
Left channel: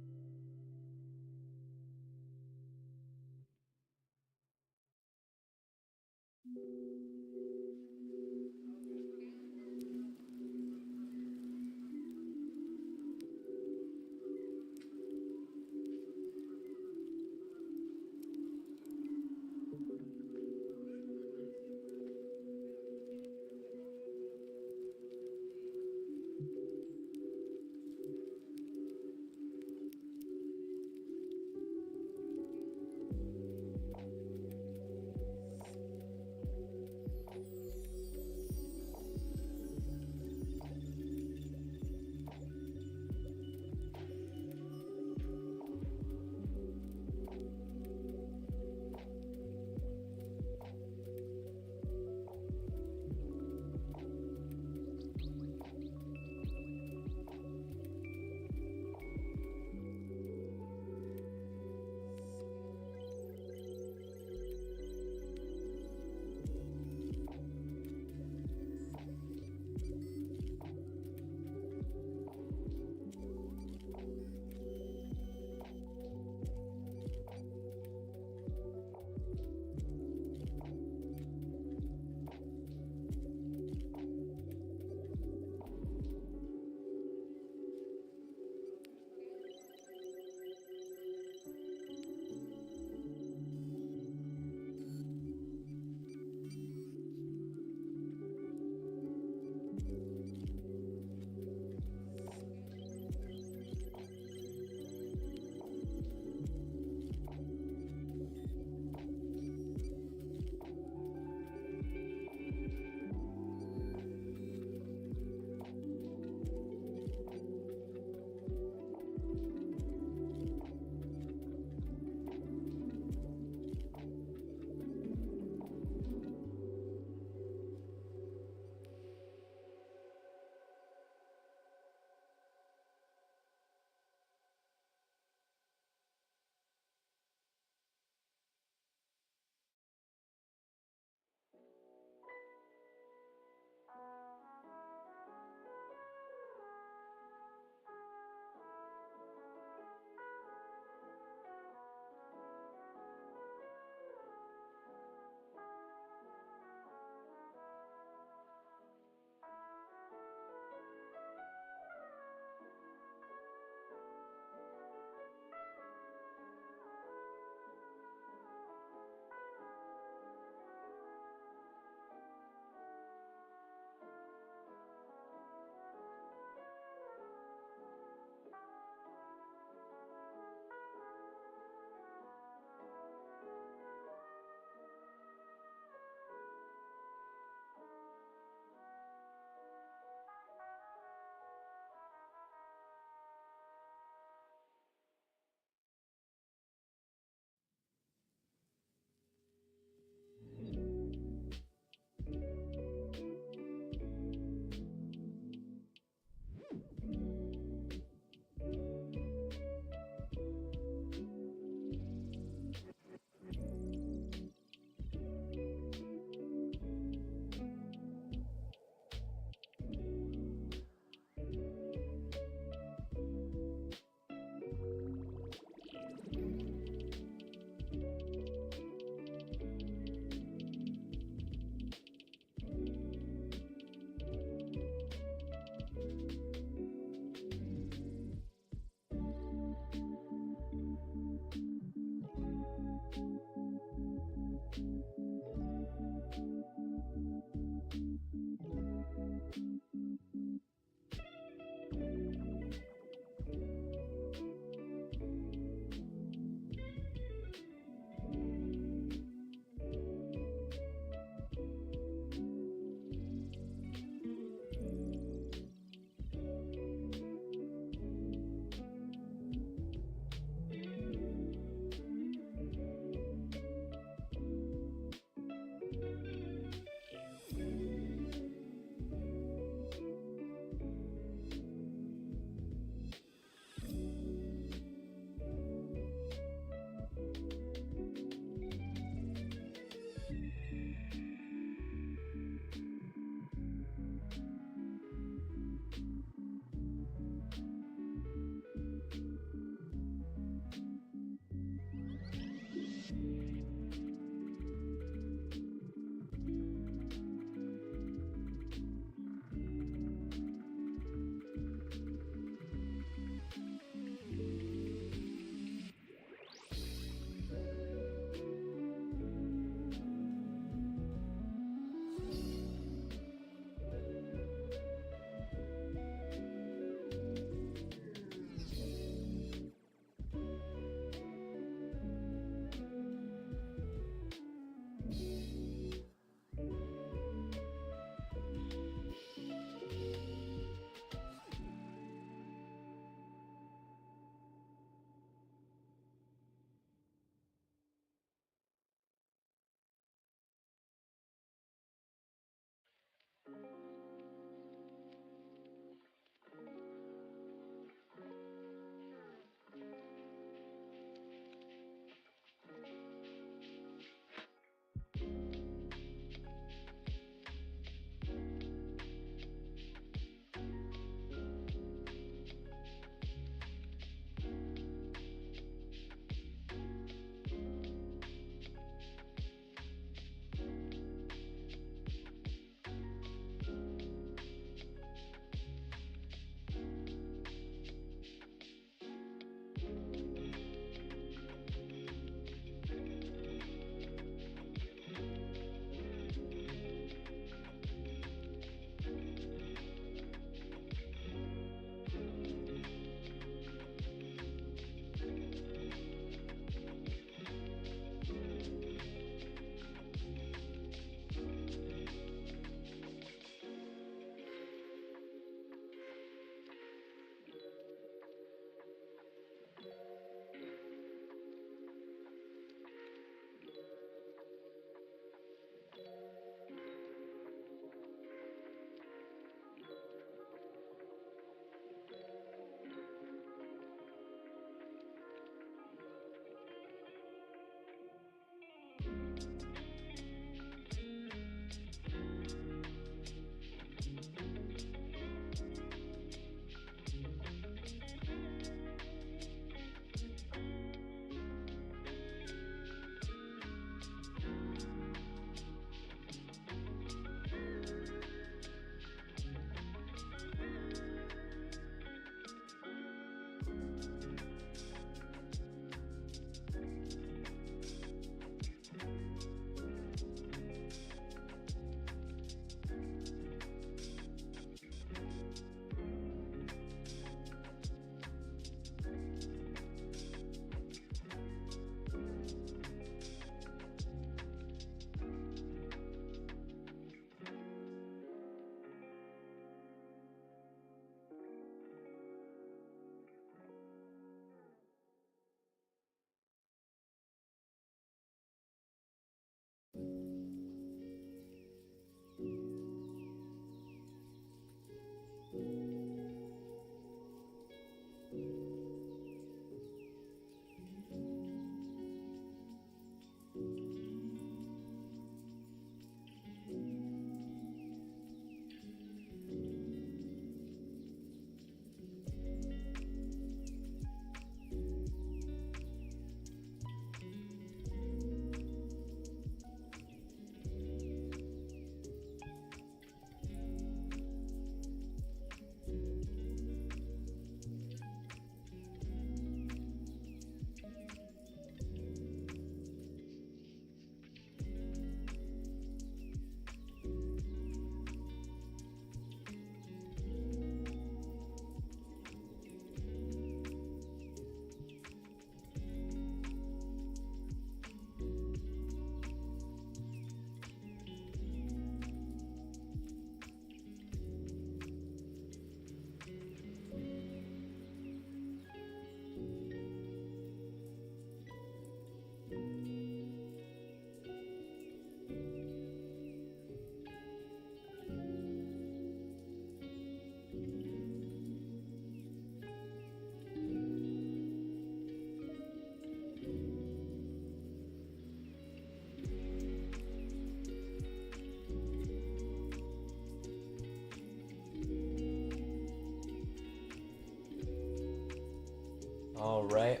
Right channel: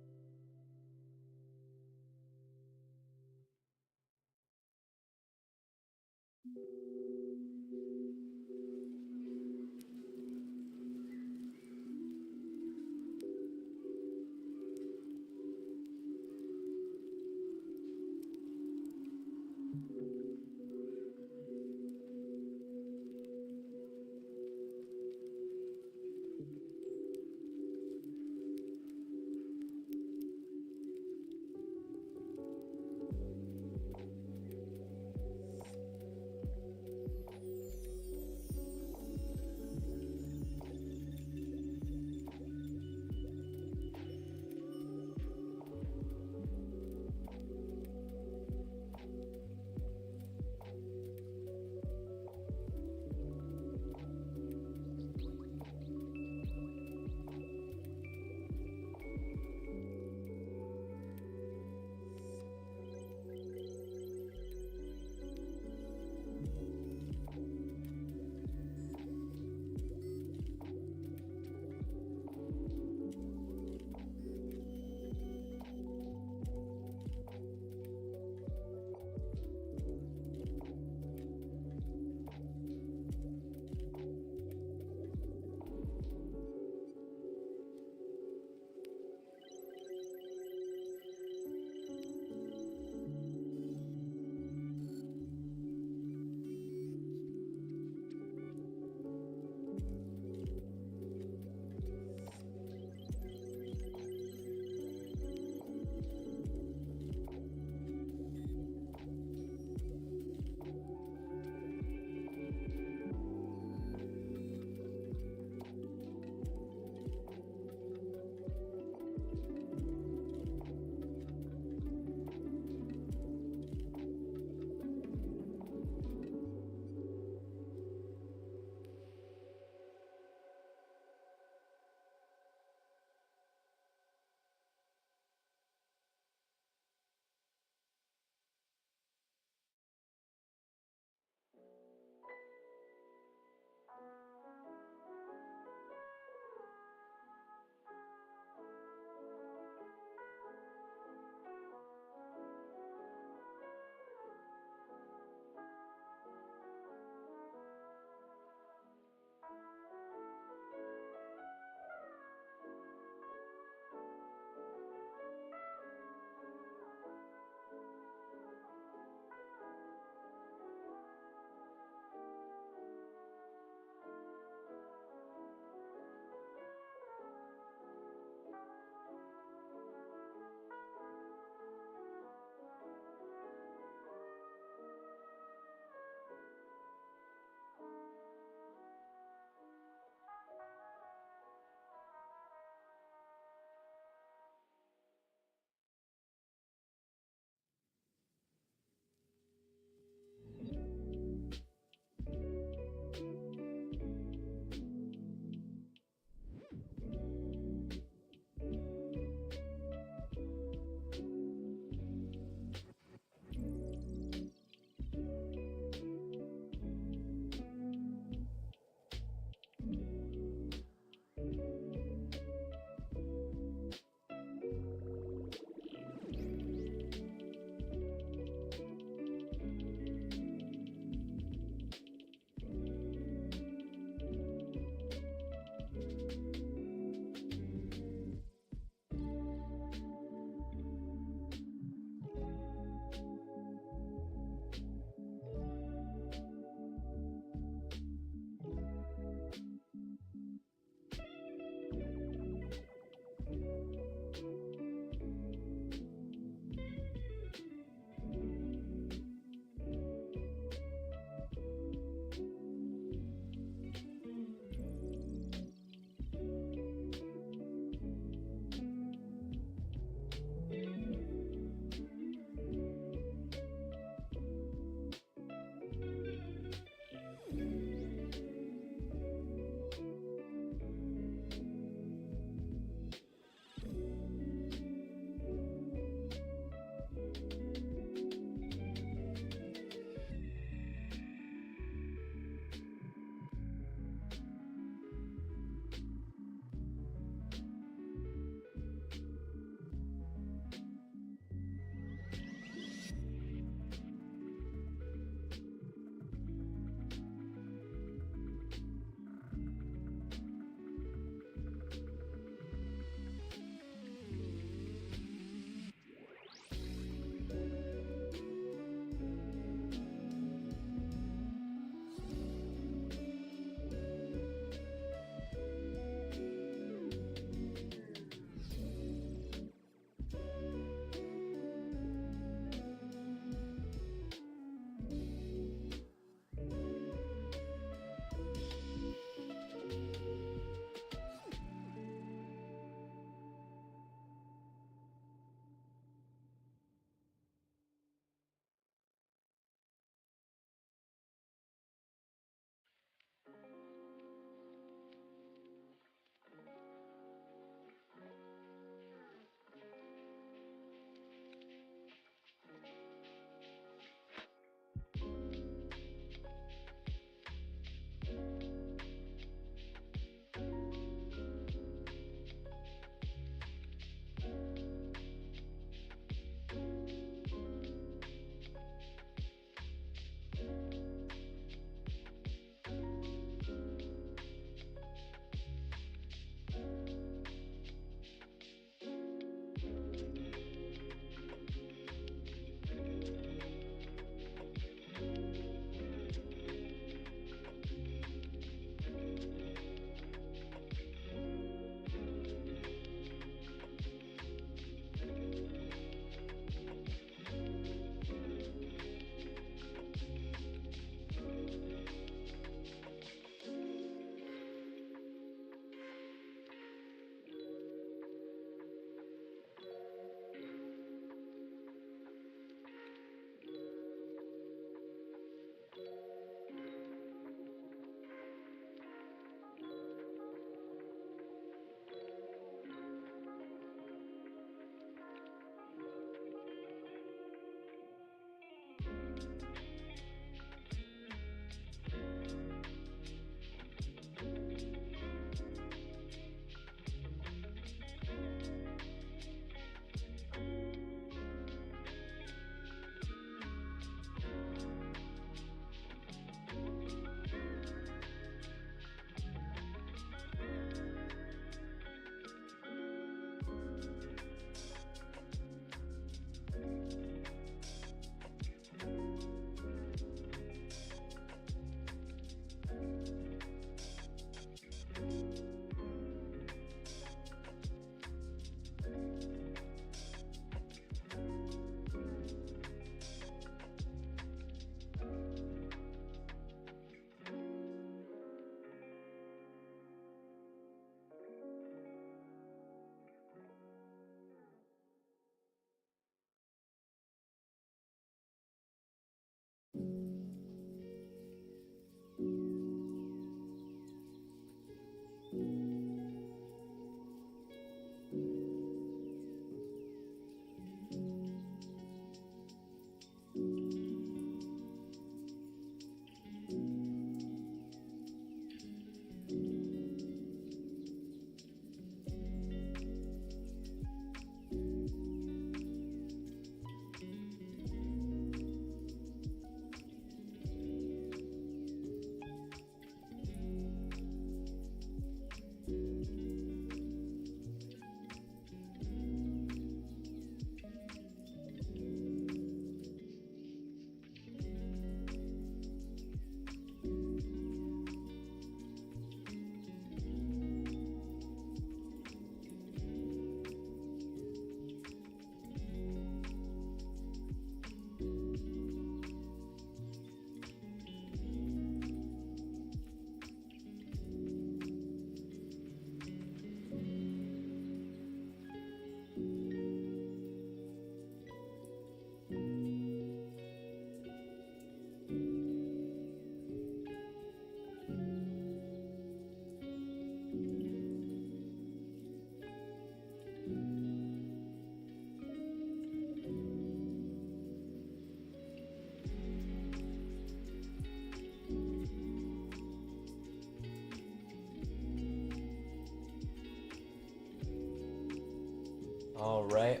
Alright.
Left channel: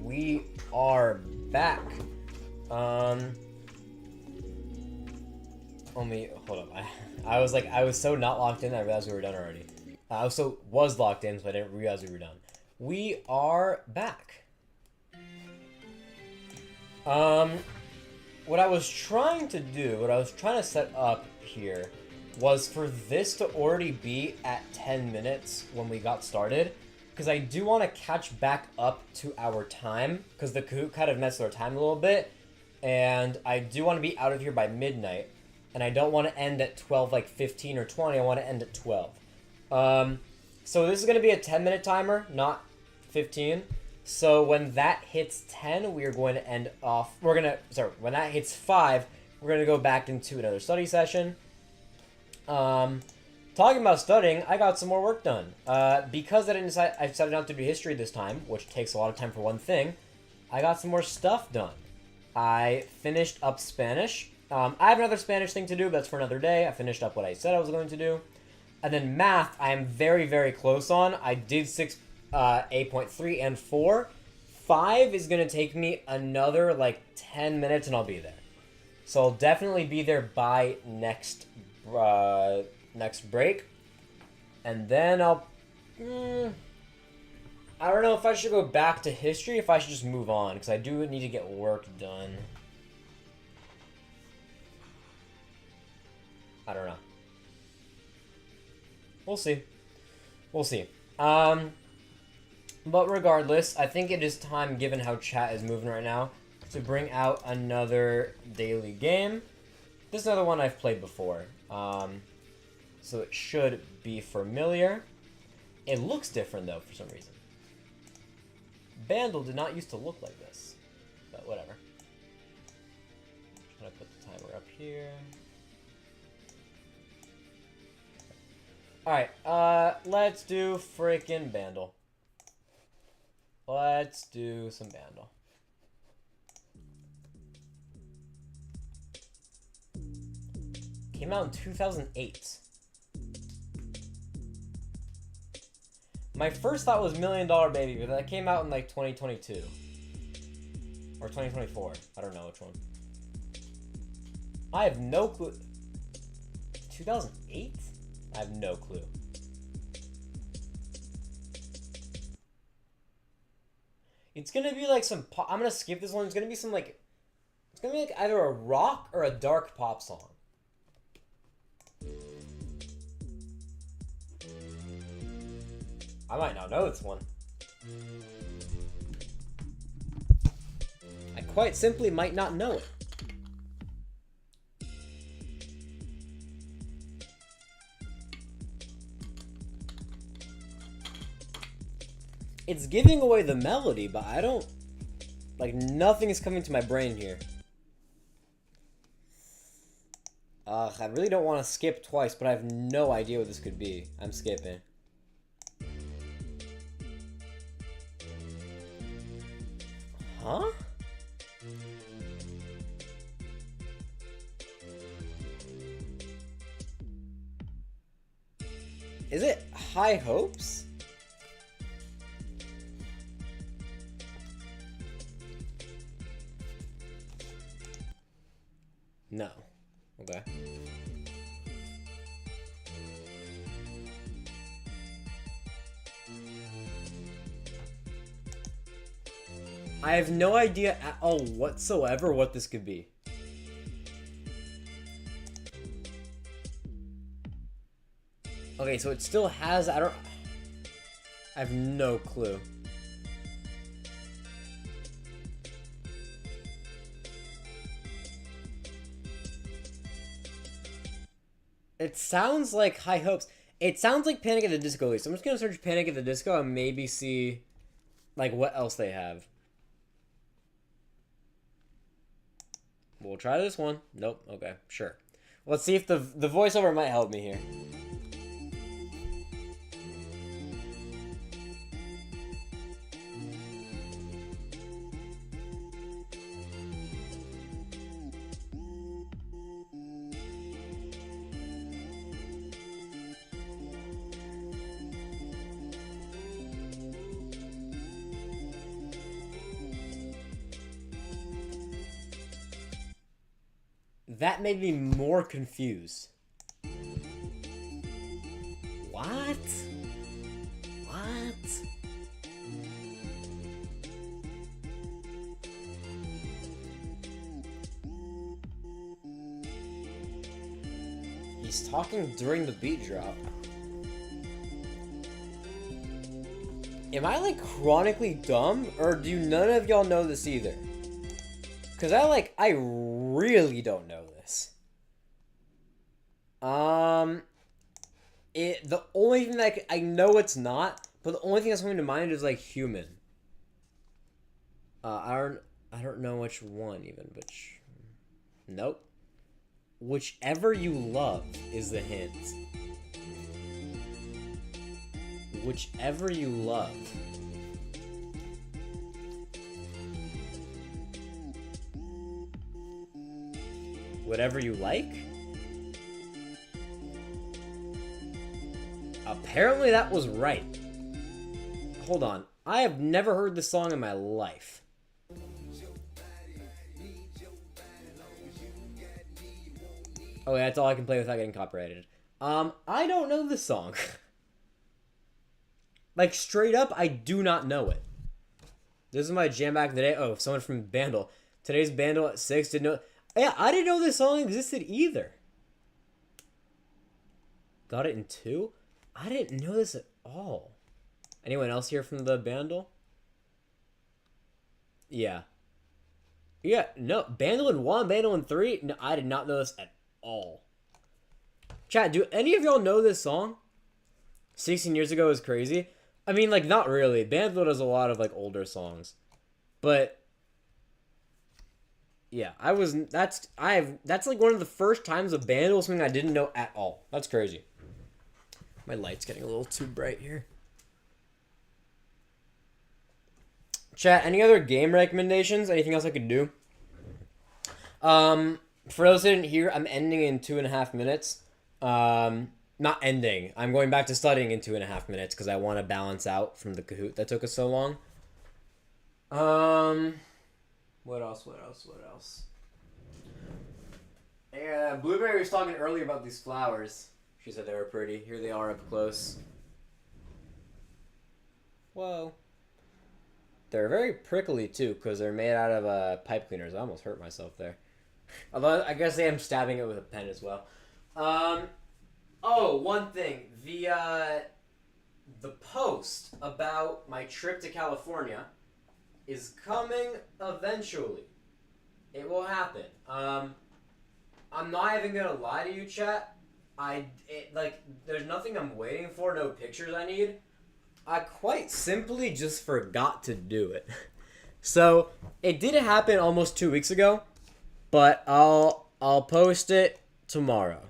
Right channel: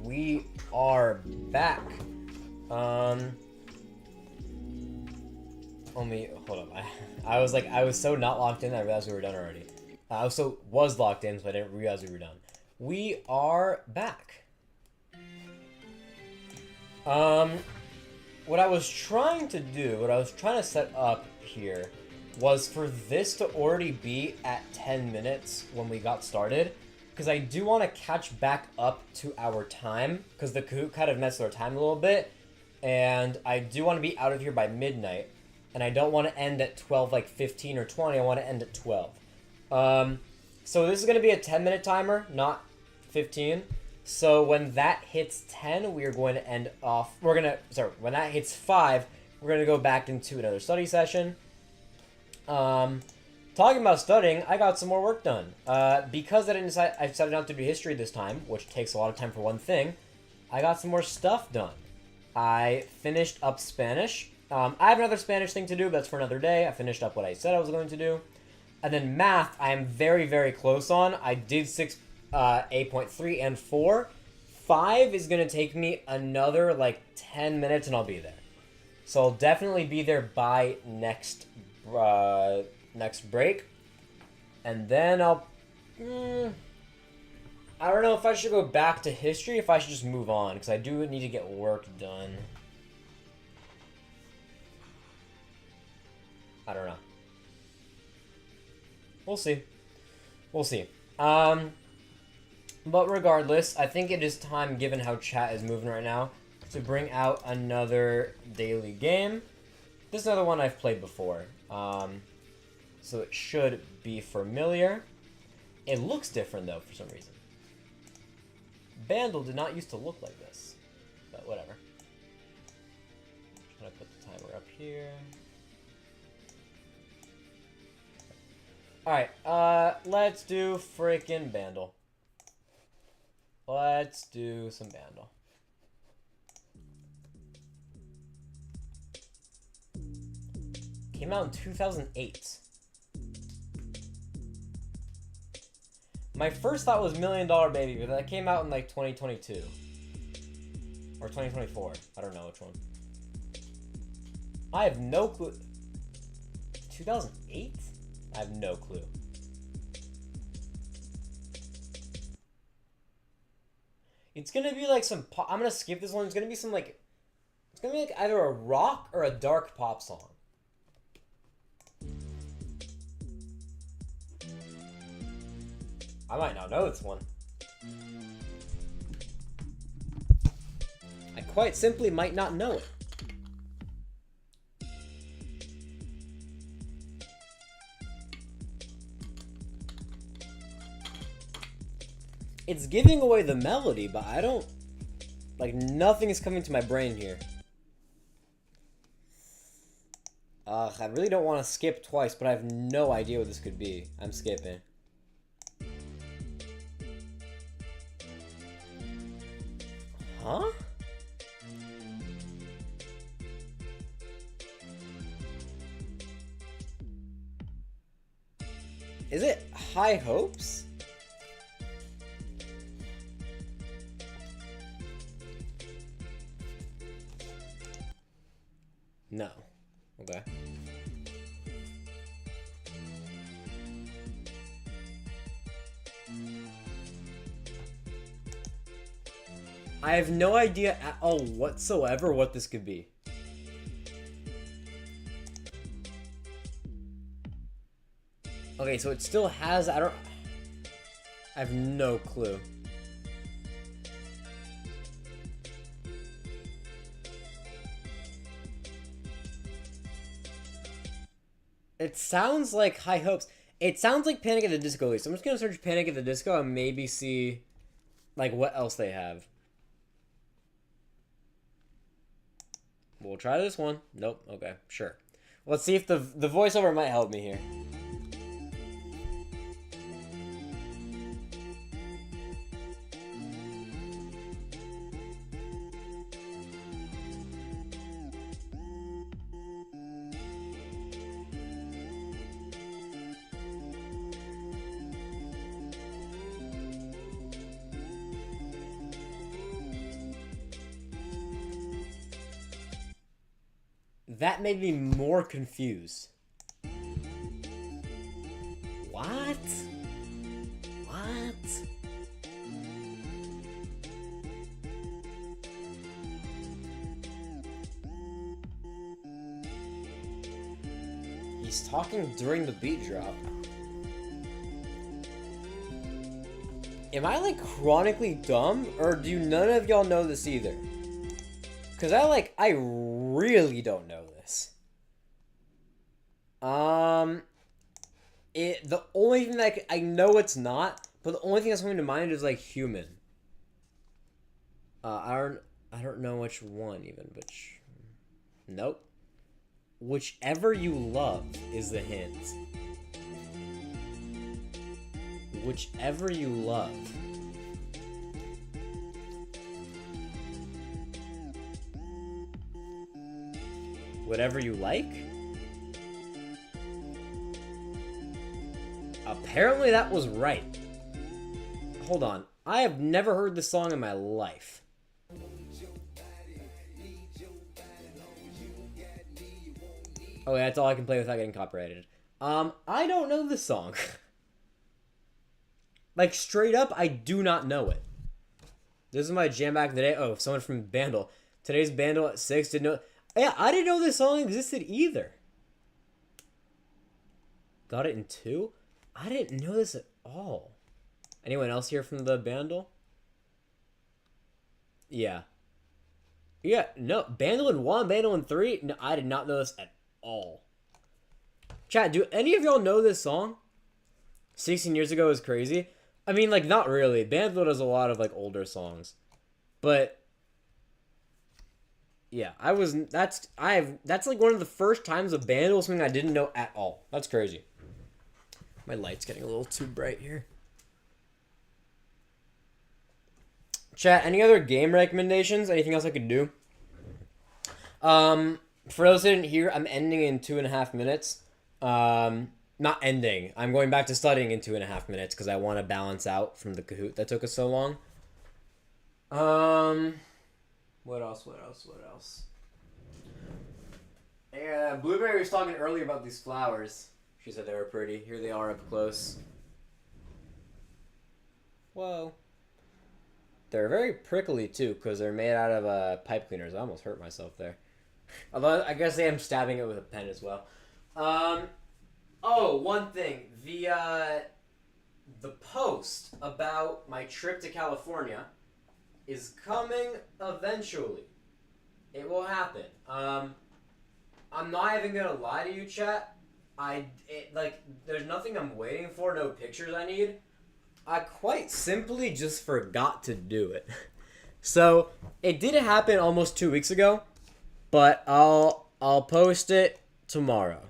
We are back. Let me hold up. I was so not locked in, I realized we were done already. I also was locked in, so I didn't realize we were done. We are back. What I was trying to set up here was for this to already be at 10 minutes when we got started, because I do want to catch back up to our time, because the Kahoot kind of messed our time a little bit, and I do want to be out of here by midnight, and I don't want to end at 12, like 15 or 20, I want to end at 12. So this is going to be a 10-minute timer, not 15. So when that hits 10, we are going to end off, when that hits 5, we're going to go back into another study session. Talking about studying, I got some more work done. Because I decided not to do history this time, which takes a lot of time for one thing, I got some more stuff done. I finished up Spanish. I have another Spanish thing to do, but that's for another day. I finished up what I said I was going to do. And then math, I am very, very close on. I did 8.3 and 4. 5 is going to take me another, 10 minutes, and I'll be there. So I'll definitely be there by next break. And then I don't know if I should go back to history, if I should just move on, because I do need to get work done. I don't know. We'll see. But regardless, I think it is time, given how chat is moving right now, to bring out another daily game. This is another one I've played before, so it should be familiar. It looks different, though, for some reason. Bandle did not used to look like this, but whatever. I'm gonna put the timer up here. Alright, let's do freaking Bandle. Let's do some Bandle. Came out in 2008. My first thought was $1 Million Baby, but that came out in 2022. Or 2024. I don't know which one. I have no clue. 2008? I have no clue. It's gonna be some pop. I'm gonna skip this one. It's gonna be some it's gonna be either a rock or a dark pop song. I might not know this one. I quite simply might not know it. It's giving away the melody, but I don't... nothing is coming to my brain here. I really don't want to skip twice, but I have no idea what this could be. I'm skipping. Huh? Is it High Hopes? No. Okay. I have no idea at all whatsoever what this could be. Okay, so it still has... I have no clue. It sounds like High Hopes. It sounds like Panic at the Disco. So I'm just gonna search Panic at the Disco and maybe see what else they have. We'll try this one. Nope. Okay, sure. Let's see if the voiceover might help me here. That made me more confused. What? What? He's talking during the beat drop. Am I like chronically dumb, or do none of y'all know this either? Cause I really don't know this. The only thing that I know it's not, but the only thing that's coming to mind is like human. I don't know which one even, which, nope. Whichever you love is the hint. Whichever you love. Whatever you like? Apparently that was right. Hold on. I have never heard this song in my life. Oh, yeah, that's all I can play without getting copyrighted. I don't know this song. Like, straight up, I do not know it. This is my jam back in the day. Oh, someone from Bandle. Today's Bandle at 6 didn't know. Yeah, I didn't know this song existed either. Got it in 2? I didn't know this at all. Anyone else here from the Bandle? Yeah. Yeah, no. Bandle in 1, Bandle in 3? No, I did not know this at all. Chat, do any of y'all know this song? 16 years ago is crazy. I mean, like, not really. Bandle does a lot of, like, older songs. But yeah, that's like one of the first times a band was something I didn't know at all. That's crazy. My light's getting a little too bright here. Chat, any other game recommendations? Anything else I could do? For those who didn't hear, I'm ending in 2.5 minutes. Not ending. I'm going back to studying in 2.5 minutes because I want to balance out from the Kahoot that took us so long. What else? Yeah, Blueberry was talking earlier about these flowers. She said they were pretty. Here they are up close. Whoa. They're very prickly, too, because they're made out of pipe cleaners. I almost hurt myself there. Although, I guess I am stabbing it with a pen as well. Oh, one thing. The post about my trip to California is coming eventually. It will happen. I'm not even gonna lie to you, chat. There's nothing I'm waiting for, no pictures I need. I quite simply just forgot to do it. So, it did happen almost 2 weeks ago, but I'll post it tomorrow.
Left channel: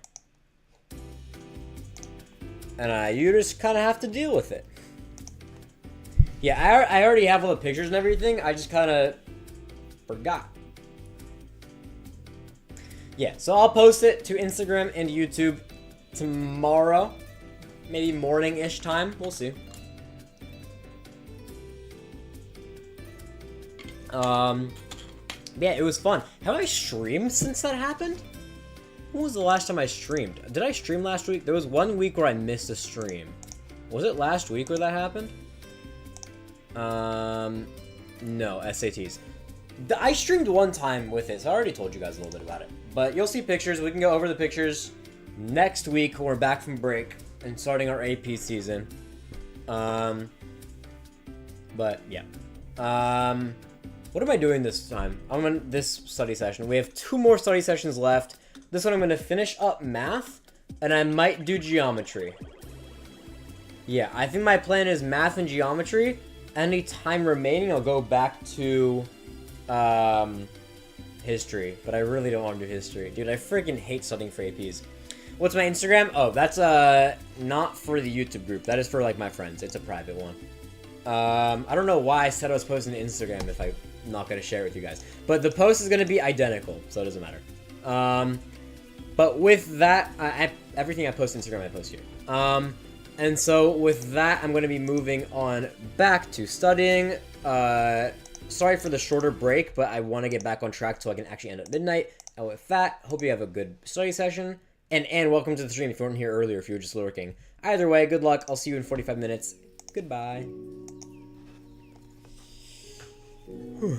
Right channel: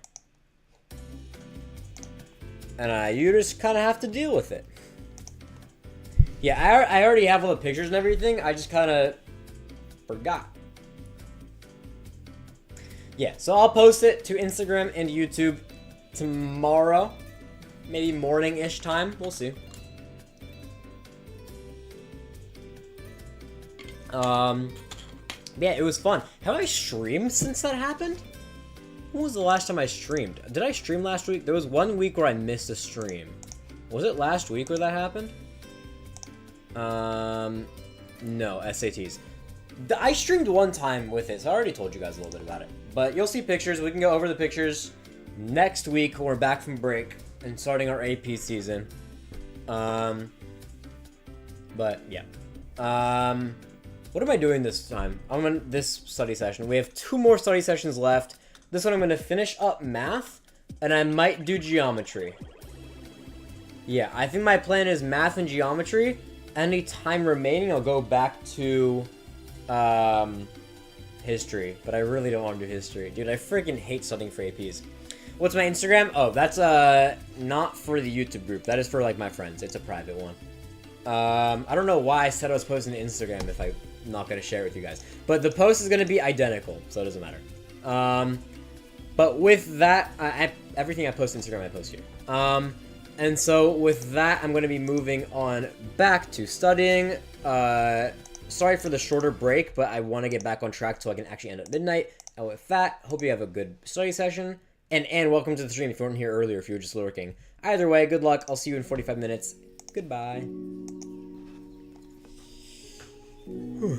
And you just kind of have to deal with it. Yeah, I already have all the pictures and everything. I just kind of forgot. Yeah, so I'll post it to Instagram and YouTube tomorrow. Maybe morning-ish time. We'll see. Yeah, it was fun. Have I streamed since that happened? When was the last time I streamed? Did I stream last week? There was 1 week where I missed a stream. Was it last week where that happened? No, SATs. I streamed one time with it, so I already told you guys a little bit about it. But you'll see pictures. We can go over the pictures next week when we're back from break and starting our AP season. But yeah. What am I doing this time? I'm on this study session. We have 2 more study sessions left. This one I'm going to finish up math, and I might do geometry. Yeah, I think my plan is math and geometry. Any time remaining, I'll go back to history. But I really don't want to do history. Dude, I freaking hate studying for APs. What's my Instagram? Oh, that's not for the YouTube group. That is for, like, my friends. It's a private one. I don't know why I said I was posting to Instagram if I'm not going to share it with you guys. But the post is going to be identical, so it doesn't matter. But with that, everything I post on Instagram, I post here. And so with that, I'm going to be moving on back to studying. Sorry for the shorter break, but I want to get back on track so I can actually end at midnight And with that, hope you have a good study session. And welcome to the stream if you weren't here earlier, if you were just lurking. Either way, good luck. I'll see you in 45 minutes. Goodbye. Whew.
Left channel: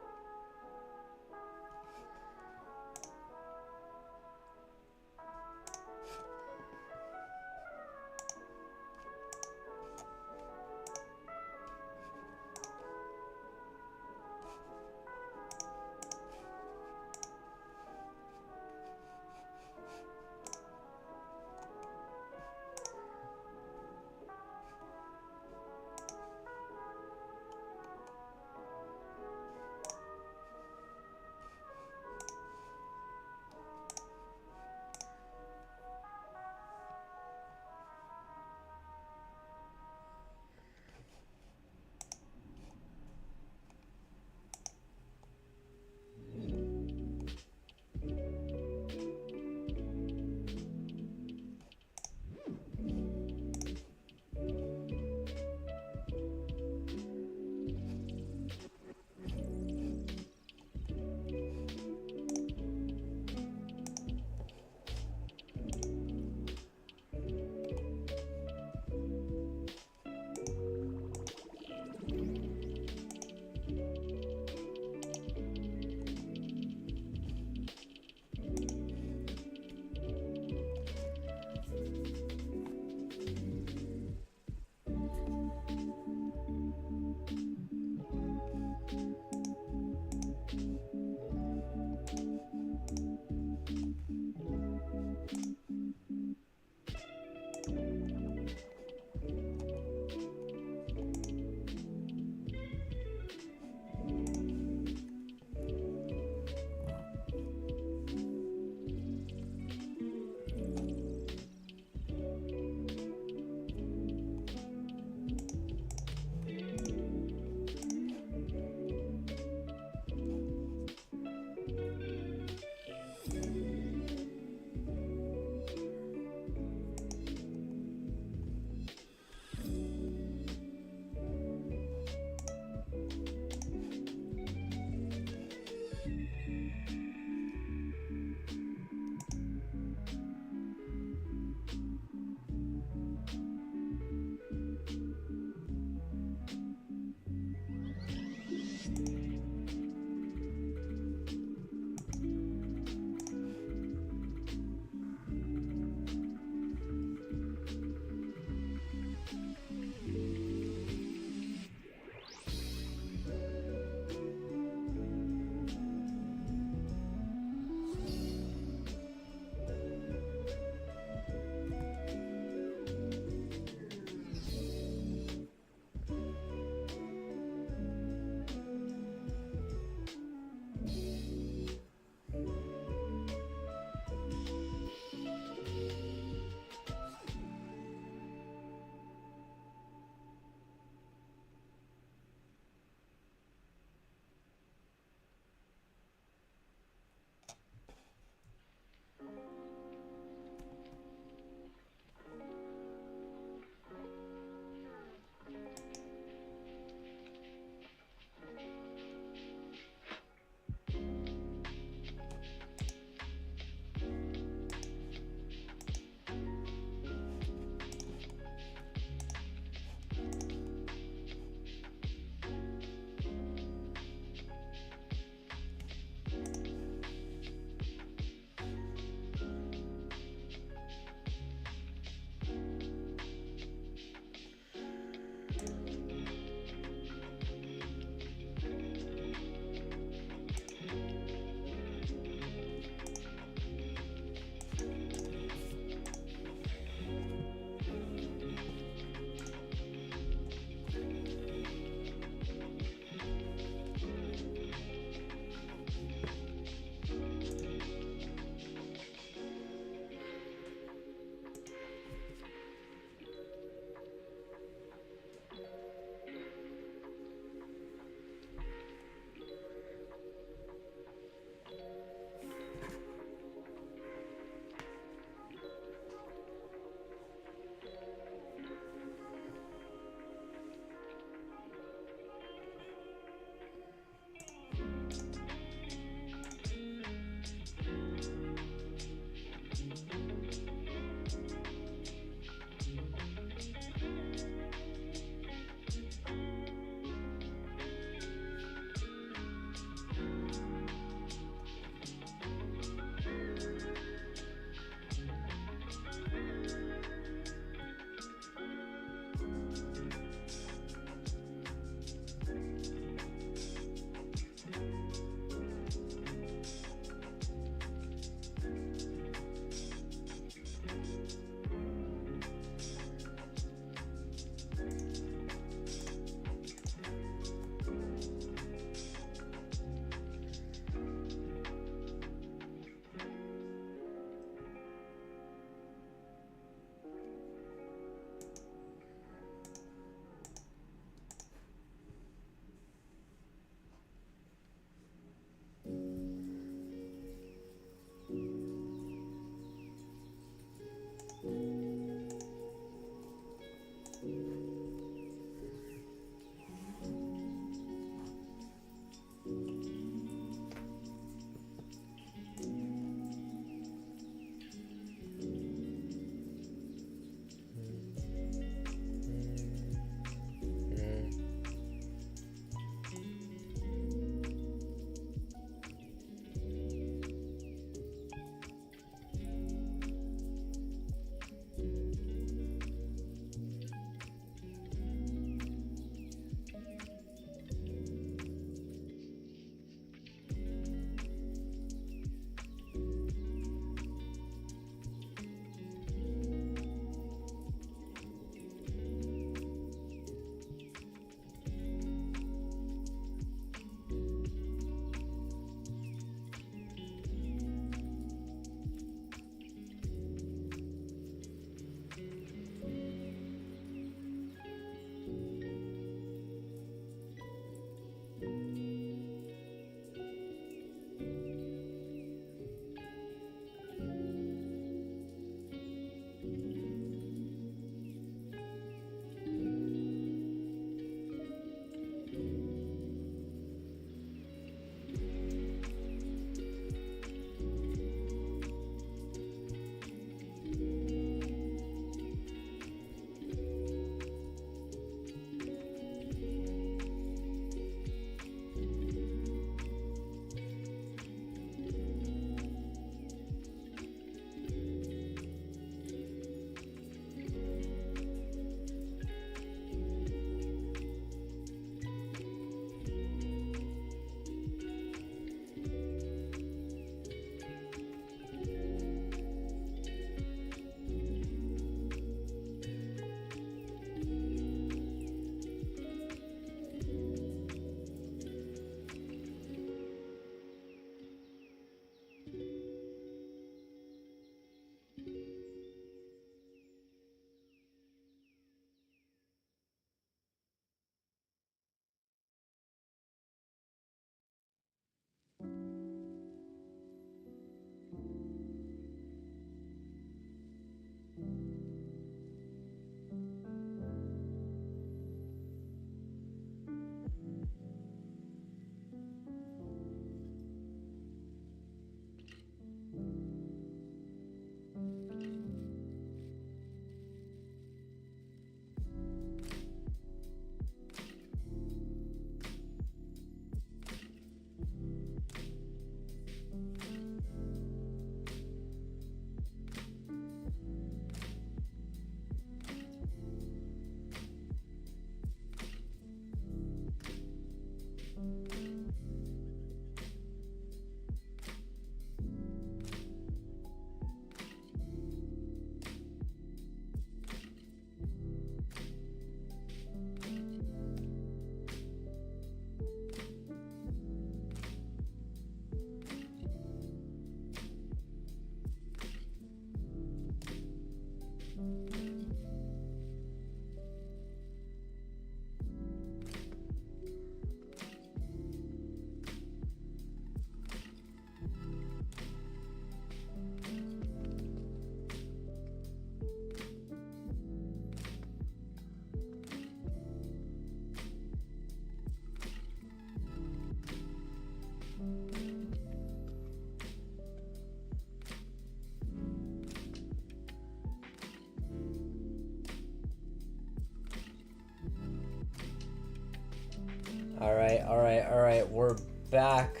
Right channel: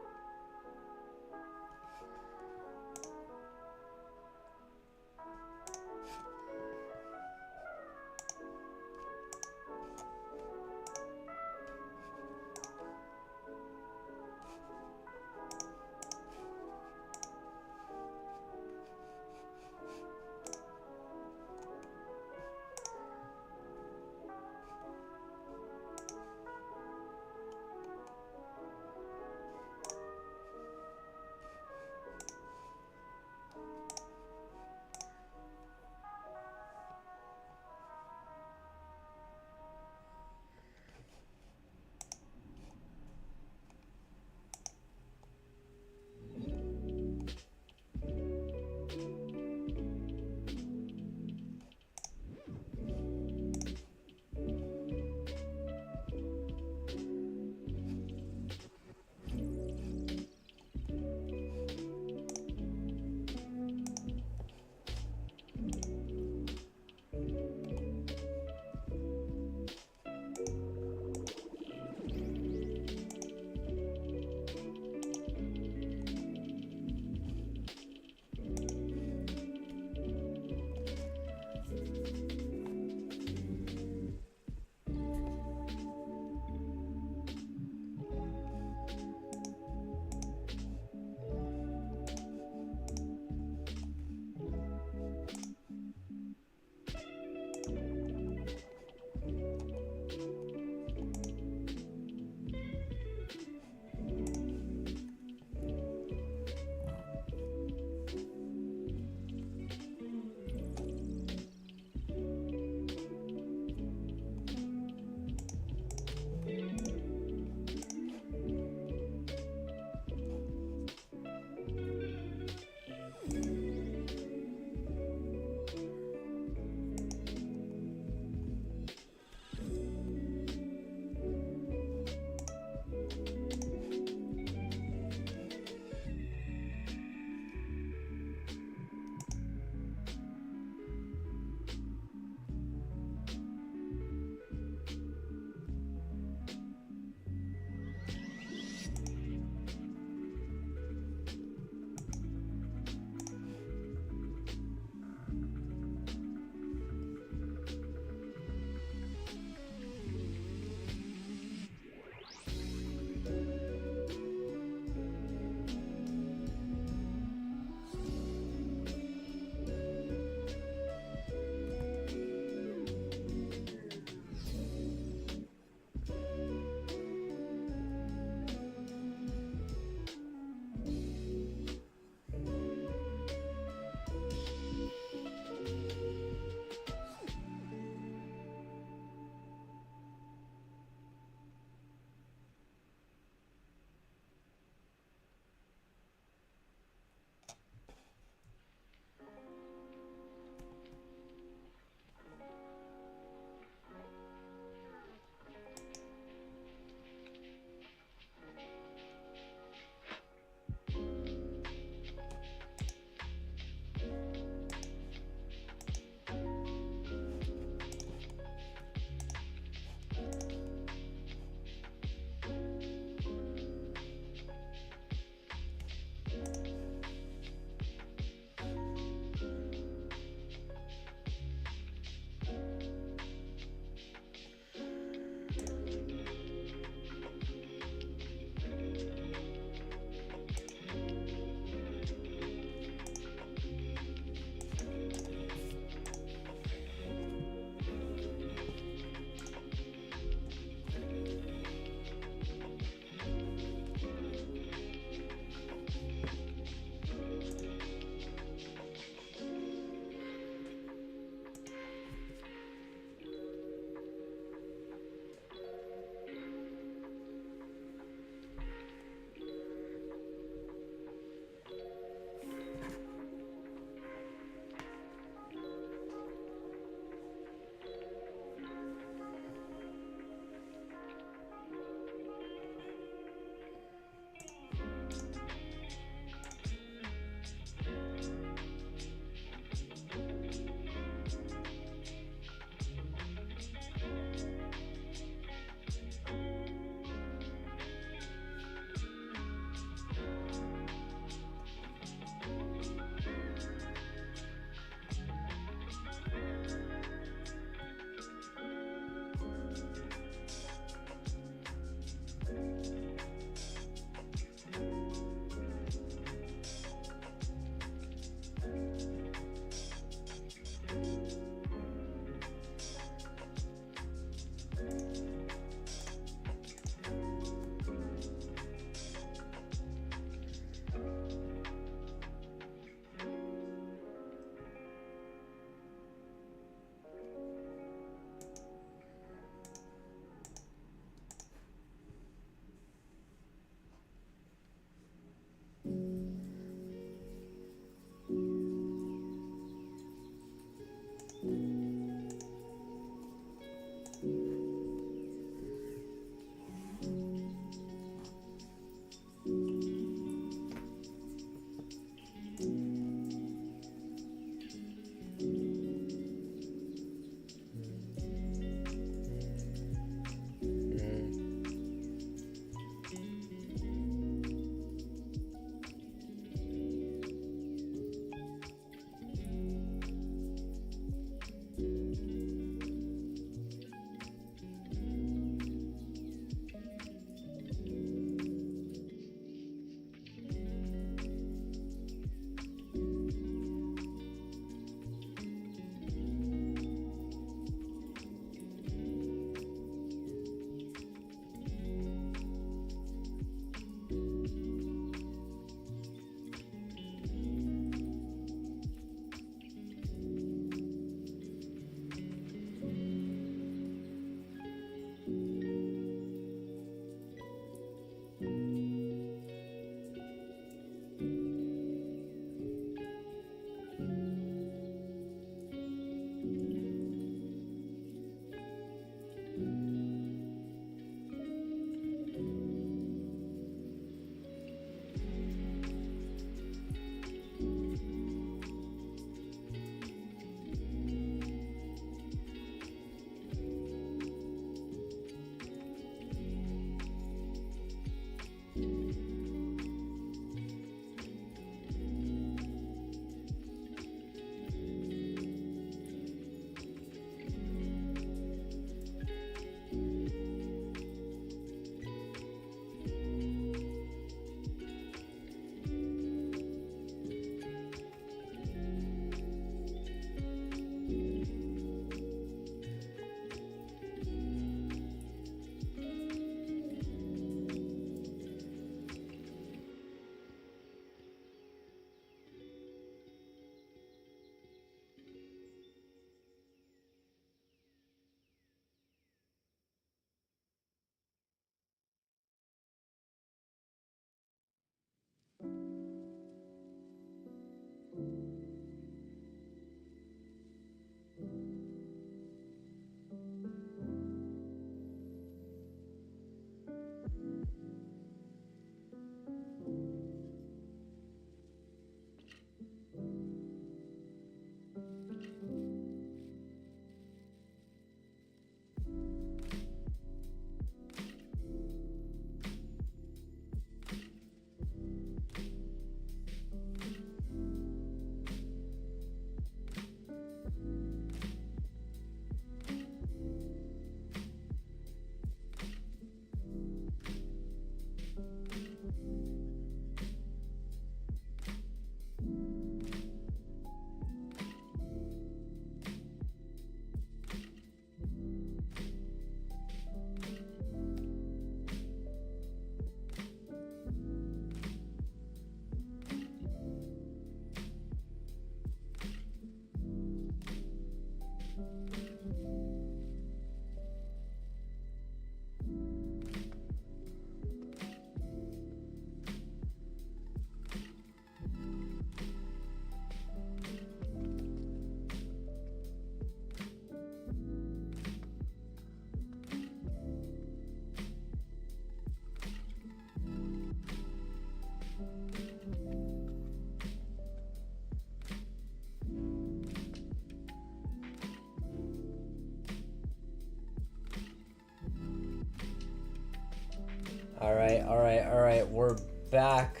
Alright. We're back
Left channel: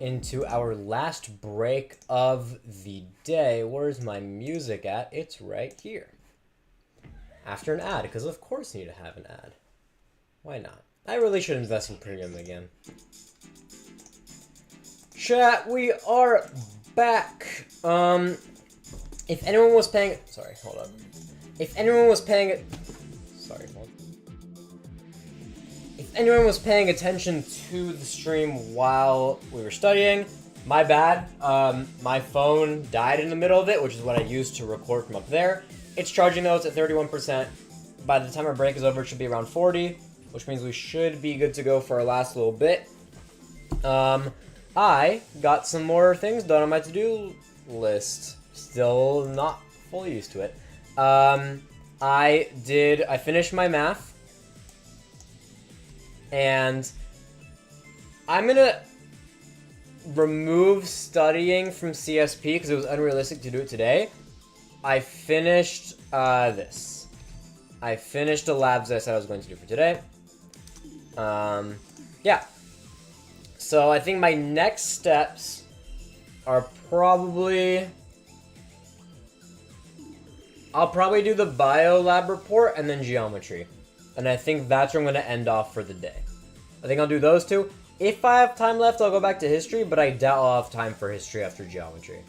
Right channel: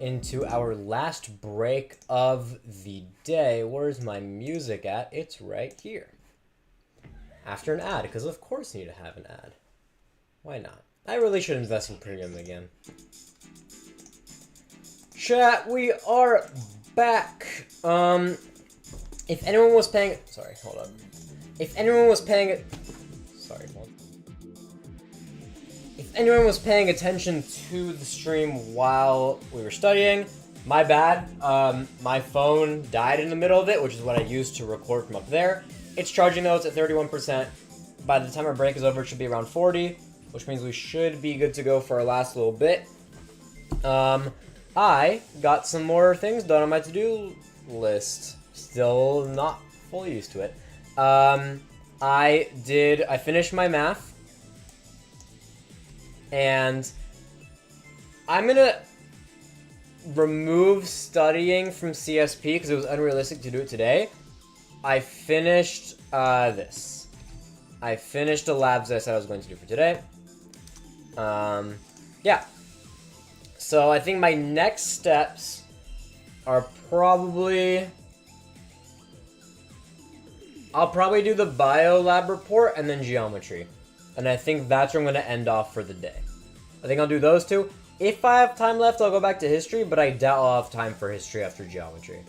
into our last break of the day. Where's my music at? It's right here. After an ad, because of course you need to have an ad. Why not? I really should invest in premium again. Chat, we are back. If anyone was paying... Sorry, hold up. If anyone was paying... Sorry, hold on. If anyone was paying attention to the stream while we were studying, my bad. My phone died in the middle of it, which is what I used to record from up there. It's charging though, it's at 31%. By the time our break is over, it should be around 40, which means we should be good to go for our last little bit. I got some more things done on my to-do list. Still not fully used to it. I finished my math. And I'm gonna remove studying from CSP because it was unrealistic to do it today. I finished this. I finished the labs that I said I was going to do for today. Yeah. So I think my next steps are probably... I'll probably do the bio lab report and then geometry. And I think that's where I'm going to end off for the day. I think I'll do those two. If I have time left, I'll go back to history, but I doubt I'll have time for history after geometry.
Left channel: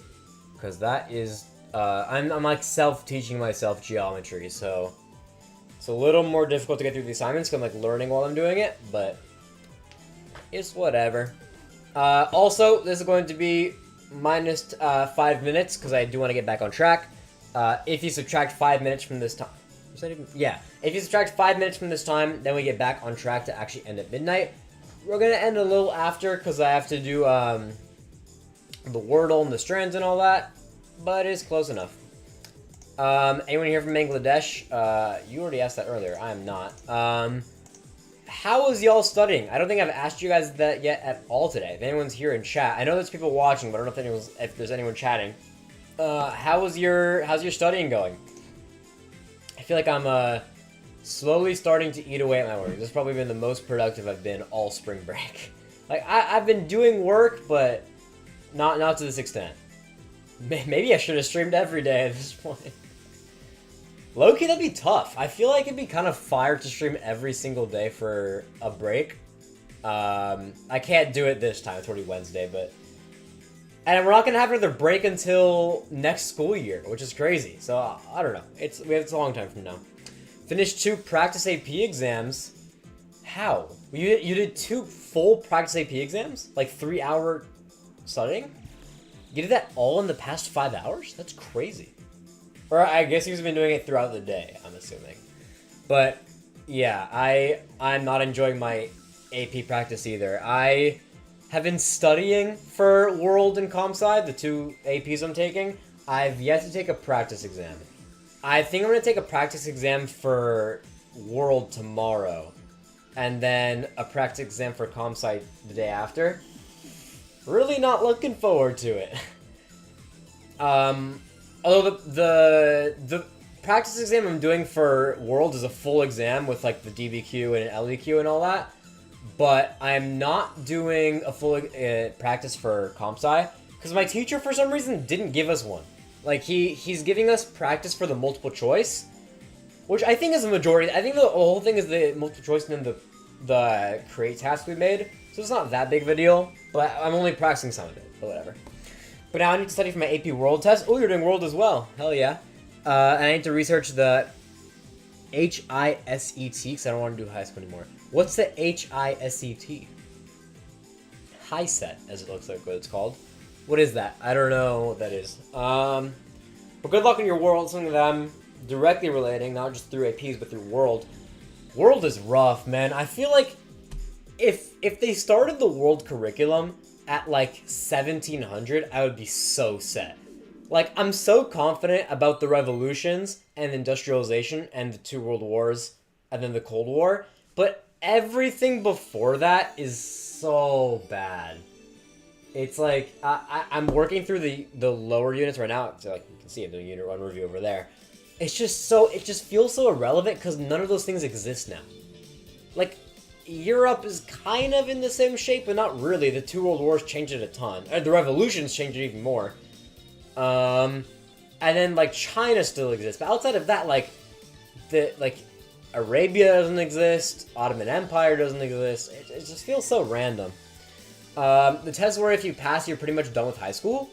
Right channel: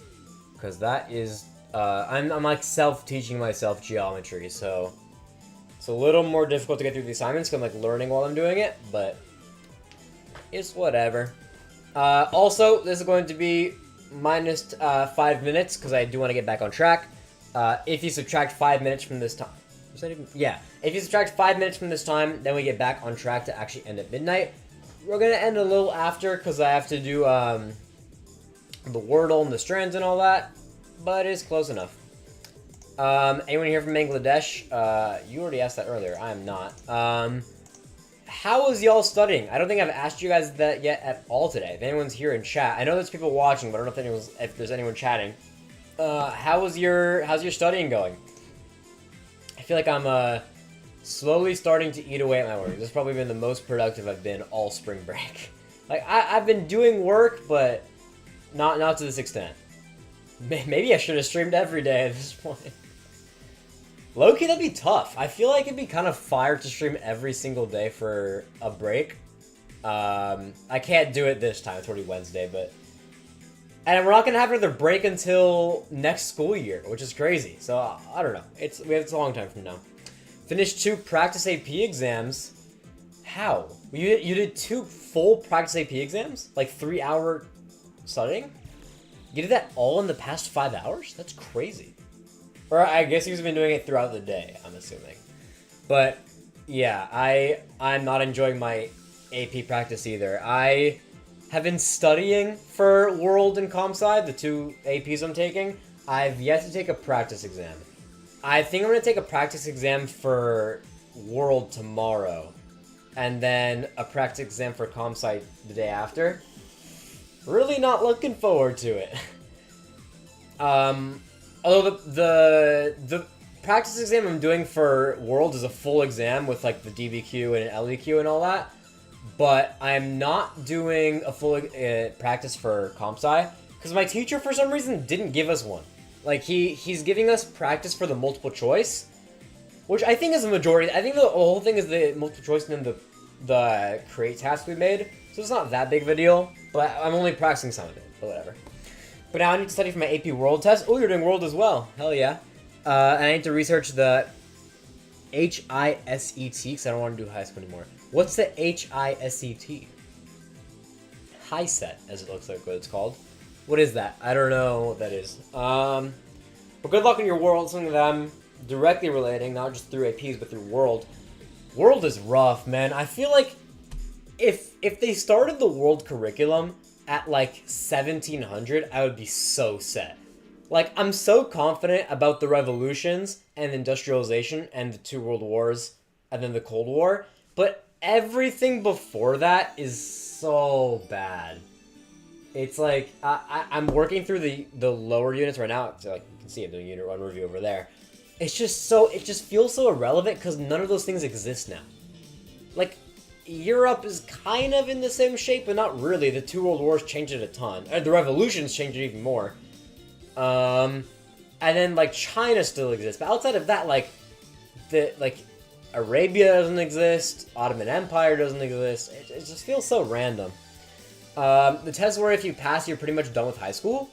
Because that is... I'm like self-teaching myself geometry, so... It's a little more difficult to get through the assignments because I'm like learning while I'm doing it, but... It's whatever. Also, this is going to be minus 5 minutes because I do want to get back on track. If you subtract 5 minutes from this time... Was that even... Yeah. If you subtract 5 minutes from this time, then we get back on track to actually end at midnight. We're going to end a little after because I have to do the Wordle and the strands and all that. But it's close enough. Anyone here from Bangladesh? You already asked that earlier. I am not. How is y'all studying? I don't think I've asked you guys that yet at all today. If anyone's here in chat. I know there's people watching, but I don't know if there's anyone chatting. How's your studying going? I feel like I'm slowly starting to eat away at my work. This has probably been the most productive I've been all spring break. Like I've been doing work, but not to this extent. Maybe I should have streamed every day at this point. Low-key, that'd be tough. I feel like it'd be kind of fire to stream every single day for a break. I can't do it this time. It's already Wednesday, but... And we're not going to have another break until next school year, which is crazy. So, I don't know. It's a long time from now. Finished 2 practice AP exams. How? You did 2 full practice AP exams? Like 3-hour studying? You did that all in the past 5 hours? That's crazy. Or I guess he's been doing it throughout the day, I'm assuming. But, yeah, I'm not enjoying my AP practice either. I have been studying for World and Comp Sci, the 2 APs I'm taking. I've yet to take a practice exam. I think I'm going to take a practice exam for World tomorrow. And then a practice exam for Comp Sci the day after. Really not looking forward to it. Although the practice exam I'm doing for World is a full exam with like the DBQ and an LEQ and all that. But I'm not doing a full practice for Comp Sci because my teacher for some reason didn't give us one. Like he's giving us practice for the multiple choice, which I think is a majority. I think the whole thing is the multiple choice and then the create task we made. So it's not that big of a deal, but I'm only practicing some of it, but whatever. But now I need to study for my AP World test. Oh, you're doing World as well. Hell yeah. And I need to research the HISET, because I don't want to do high school anymore. What's the HISET? HISET, as it looks like what it's called. What is that? I don't know what that is. But good luck in your World, something that I'm directly relating, not just through APs, but through World. World is rough, man. I feel like if they started the World curriculum at like 1700, I would be so set. Like, I'm so confident about the revolutions and industrialization and the 2 world wars and then the Cold War, but everything before that is so bad. It's like, I'm working through the lower units right now, so like you can see I'm doing Unit 1 review over there. It just feels so irrelevant because none of those things exist now. Like, Europe is kind of in the same shape, but not really. The two world wars changed it a ton. The revolutions changed it even more. And then like China still exists, but outside of that, like Arabia doesn't exist, Ottoman Empire doesn't exist. It just feels so random. The test where if you pass, you're pretty much done with high school.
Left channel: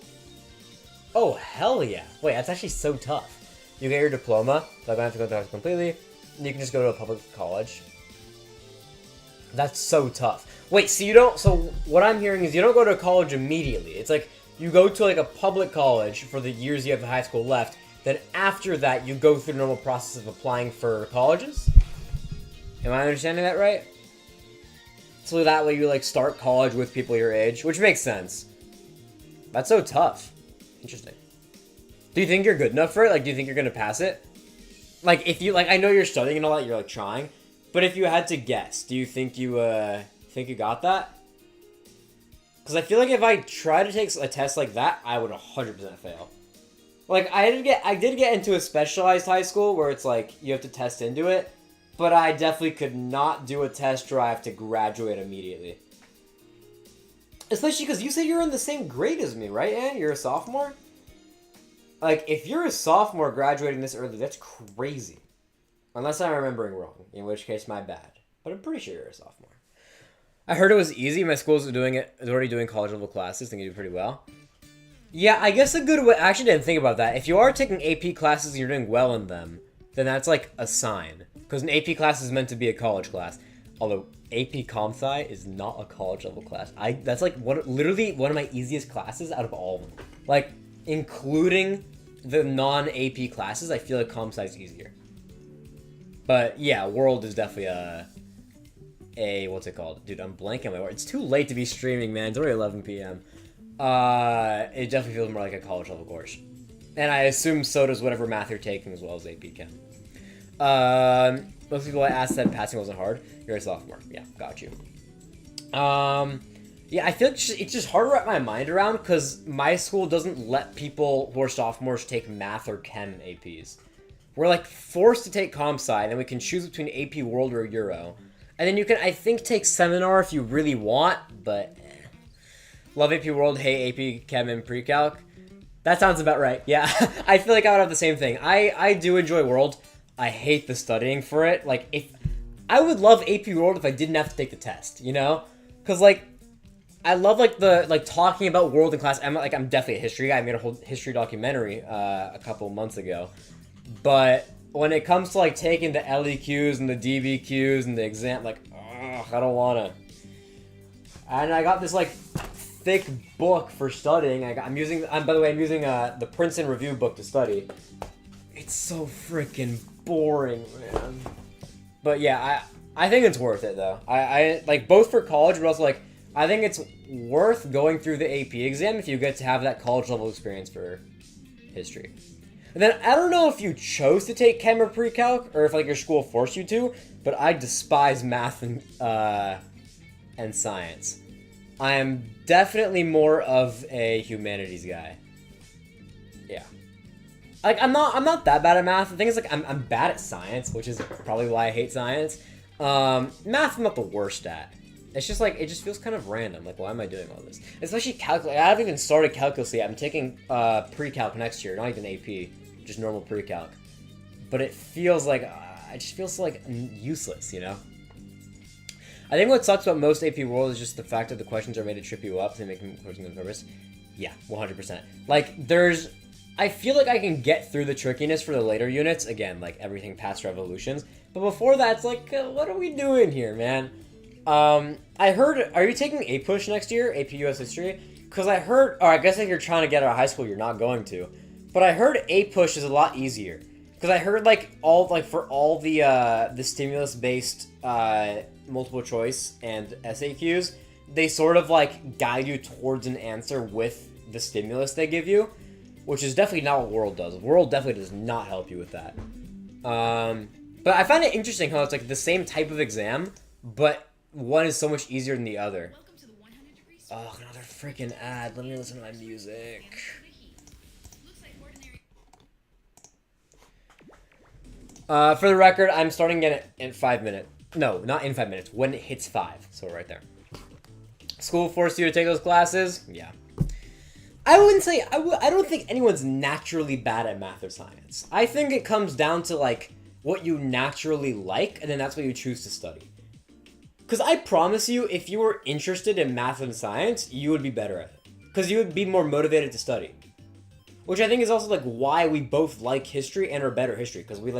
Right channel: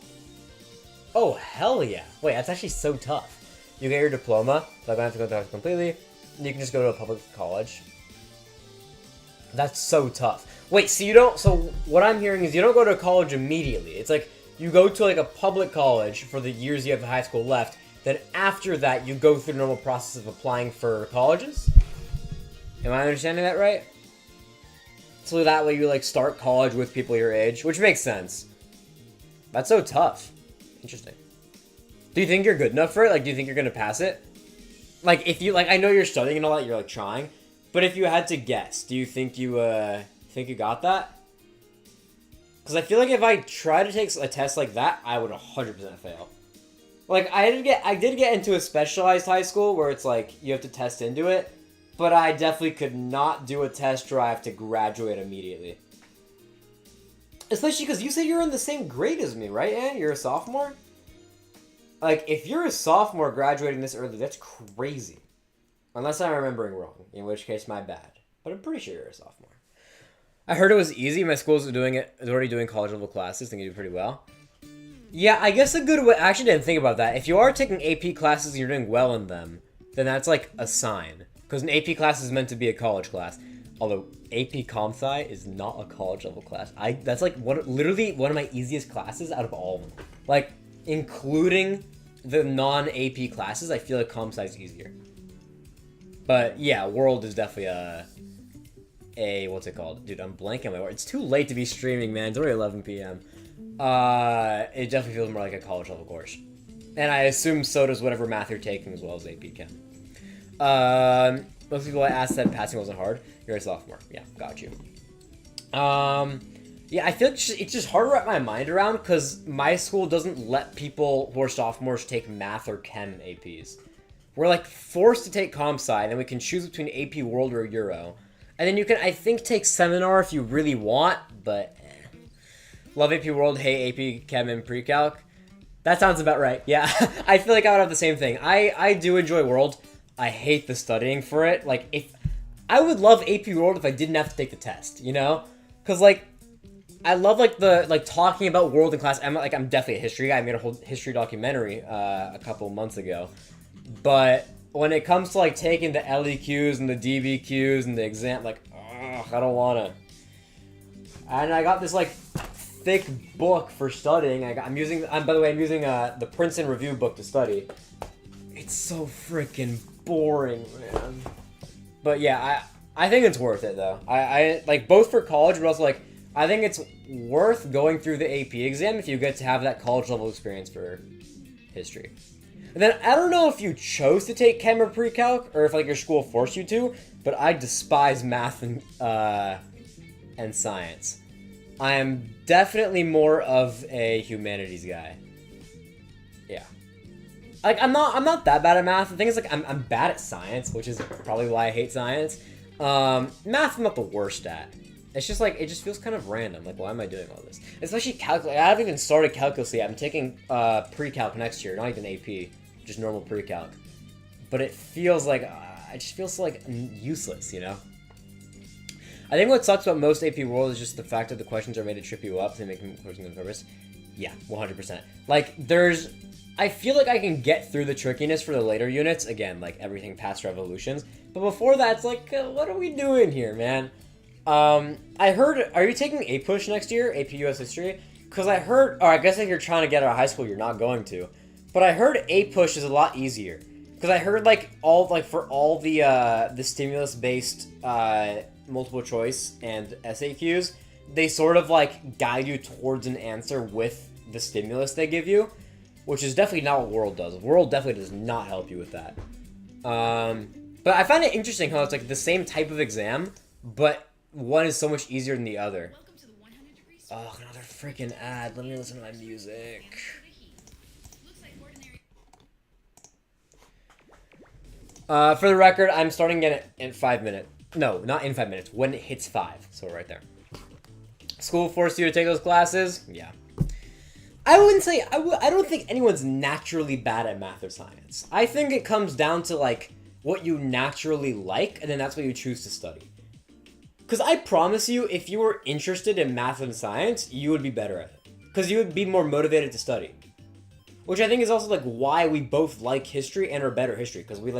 Oh hell yeah! Wait, that's actually so tough. You get your diploma, so I don't have to go to high school completely. And you can just go to a public college. That's so tough. Wait, so you don't. So what I'm hearing is you don't go to college immediately. It's like you go to like a public college for the years you have high school left. Then after that, you go through the normal process of applying for colleges. Am I understanding that right? So that way you like start college with people your age, which makes sense. That's so tough. Interesting. Do you think you're good enough for it? Like, do you think you're gonna pass it? Like, if you like, I know you're studying and all that, you're like trying. But if you had to guess, do you think you got that? Because I feel like if I try to take a test like that, I would 100% fail. Like, I did get into a specialized high school where it's like you have to test into it, but I definitely could not do a test drive to graduate immediately. Especially because you said you're in the same grade as me, right, Ann? You're a sophomore? Like, if you're a sophomore graduating this early, that's crazy. Unless I'm remembering wrong, in which case, my bad. But I'm pretty sure you're a sophomore. I heard it was easy. My school's already doing college-level classes. I think you do pretty well. Yeah, I guess a good way... I actually didn't think about that. If you are taking AP classes and you're doing well in them, then that's like a sign. Because an AP class is meant to be a college class. Although AP Comp Sci is not a college-level class. That's like literally one of my easiest classes out of all of them. Like, including the non-AP classes, I feel like Comp Sci is easier. But yeah, World is definitely a what's it called? Dude, I'm blanking on my word. It's too late to be streaming, man. It's already 11 p.m. It definitely feels more like a college level course. And I assume so does whatever math you're taking as well as AP Chem. Most people I asked said passing wasn't hard. You're a sophomore. Yeah, got you. Yeah, I feel like it's just hard to wrap my mind around because my school doesn't let people who are sophomores take math or chem APs. We're like forced to take comp sci, and then we can choose between AP World or Euro. And then you can, I think, take seminar if you really want, but love AP World, hate AP Chem and Pre-Calc. That sounds about right. Yeah, I feel like I would have the same thing. I do enjoy World. I hate the studying for it. Like, if I would love AP World if I didn't have to take the test, you know? Because, like, I love, like, talking about World in class. I'm definitely a history guy. I made a whole history documentary a couple months ago. But when it comes to, like, taking the LEQs and the DBQs and the exam, like, ugh, I don't want to. And I got this, like, thick book for studying. I'm using the Princeton Review book to study. It's so freaking boring, man. But yeah, I think it's worth it, though. I like, both for college, but also, like, I think it's worth going through the AP exam if you get to have that college-level experience for history. And then, I don't know if you chose to take chem or pre-calc, or if, like, your school forced you to, but I despise math and science. I am definitely more of a humanities guy. Yeah. Like, I'm not that bad at math. The thing is, like, I'm bad at science, which is probably why I hate science. Math I'm not the worst at. It's just, like, it just feels kind of random. Like, why am I doing all this? Especially calculus. I haven't even started calculus yet. I'm taking pre-calc next year, not even AP, just normal pre-calc. But it feels like, it just feels like useless, you know? I think what sucks about most AP World is just the fact that the questions are made to trip you up. They make them questions on purpose. Yeah, 100%. Like, I feel like I can get through the trickiness for the later units. Again, like, everything past revolutions. But before that, it's like, what are we doing here, man? I heard, are you taking A-Push next year? AP US History? Because I heard, or I guess if you're trying to get out of high school, you're not going to. But I heard A-Push is a lot easier. Because I heard, like, for all the stimulus-based, multiple choice and SAQs, they sort of, like, guide you towards an answer with the stimulus they give you, which is definitely not what World does. World definitely does not help you with that. But I find it interesting how it's, like, the same type of exam, but one is so much easier than the other. Oh, another freaking ad. Let me listen to my music. For the record, I'm starting again in 5 minutes. No, not in 5 minutes. When it hits 5. So right there. School forced you to take those classes? Yeah. I wouldn't say... I don't think anyone's naturally bad at math or science. I think it comes down to, like, what you naturally like, and then that's what you choose to study. Because I promise you, if you were interested in math and science, you would be better at it. Because you would be more motivated to study. Which I think is also, like, why we both like history and are better at history. Because we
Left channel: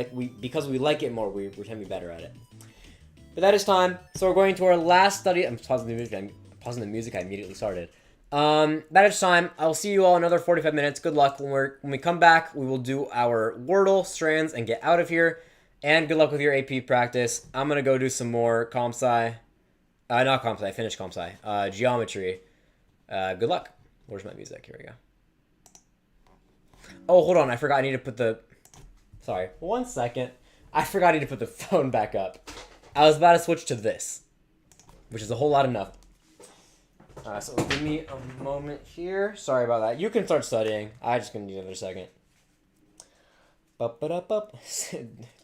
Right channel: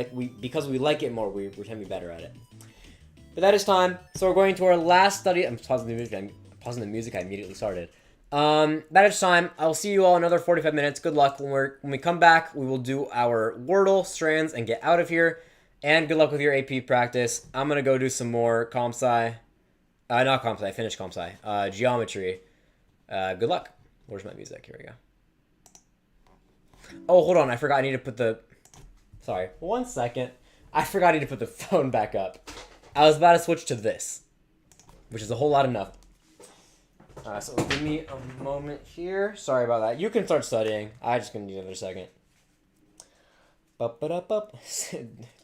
like it more, we tend to be better at it. But that is time. So we're going to our last study. I'm pausing the music I immediately started. That is time. I'll see you all in another 45 minutes. Good luck. When we come back, we will do our Wordle strands and get out of here. And good luck with your AP practice. I'm going to go do some more comp sci. Not comp sci. Finish comp sci. Geometry. Good luck. Where's my music? Here we go. Oh, hold on. I forgot I need to put the... Sorry. 1 second. I forgot I need to put the phone back up. I was about to switch to this, which is a whole lot of nothing. So give me a moment here. Sorry about that. You can start studying. I just gonna need another second. 10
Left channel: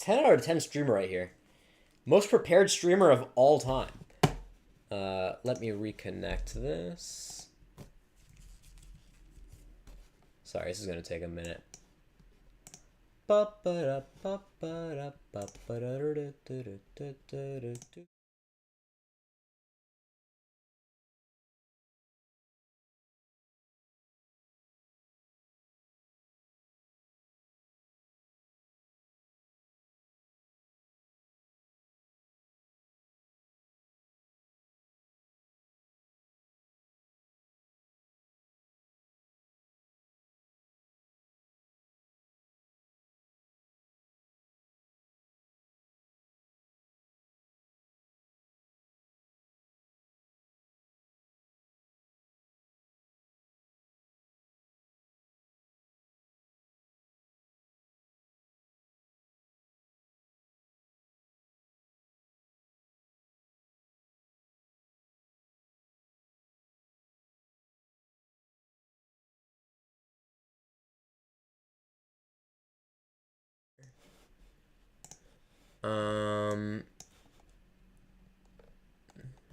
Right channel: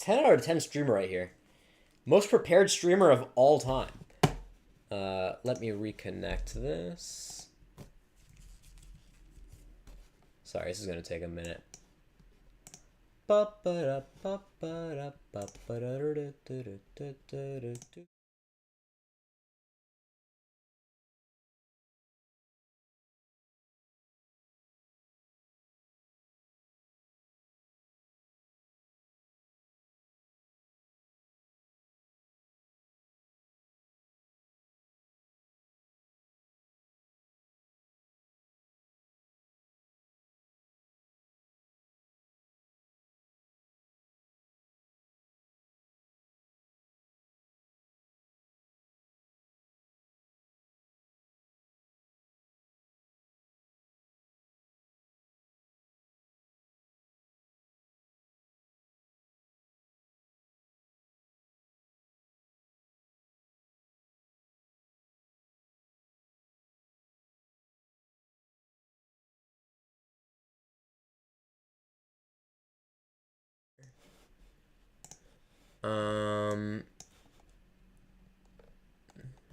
out of 10 streamer right here. Most prepared streamer of all time. Let me reconnect this. Sorry, this is gonna take a minute.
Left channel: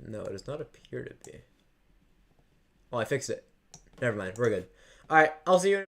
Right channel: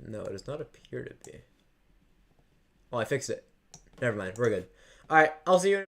No, it does not appear to be. Oh, I fixed it. Never mind. We're good. All right, I'll see you.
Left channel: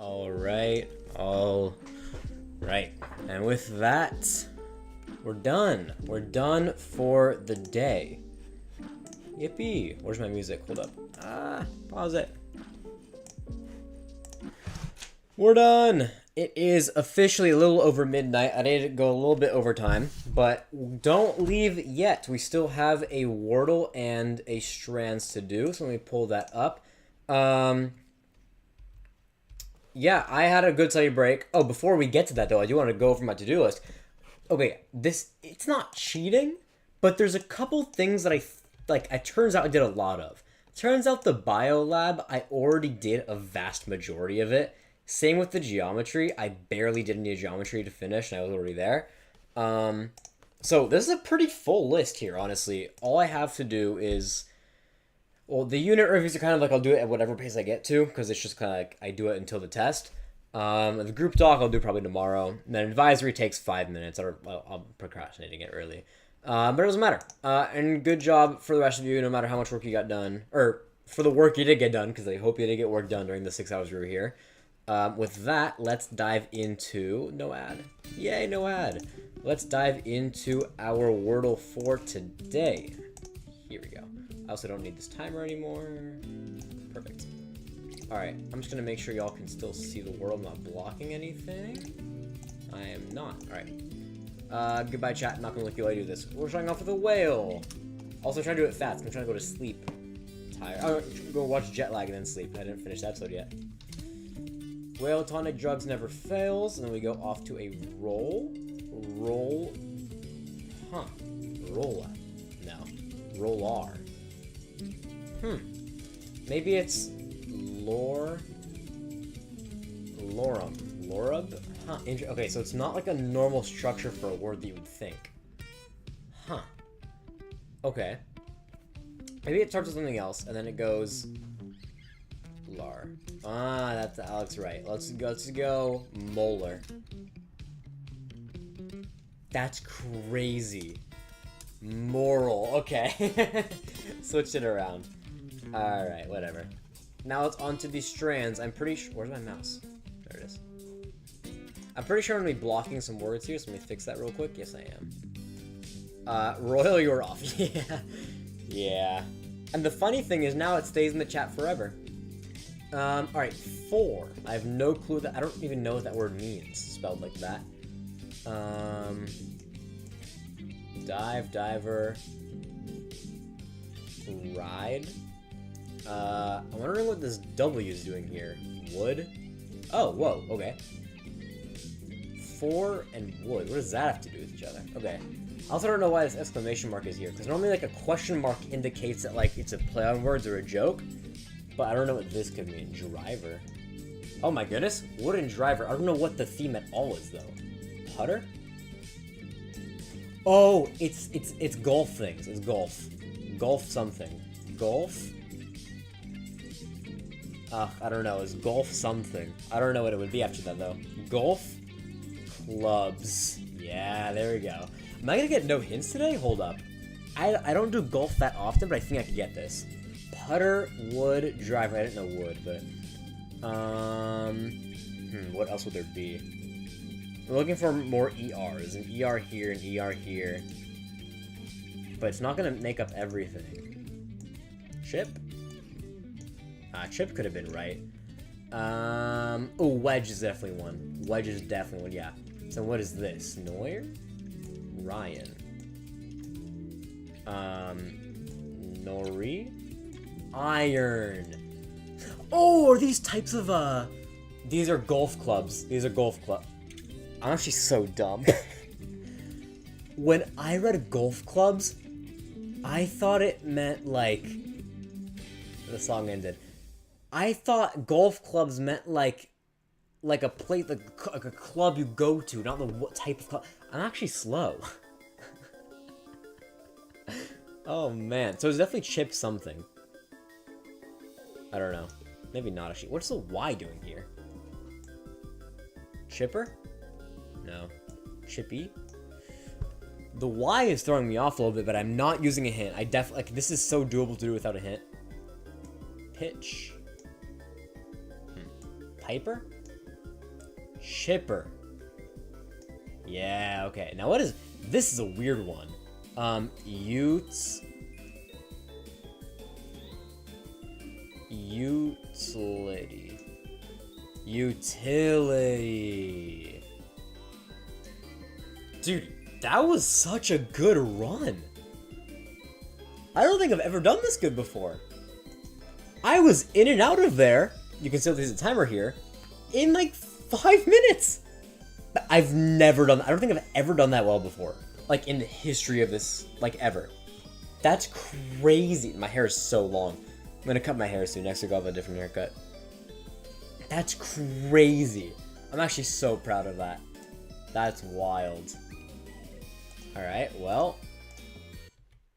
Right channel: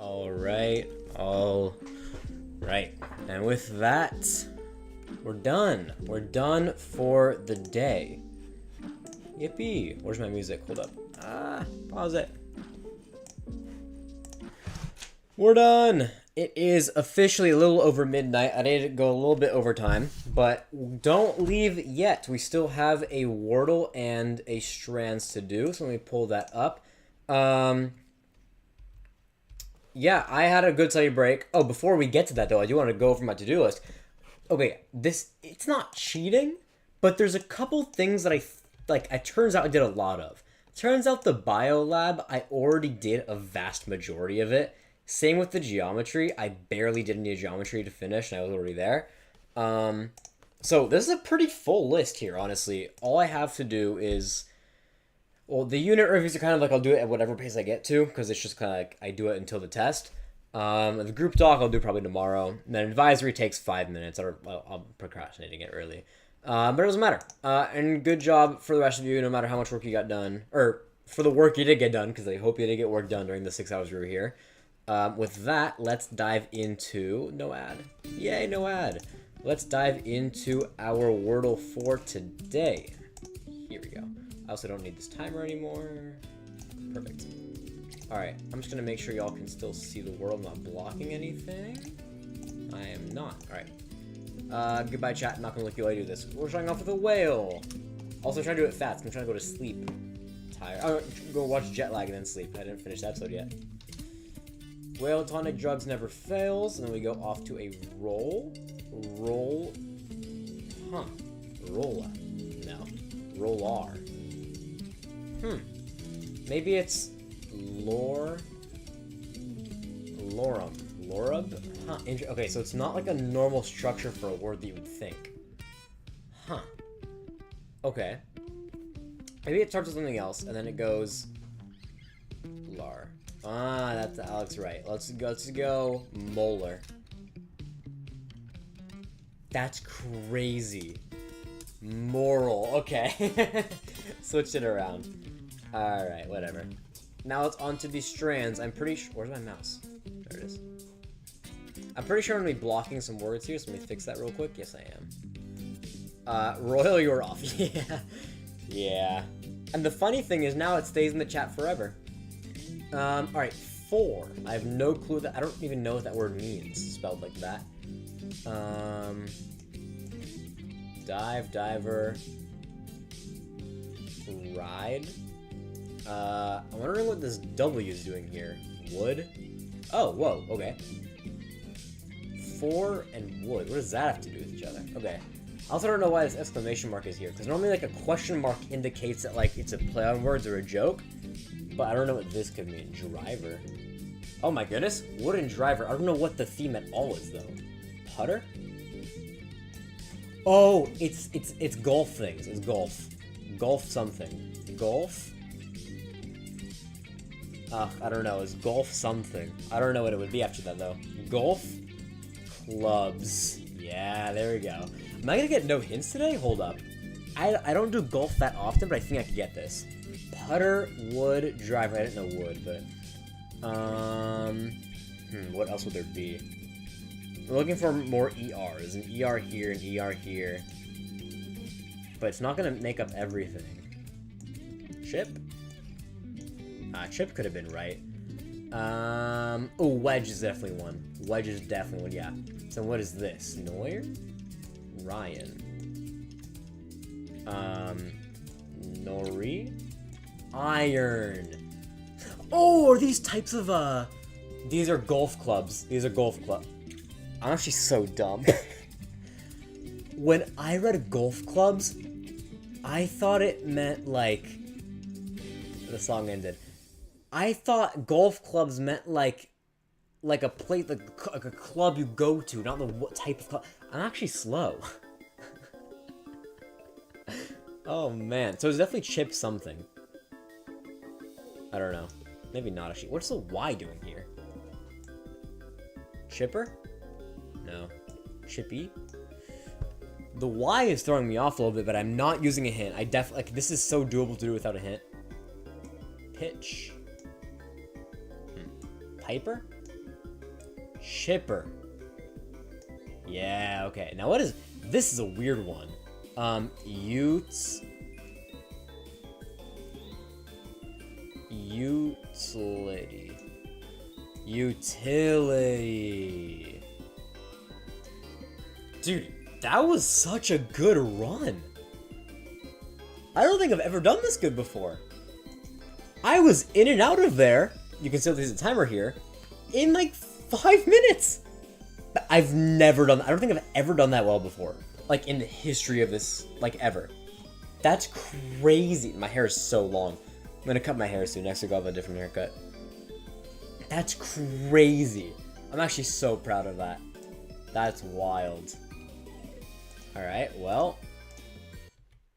All right. All right. And with that, we're done. We're done for the day. Yippee. Where's my music? Hold up. Pause it. We're done. It is officially a little over midnight. I did go a little bit over time, but don't leave yet. We still have a Wordle and a Strands to do, so let me pull that up. Yeah, I had a good study break. Oh, before we get to that, though, I do want to go over my to-do list. Okay, it's not cheating, but there's a couple things that it turns out I did a lot of. Turns out the bio lab, I already did a vast majority of it. Same with the geometry. I barely did any geometry to finish, and I was already there. So this is a pretty full list here, honestly. All I have to do is... Well, the unit reviews are kind of like I'll do it at whatever pace I get to, because it's just kind of like I do it until the test. The group doc I'll do probably tomorrow. And then advisory takes 5 minutes, or I'm procrastinating it, really. But it doesn't matter. And good job for the rest of you, no matter how much work you got done. Or for the work you did get done, because I hope you did get work done during the 6 hours we were here. With that, let's dive into... No ad. Yay, no ad. Let's dive into our Wordle for today. Here we go. I also don't need this timer anymore. Perfect. Alright, I'm just going to make sure y'all can still see the world. I'm not blocking anything. I am not. Alright. Goodbye, chat. I'm not going to look you while I do this. We're starting off with a whale. Also trying to do it fast. I'm trying to go to sleep. Tired. Oh, go watch Jet Lag and then sleep. I didn't finish that episode yet. Whale tonic drugs never fails. And then we go off to a roll. Roll. Huh. Rolla. No. Rollar. Maybe it's lorem. Lorub? Huh. Okay, so it's not like a normal structure for a word that you would think. Huh. Okay. Maybe it starts with something else, and then it goes... Lar. Ah, that's Alex right. Let's go molar. That's crazy. Moral. Okay. Switched it around. Alright, whatever. Now it's on to these strands. I'm pretty sure... Where's my mouse? There it is. I'm pretty sure I'm going to be blocking some words here, so let me fix that real quick. Yes, I am. Royal, you're off. Yeah. Yeah. And the funny thing is now it stays in the chat forever. Alright, 4. I have no clue that... I don't even know what that word means, spelled like that. Dive, diver... Ride. I'm wondering what this W is doing here. Wood? Oh, whoa, okay. 4 and wood. What does that have to do with each other? Okay. I also don't know why this exclamation mark is here, because normally like a question mark indicates that like it's a play on words or a joke, but I don't know what this could mean. Driver. Oh my goodness. Wood and driver. I don't know what the theme at all is though. Putter? Oh, it's golf things. It's golf. Golf something. Golf? I don't know. It's golf something. I don't know what it would be after that, though. Golf clubs. Yeah, there we go. Am I gonna get no hints today? Hold up. I don't do golf that often, but I think I could get this. Putter, wood, driver. I didn't know wood, but... what else would there be? We're looking for more ERs. An ER here, an ER here. But it's not gonna make up everything. Chip? Chip could have been right. Oh, wedge is definitely one. Wedge is definitely one, yeah. So what is this? Noir? Ryan. Nori? Iron. Oh, are these types of, These are golf clubs. These are golf clubs. I'm actually so dumb. When I read golf clubs, I thought it meant, like... The song ended. I thought golf clubs meant, like a place, like a club you go to, not the what type of club. I'm actually slow. Oh, man. So it's definitely chip something. I don't know. Maybe not, actually. What's the Y doing here? Chipper? No. Chippy? The Y is throwing me off a little bit, but I'm not using a hint. I definitely... Like, this is so doable to do without a hint. Pitch. Piper? Chipper. Yeah, okay. Now what is... This is a weird one. Utility. Utility. Dude, that was such a good run. I don't think I've ever done this good before. I was in and out of there, you can still see the timer here, in like 5 minutes. I've never done that. I don't think I've ever done that well before. Like in the history of this, like ever. That's crazy. My hair is so long. I'm gonna cut my hair soon. Next week I'll have a different haircut. That's crazy. I'm actually so proud of that. That's wild. Alright, well.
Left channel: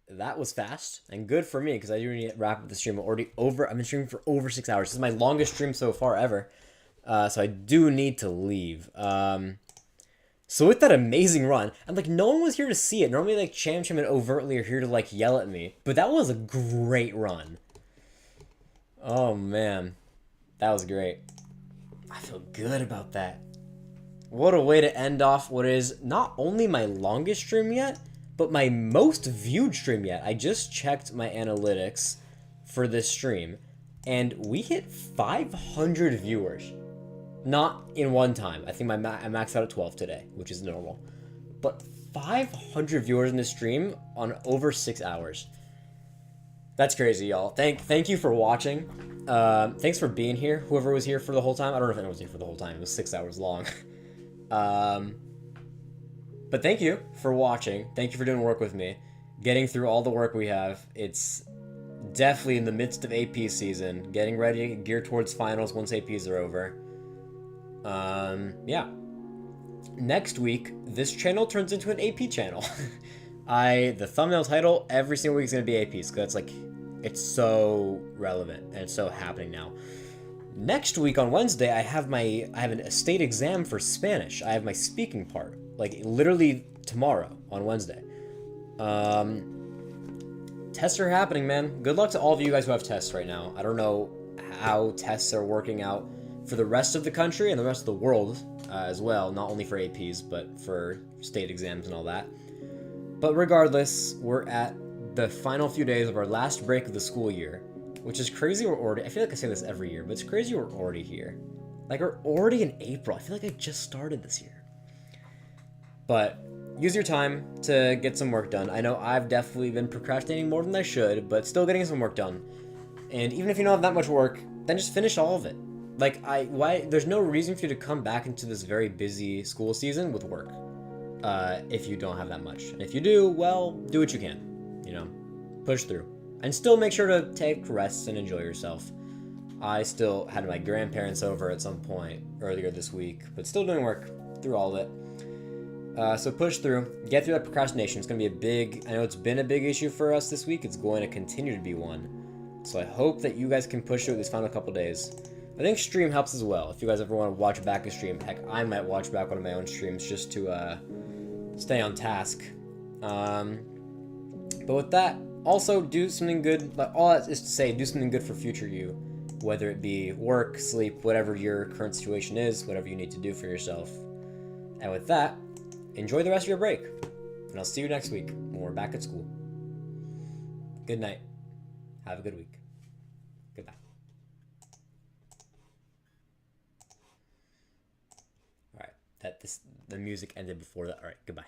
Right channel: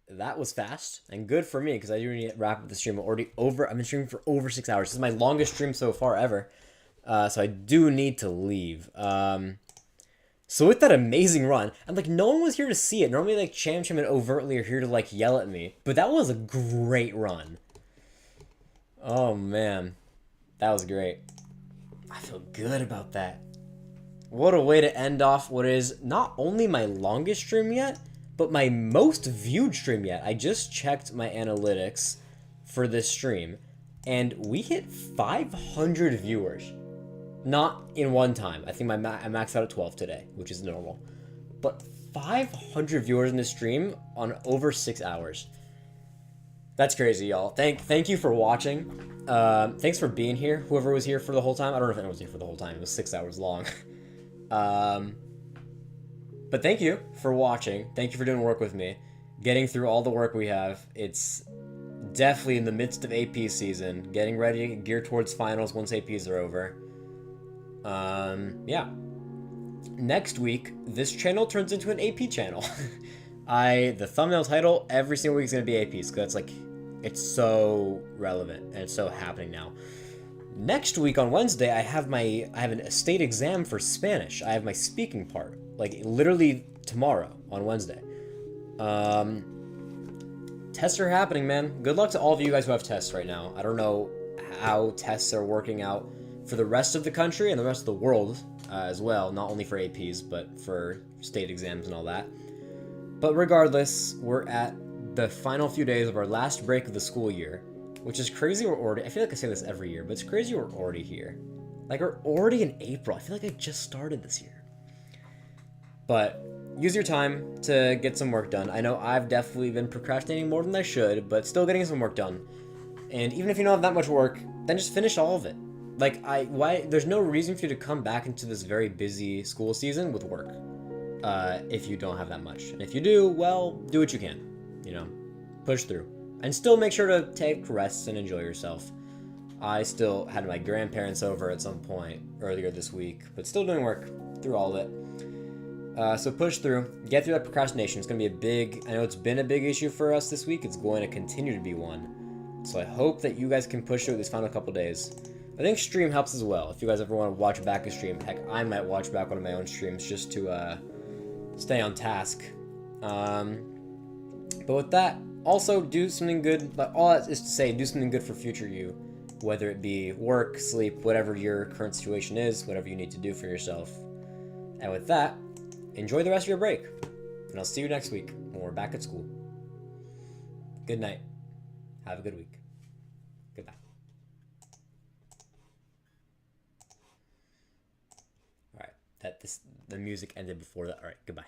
That was fast and good for me because I do need to wrap up the stream. I've been streaming for over 6 hours. This is my longest stream so far ever. So I do need to leave. So with that amazing run, and like no one was here to see it. Normally like Cham and overtly are here to like yell at me. But that was a great run. Oh man. That was great. I feel good about that. What a way to end off what is not only my longest stream yet, but my most viewed stream yet. I just checked my analytics for this stream, and we hit 500 viewers. Not in one time. I think I maxed out at 12 today, which is normal. But 500 viewers in this stream on over 6 hours. That's crazy, y'all. Thank you for watching. Thanks for being here. Whoever was here for the whole time. I don't know if anyone was here for the whole time. It was 6 hours long. But thank you for watching. Thank you for doing work with me. Getting through all the work we have. It's definitely in the midst of AP season. Getting ready, geared towards finals once APs are over. Yeah. Next week, this channel turns into an AP channel. The thumbnail title every single week is going to be APs. Because that's like, it's so relevant. And it's so happening now. Next week on Wednesday, I have a state exam for Spanish. I have my speaking part. Like, literally tomorrow on Wednesday. Tests are happening, man. Good luck to all of you guys who have tests right now. I don't know how tests are working out for the rest of the country and the rest of the world as well. Not only for APs, but for state exams and all that. But regardless, we're at the final few days of our last break of the school year. Which is crazy we're already... I feel like I say this every year, but it's crazy we're already here. Like, we're already in April. I feel like I just started this year. But use your time to get some work done. I know I've definitely been procrastinating more than I should, but still getting some work done. And even if you don't have that much work, then just finish all of it. Like, there's no reason for you to come back into this very busy school season with work. If you don't have that much. And if you do, well, do what you can. You know, push through. And still make sure to take rests and enjoy yourself. I still had my grandparents over at some point earlier this week, but still doing work through all of it. So push through, get through that procrastination. It's going to be I know it's been a big issue for us this week. It's going to continue to be one. So I hope that you guys can push through these final couple days. I think stream helps as well. If you guys ever want to watch back a stream, heck, I might watch back one of my own streams just to stay on task. But with that, also do something good. Like, all that is to say, do something good for future you. Whether it be work, sleep, whatever your current situation is, whatever you need to do for yourself. And with that, enjoy the rest of your break. And I'll see you next week when we're back at school. Good night. Have a good week. Goodbye. Alright, the music ended before that. Alright, goodbye.